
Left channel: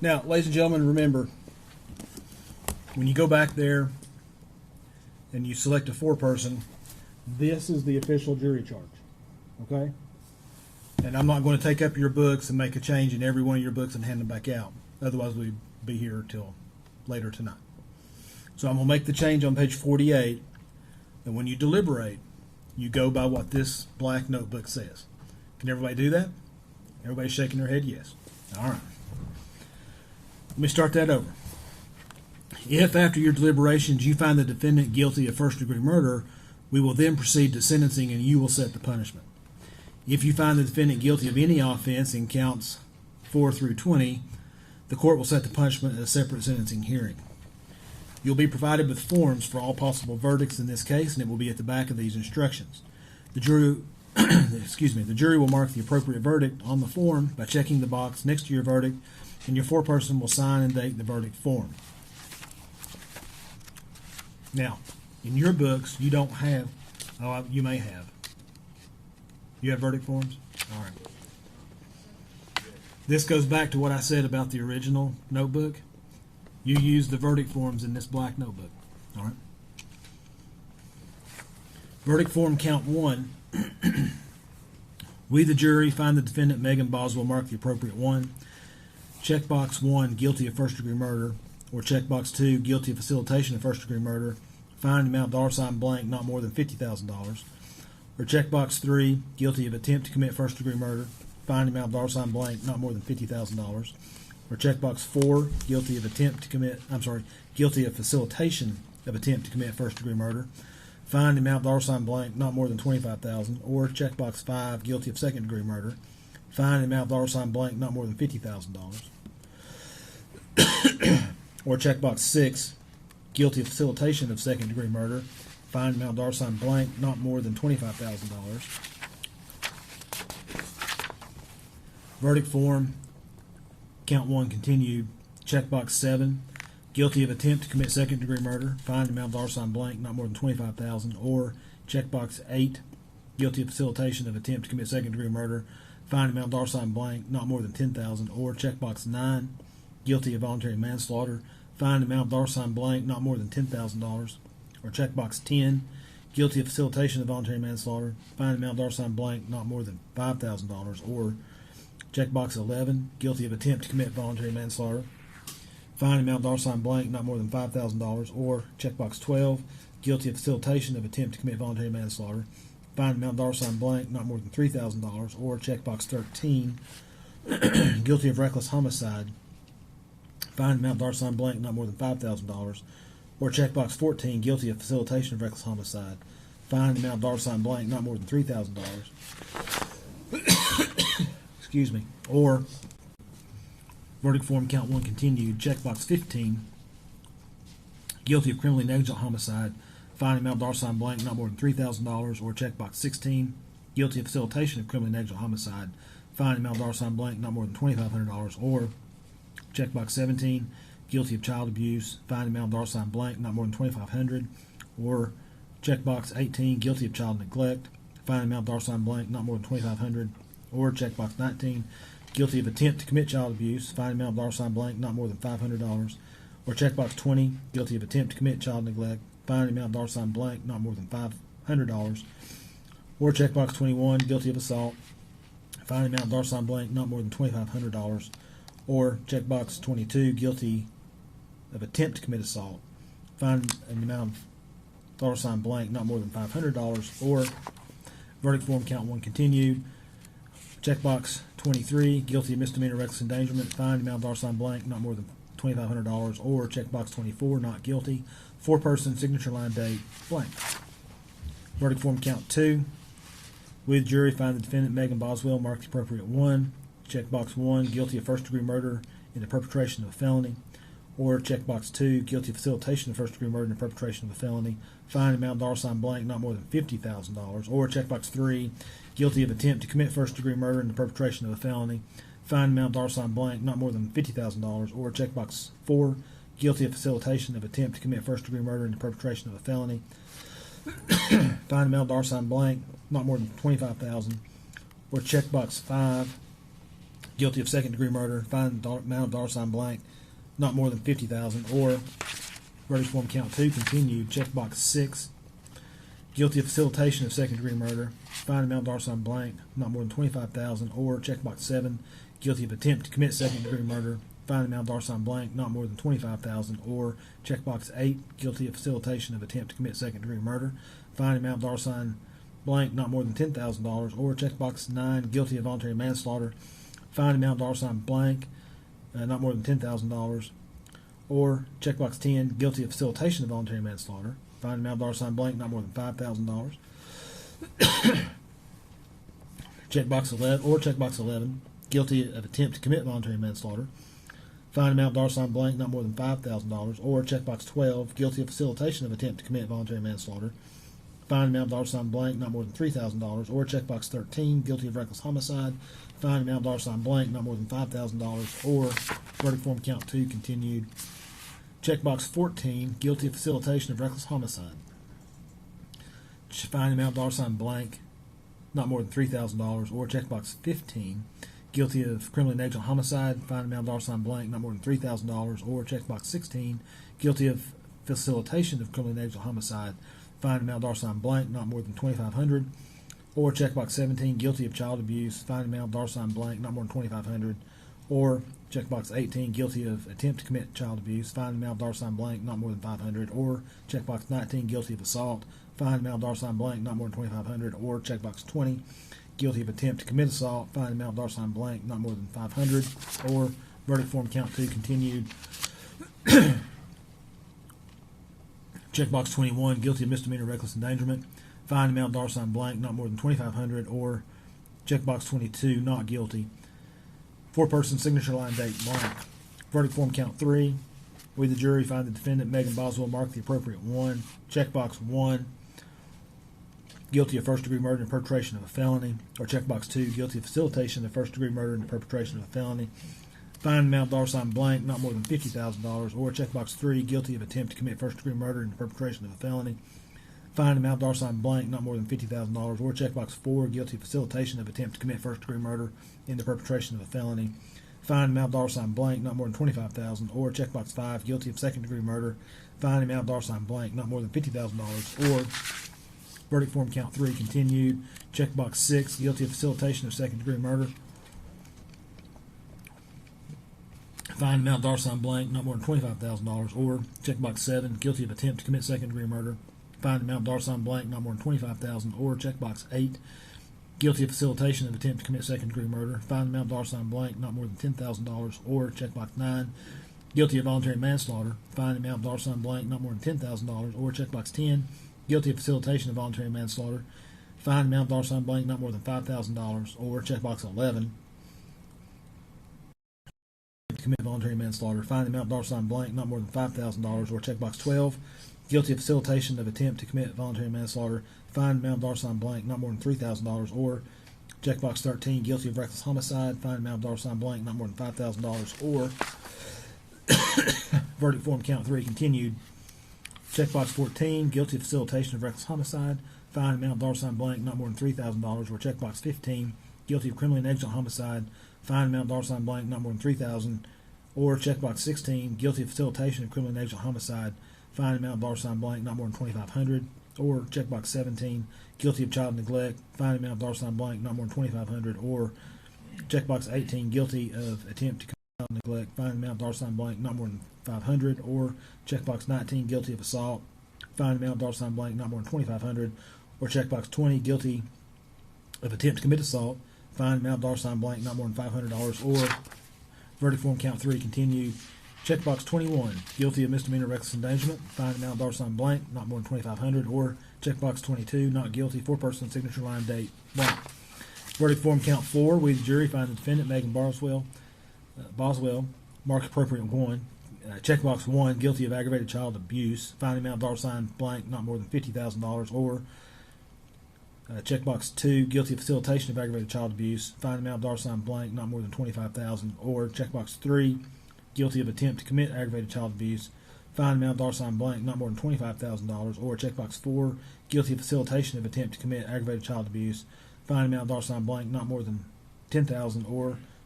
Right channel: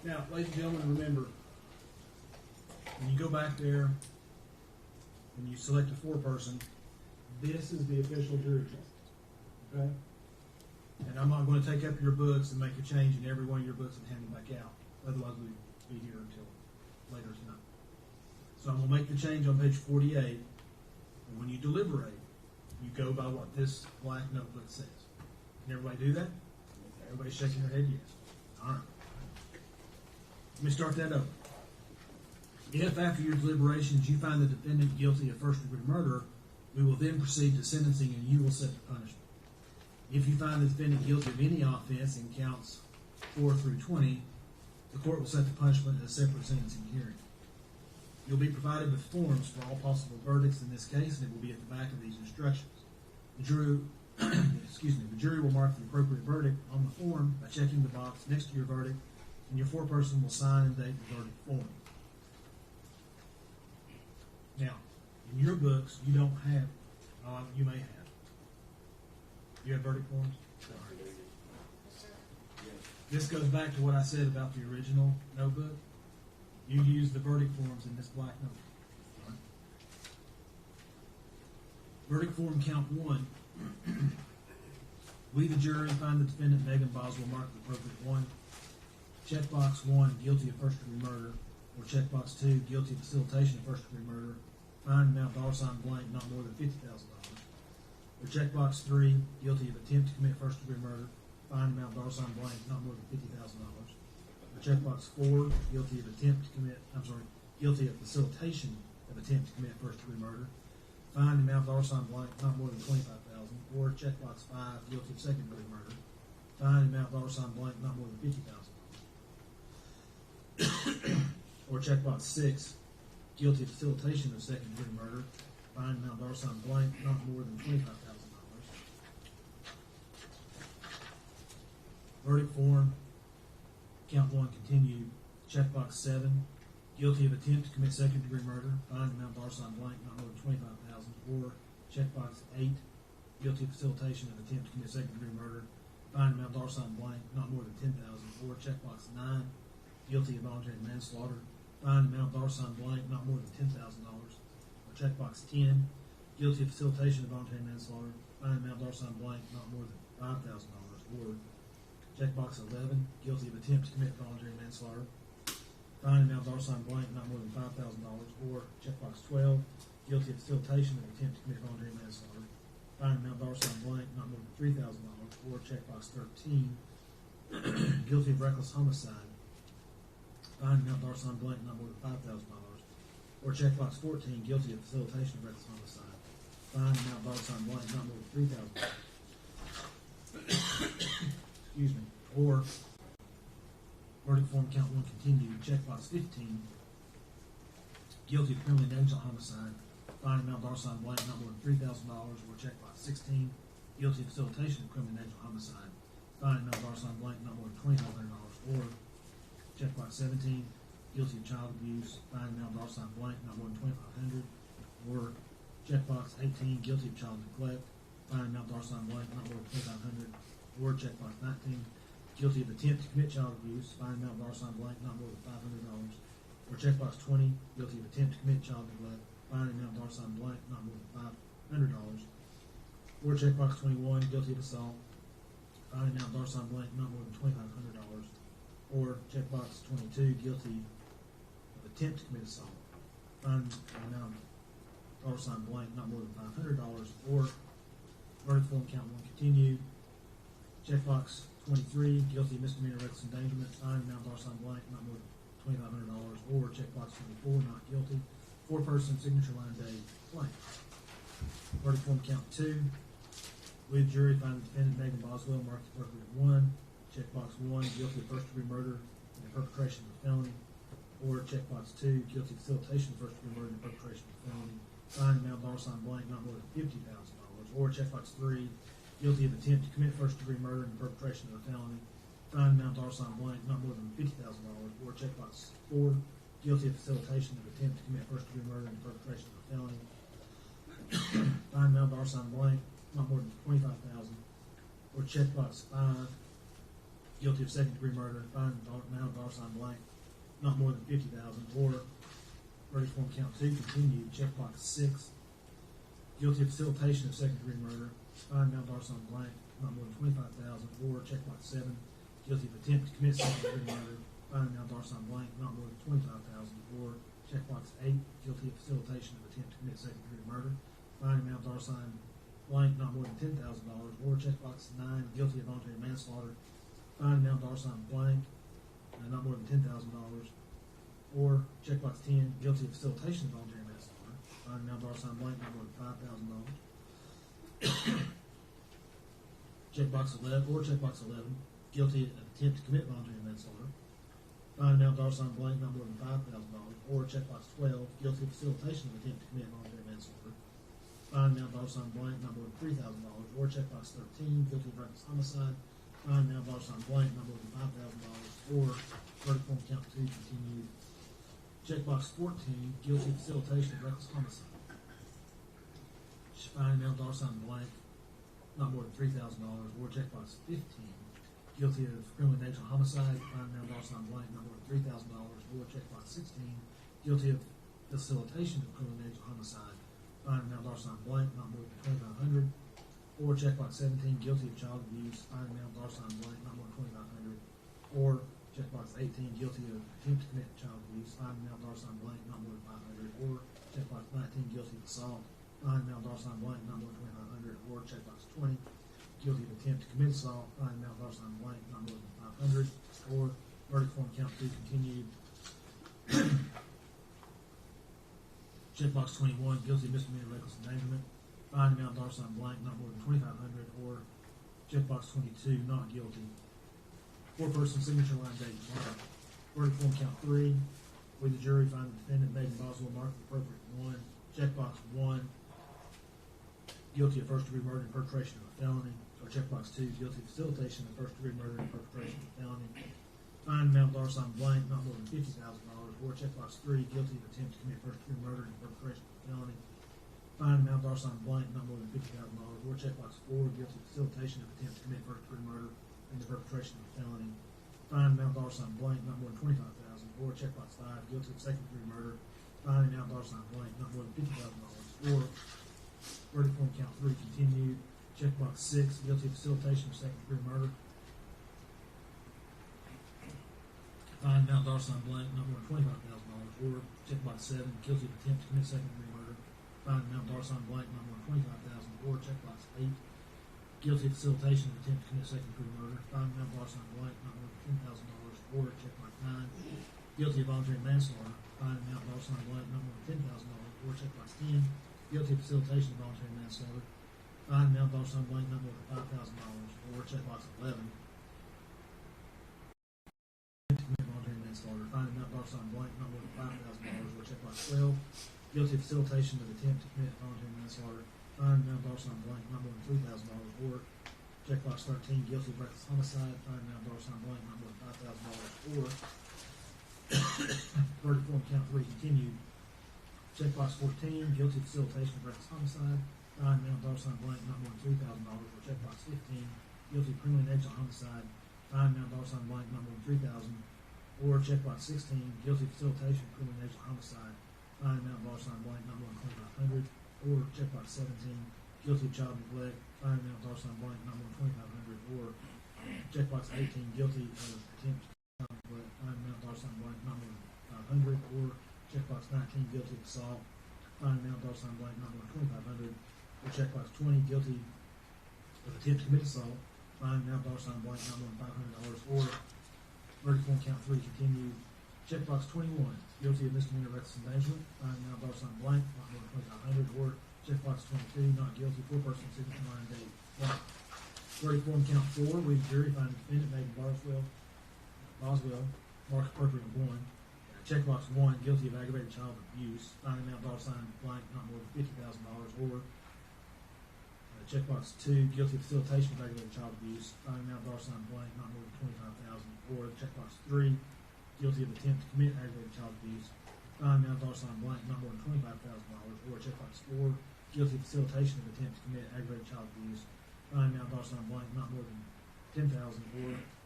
Now, ladies and gentlemen, remember, when you go back there and you select a four-person, this is the official jury charge, okay? And I'm not going to take up your books and make a change in every one of your books and hand them back out. Otherwise, we'd be here till later tonight. So I'm going to make the change on page 48, and when you deliberate, you go by what this black notebook says. Can everybody do that? Everybody's shaking their head yes. All right. Let me start that over. If after your deliberations you find the defendant guilty of first-degree murder, we will then proceed to sentencing and you will set the punishment. If you find the defendant guilty of any offense in counts 4 through 20, the court will set the punishment at a separate sentencing hearing. You'll be provided with forms for all possible verdicts in this case, and it will be at the back of these instructions. The jury, the jury will mark the appropriate verdict on the form by checking the box next to your verdict, and your foreperson will sign and date the verdict form. Now, in your books, you don't have, you may have. You have verdict forms? All right. This goes back to what I said about the original notebook. You use the verdict forms in this black notebook. All right. Verdict form count 1. We, the jury, find the defendant Megan Boswell mark the appropriate one. Checkbox 1, guilty of first-degree murder, or checkbox 2, guilty of facilitation of first-degree murder. Find amount $ blank, not more than $50,000. Or checkbox 3, guilty of attempt to commit first-degree murder. Find amount $ blank, not more than $50,000. Or checkbox 4, guilty of guilty of facilitation of attempt to commit first-degree murder. Find amount $ blank, not more than $25,000. Or checkbox 5, guilty of second-degree murder. Find amount $ blank, not more than $50,000. Or checkbox 6, guilty of facilitation of second-degree murder. Find amount $ blank, not more than $25,000. Verdict form, count 1 continued. Checkbox 7, guilty of attempt to commit second-degree murder. Find amount $ blank, not more than $25,000. Or checkbox 8, guilty of facilitation of attempt to commit second-degree murder. Find amount $ blank, not more than $10,000. Or checkbox 9, guilty of voluntary manslaughter. Find amount $ blank, not more than $10,000. Or checkbox 10, guilty of facilitation of voluntary manslaughter. Find amount $ blank, not more than $5,000. Or checkbox 11, guilty of attempt to commit voluntary manslaughter. Find amount $ blank, not more than $5,000. Or checkbox 12, guilty of facilitation of attempt to commit voluntary manslaughter. Find amount $ blank, not more than $3,000. Or checkbox 13, guilty of reckless homicide. Find amount $ blank, not more than $5,000. Or checkbox 14, guilty of facilitation of reckless homicide. Find amount $ blank, not more than $3,000. Excuse me. Or verdict form count 1 continued. Checkbox 15, guilty of criminally negligent homicide. Find amount $ blank, not more than $3,000. Or checkbox 16, guilty of facilitation of criminally negligent homicide. Find amount $ blank, not more than $2,500. Or checkbox 17, guilty of child abuse. Find amount $ blank, not more than $2,500. Or checkbox 18, guilty of child neglect. Find amount $ blank, not more than $2,500. Or checkbox 19, guilty of attempt to commit child abuse. Find amount $ blank, not more than $500. Or checkbox 20, guilty of attempt to commit child neglect. Find amount $ blank, not more than $500. Or checkbox 21, guilty of assault. Find amount $ blank, not more than $2,500. Or checkbox 22, guilty of attempt to commit assault. Find an amount of $ blank, not more than $500. Or verdict form count 1 continued. Checkbox 23, guilty of misdemeanor reckless endangerment. Find amount $ blank, not more than $2,500. Or checkbox 24, not guilty. Four-person signature line date blank. Verdict form count 2. With jury, find the defendant Megan Boswell mark the appropriate one. Checkbox 1, guilty of first-degree murder in the perpetration of a felony. Or checkbox 2, guilty of facilitation of first-degree murder in the perpetration of a felony. Find amount $ blank, not more than $50,000. Or checkbox 3, guilty of attempt to commit first-degree murder in the perpetration of a felony. Find amount $, blank, not more than $50,000. Or checkbox 4, guilty of facilitation of attempt to commit first-degree murder in the perpetration of a felony. Find amount $, blank, not more than $25,000. Or checkbox 5, guilty of second-degree murder, find amount of dollar sign blank, not more than $50,000, or verdict form count 2, continued, checkbox 6, guilty of facilitation of second-degree murder, find amount of dollar sign blank, not more than $25,000, or checkbox 7, guilty of attempt to commit second-degree murder, find amount of dollar sign blank, not more than $25,000, or checkbox 8, guilty of facilitation of attempt to commit second-degree murder, find amount of dollar sign blank, not more than $10,000, or checkbox 9, guilty of voluntary manslaughter, find amount of dollar sign blank, not more than $10,000, or checkbox 10, guilty of facilitation of voluntary manslaughter, find amount of dollar sign blank, not more than $5,000. Checkbox 11, or checkbox 11, guilty of attempt to commit voluntary manslaughter, find amount of dollar sign blank, not more than $5,000, or checkbox 12, guilty of facilitation of attempt to commit voluntary manslaughter, find amount of dollar sign blank, not more than $3,000, or checkbox 13, guilty of reckless homicide, find amount of dollar sign blank, not more than $5,000, or verdict form count 2, continued. Checkbox 14, guilty of facilitation of reckless homicide, find amount of dollar sign blank, not more than $3,000, or checkbox 15, guilty of criminally negligent homicide, find amount of dollar sign blank, not more than $3,000, or checkbox 16, guilty of facilitation of criminally negligent homicide, find amount of dollar sign blank, not more than $2,500, or checkbox 17, guilty of child abuse, find amount of dollar sign blank, not more than $2,500, or checkbox 18, guilty of attempt to commit child abuse, find amount of dollar sign blank, not more than $500, or checkbox 19, guilty of assault, find amount of dollar sign blank, not more than $2,500, or checkbox 20, guilty of attempt to commit assault, find amount of dollar sign blank, not more than $500, or verdict form count 2, continued. Checkbox 21, guilty of misdemeanor reckless endangerment, find amount of dollar sign blank, not more than $2,500, or checkbox 22, not guilty. Four-person signature line date blank. Verdict form count 3. We, the jury, find the defendant, Megan Boswell, mark the appropriate 1. Checkbox 1, guilty of first-degree murder and perpetration of a felony. Or checkbox 2, guilty of facilitation of first-degree murder and perpetration of a felony. Find amount of dollar sign blank, not more than $50,000. Or checkbox 3, guilty of attempt to commit first-degree murder and perpetration of a felony. Find amount of dollar sign blank, not more than $50,000. Or checkbox 4, guilty of facilitation of attempt to commit first-degree murder in the perpetration of a felony. Find amount of dollar sign blank, not more than $25,000, or checkbox 5, guilty of second-degree murder. Find amount of dollar sign blank, not more than $50,000, or verdict form count 3, continued. Checkbox 6, guilty of facilitation of second-degree murder. Find amount of dollar sign blank, not more than $25,000, or checkbox 7, guilty of attempt to commit second-degree murder. Find amount of dollar sign blank, not more than $25,000, or checkbox 8, guilty of facilitation of attempt to commit second-degree murder. Find amount of dollar sign blank, not more than $10,000, or checkbox 9, guilty of voluntary manslaughter. Find amount of dollar sign blank, not more than $10,000, or checkbox 10, guilty of facilitation of voluntary manslaughter. Find amount of dollar sign blank, not more than $5,000, or checkbox 11, to commit voluntary manslaughter. Find amount of dollar sign blank, not more than $5,000, or checkbox 12, guilty of facilitation of attempt to commit voluntary manslaughter. Find amount of dollar sign blank, not more than $3,000, or checkbox 13, guilty of reckless homicide. Find amount of dollar sign blank, not more than $5,000, or verdict form count 3, continued. Checkbox 14, guilty of facilitation of reckless homicide. Find amount of dollar sign blank, not more than $3,000, or checkbox 15, guilty of criminally negligent homicide. Find amount of dollar sign blank, not more than $3,000, or checkbox 16, guilty of facilitation of criminally negligent homicide. Find amount of dollar sign blank, not more than $2,500, or checkbox 17, guilty of child neglect. Find amount of dollar sign blank, not more than $2,500, or checkbox 18, guilty of attempt to commit child neglect. Find amount of dollar sign blank, not more than $500, or checkbox 19, guilty of assault. Find amount of dollar sign blank, not more than $2,500, or checkbox 20, guilty of attempt to commit assault. Find amount of dollar sign blank, not more than $500, or verdict form count 3, continued. Checkbox 21, guilty of misdemeanor reckless endangerment. Find amount of dollar sign blank, not more than $2,500, or checkbox 22, not guilty, four-person signature line date blank. Verdict form count 4, we the jury find the defendant, Megan Boswell, mark appropriate 1. Checkbox 1, guilty of aggravated child abuse. Find amount of dollar sign blank, not more than $50,000, or checkbox 2, guilty of facilitation of aggravated child abuse. Find amount of dollar sign blank, not more than $25,000, or checkbox 3, guilty of attempt to commit aggravated child abuse. Find amount of dollar sign blank, not more than $25,000, or checkbox 4, guilty of facilitation of attempt to commit aggravated child abuse. Find amount of dollar sign blank, not more than $10,000, or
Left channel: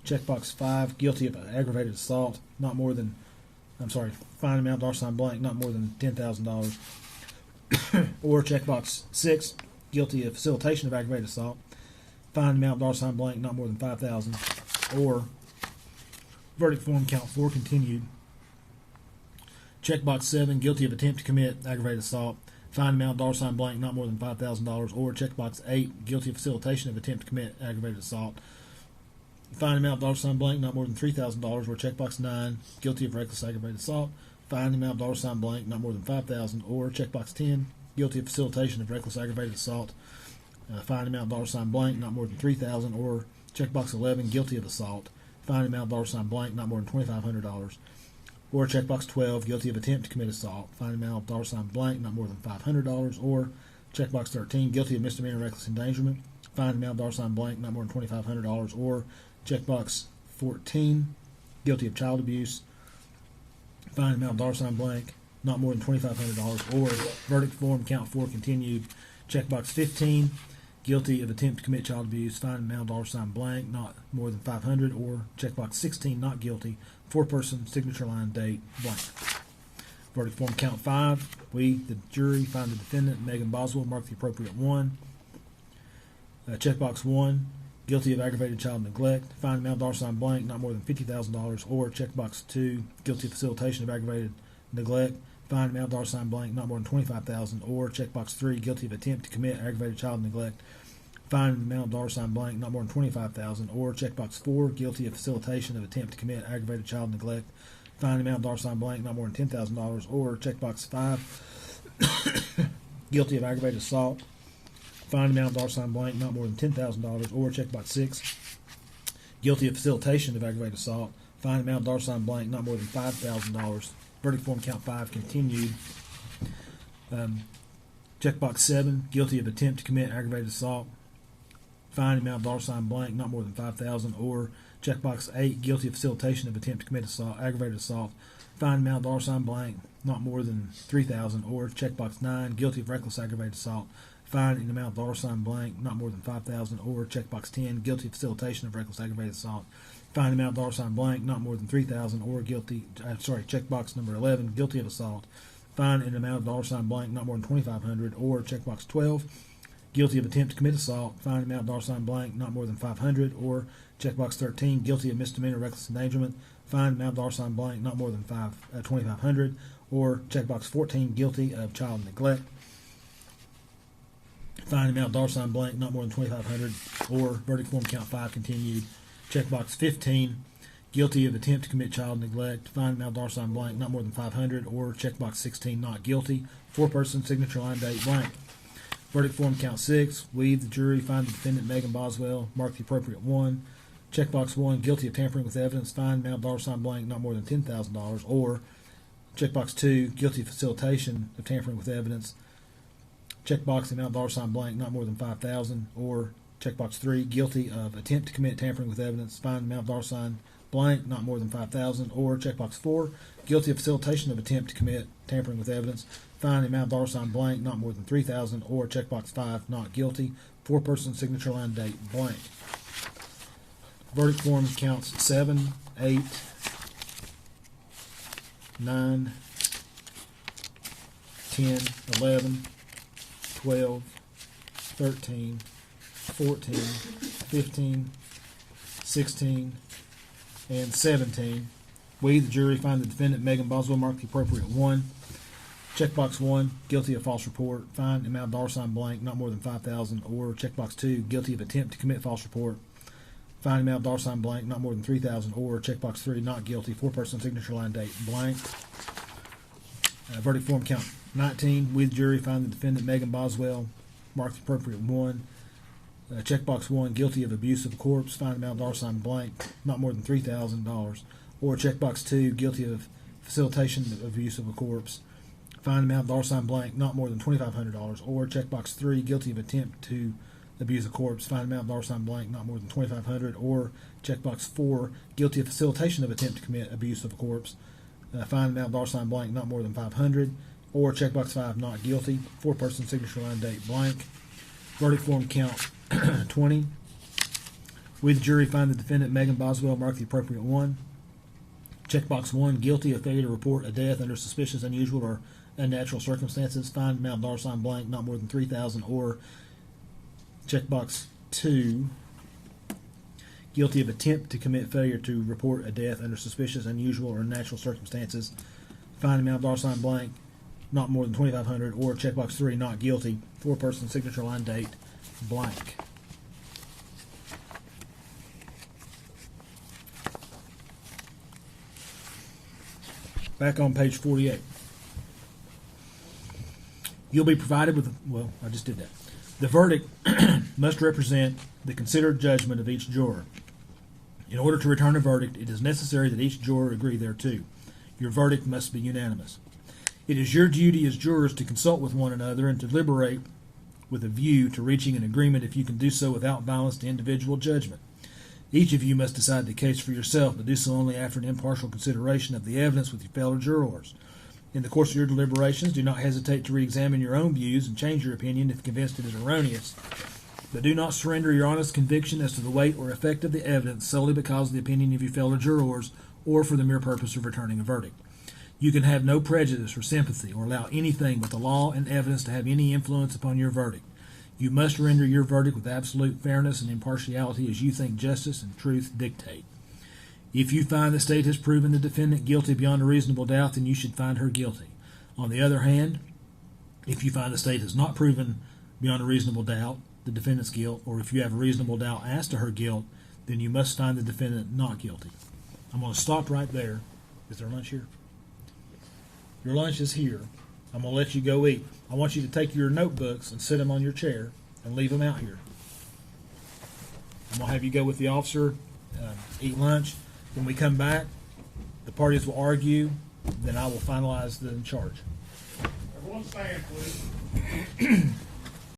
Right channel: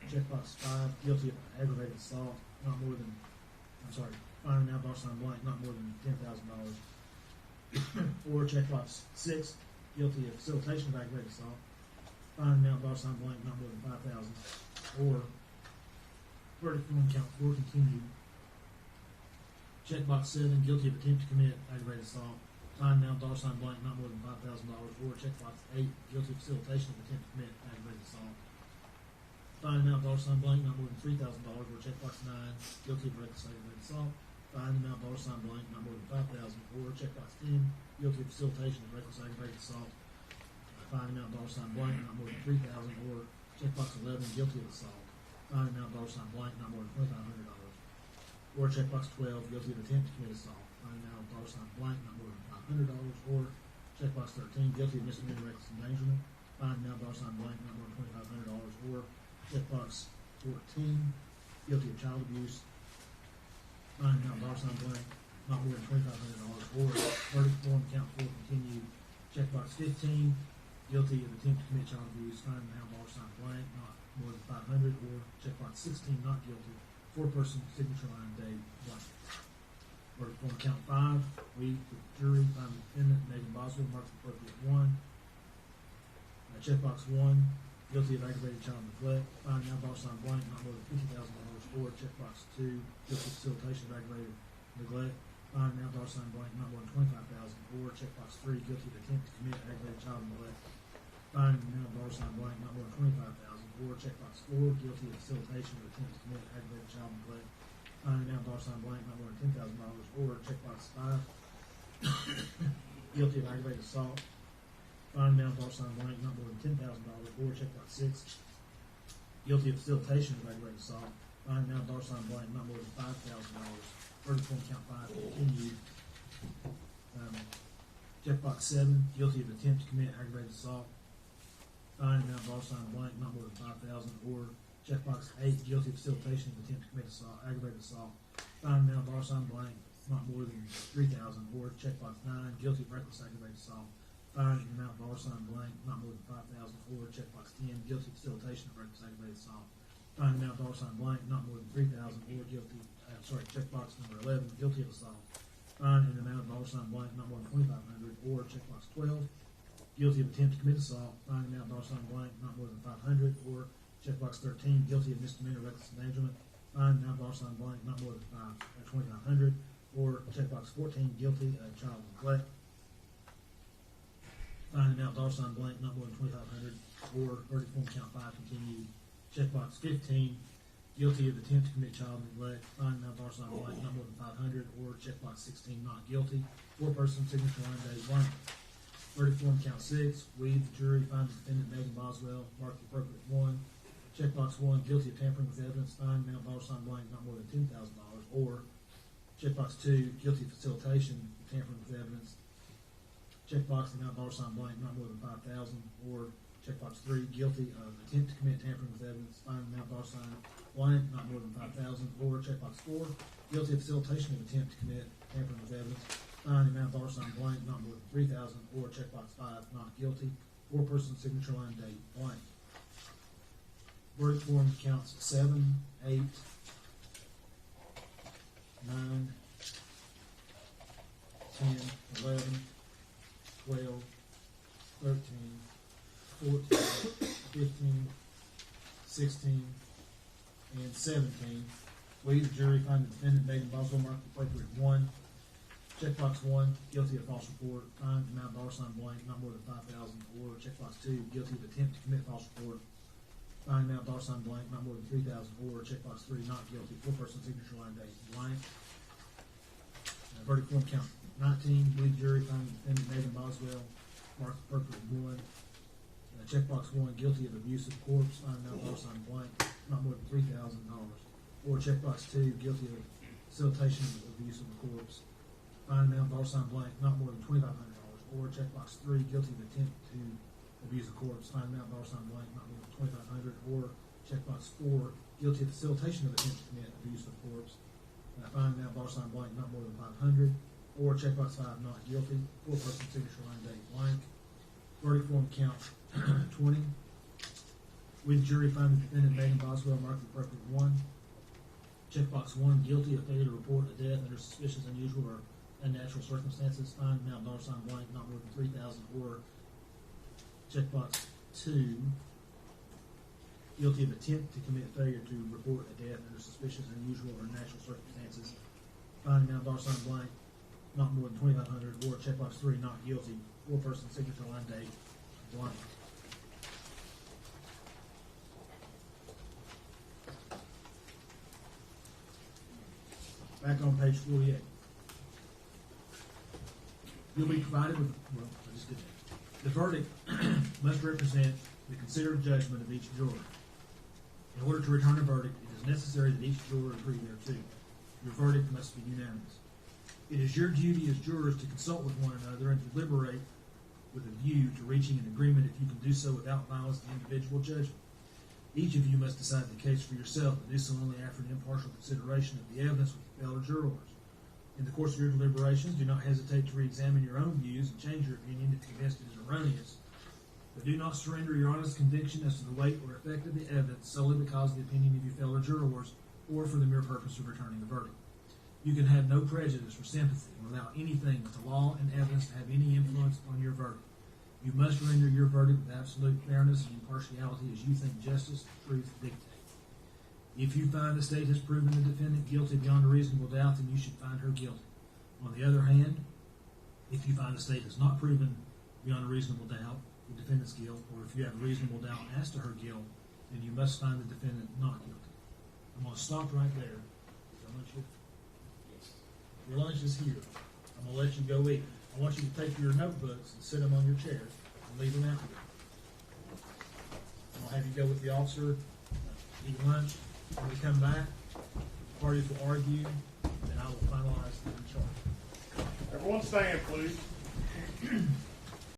Checkbox 5, guilty of aggravated assault, fine amount $ blank, not more than $10,000. Or checkbox 6, guilty of facilitation of aggravated assault, fine amount $ blank, not more than $5,000. Or verdict form count 4 continued. Checkbox 7, guilty of attempt to commit aggravated assault, fine amount $ blank, not more than $5,000. Or checkbox 8, guilty of facilitation of attempt to commit aggravated assault, fine amount $ blank, not more than $3,000. Or checkbox 9, guilty of reckless aggravated assault, fine amount $ blank, not more than $5,000. Or checkbox 10, guilty of facilitation of reckless aggravated assault, fine amount $ blank, not more than $3,000. Or checkbox 11, guilty of assault, fine amount $ blank, not more than $2,500. Or checkbox 12, guilty of attempt to commit assault, fine amount $ blank, not more than $500. Or checkbox 13, guilty of misdemeanor reckless endangerment, fine amount $ blank, not more than $2,500. Or checkbox 14, guilty of child abuse, fine amount $ blank, not more than $2,500. Or verdict form count 4 continued. Checkbox 15, guilty of attempt to commit child abuse, fine amount $ blank, not more than $500. Or checkbox 16, not guilty, 4-person signature line date blank. Verdict form count 5. We, the jury, find the defendant, Megan Boswell, mark the appropriate 1. Checkbox 1, guilty of aggravated child neglect, fine amount $ blank, not more than $50,000. Or checkbox 2, guilty of facilitation of aggravated neglect, fine amount $ blank, not more than $25,000. Or checkbox 3, guilty of attempt to commit aggravated child neglect, fine amount $, blank, not more than $25,000. Or checkbox 4, guilty of facilitation of attempt to commit aggravated child neglect, fine amount $ blank, not more than $10,000. Or checkbox 5, guilty of aggravated assault, fine amount $ blank, not more than $10,000. Or checkbox 6, guilty of facilitation of aggravated assault, fine amount $ blank, not more than $5,000. Verdict form count 5 continued. Checkbox 7, guilty of attempt to commit aggravated assault, fine amount $ blank, not more than $5,000. Or checkbox 8, guilty of facilitation of attempt to commit assault, aggravated assault, fine amount $ blank, not more than $3,000. Or checkbox 9, guilty of reckless aggravated assault, fine in amount $, blank, not more than $5,000. Or checkbox 10, guilty of facilitation of reckless aggravated assault, fine amount $ blank, not more than $3,000. Or checkbox number 11, guilty of assault, fine in amount $ blank, not more than $2,500. Or checkbox 12, guilty of attempt to commit assault, fine amount $ blank, not more than $500. Or checkbox 13, guilty of misdemeanor reckless endangerment, fine amount $ blank, not more than $2,500. Or checkbox 14, guilty of child neglect, fine amount $ blank, not more than $2,500. Or verdict form count 5 continued. Checkbox 15, guilty of attempt to commit child neglect, fine amount $ blank, not more than $500. Or checkbox 16, not guilty, 4-person signature line date blank. Verdict form count 6. We, the jury, find the defendant, Megan Boswell, mark the appropriate 1. Checkbox 1, guilty of tampering with evidence, fine amount $ blank, not more than $10,000. Or checkbox 2, guilty of facilitation of tampering with evidence, checkbox amount $ blank, not more than $5,000. Or checkbox 3, guilty of attempt to commit tampering with evidence, fine amount $ blank, not more than $5,000. Or checkbox 4, guilty of facilitation of attempt to commit tampering with evidence, fine amount $ blank, not more than $3,000. Or checkbox 5, not guilty, 4-person signature line date blank. Verdict form counts 7, 8, 9, 10, 11, 12, 13, 14, 15, 16, and 17. We, the jury, find the defendant, Megan Boswell, mark the appropriate 1. Checkbox 1, guilty of false report, fine amount $ blank, not more than $5,000. Or checkbox 2, guilty of attempt to commit false report, fine amount $ blank, not more than $3,000. Or checkbox 3, not guilty, 4-person signature line date blank. Verdict form count 19. We, the jury, find the defendant, Megan Boswell, mark the appropriate 1. Checkbox 1, guilty of abuse of a corpse, fine amount $ blank, not more than $3,000. Or checkbox 2, guilty of facilitation of abuse of a corpse, fine amount $ blank, not more than $2,500. Or checkbox 3, guilty of attempt to abuse a corpse, fine amount $ blank, not more than $2,500. Or checkbox 4, guilty of facilitation of attempt to commit abuse of a corpse, fine amount $ blank, not more than $500. Or checkbox 5, not guilty, 4-person signature line date blank. Verdict form count 20. We, the jury, find the defendant, Megan Boswell, mark the appropriate one. Checkbox 1, guilty of failure to report a death under suspicious, unusual, or unnatural circumstances. Find amount $ blank, not more than $3,000. Or checkbox 2, guilty of attempt to commit failure to report a death under suspicious, unusual, or unnatural circumstances. Find amount $ blank, not more than $2,500. Or checkbox 3, not guilty. 4-person signature line date blank. Back on page 48. You'll be provided with, well, I just did that. The verdict must represent the considered judgment of each juror. In order to return a verdict, it is necessary that each juror agree thereto. Your verdict must be unanimous. It is your duty as jurors to consult with one another and to deliberate with a view to reaching an agreement if you can do so without violence to individual judgment. Each of you must decide the case for yourself, but do so only after an impartial consideration of the evidence with your fellow jurors. In the course of your deliberations, do not hesitate to re-examine your own views and change your opinion if convinced it is erroneous. But do not surrender your honest conviction as to the weight or effect of the evidence solely because of the opinion of your fellow jurors or for the mere purpose of returning a verdict. You can have no prejudice or sympathy or allow anything but the law and evidence to have any influence upon your verdict. You must render your verdict with absolute fairness and impartiality as you think justice and truth dictate. If you find the state has proven the defendant guilty beyond a reasonable doubt, then you should find her guilty. On the other hand, if you find the state has not proven beyond a reasonable doubt the defendant's guilt, or if you have a reasonable doubt as to her guilt, then you must find the defendant not guilty. I'm going to stop right there. Is there lunch here? Your lunch is here. I'm going to let you go eat. I want you to take your notebooks and sit them on your chair and leave them out here. I'm going to have you go with the officer, eat lunch. When we come back, the parties will argue, then I will finalize the charge. Everyone stand, please.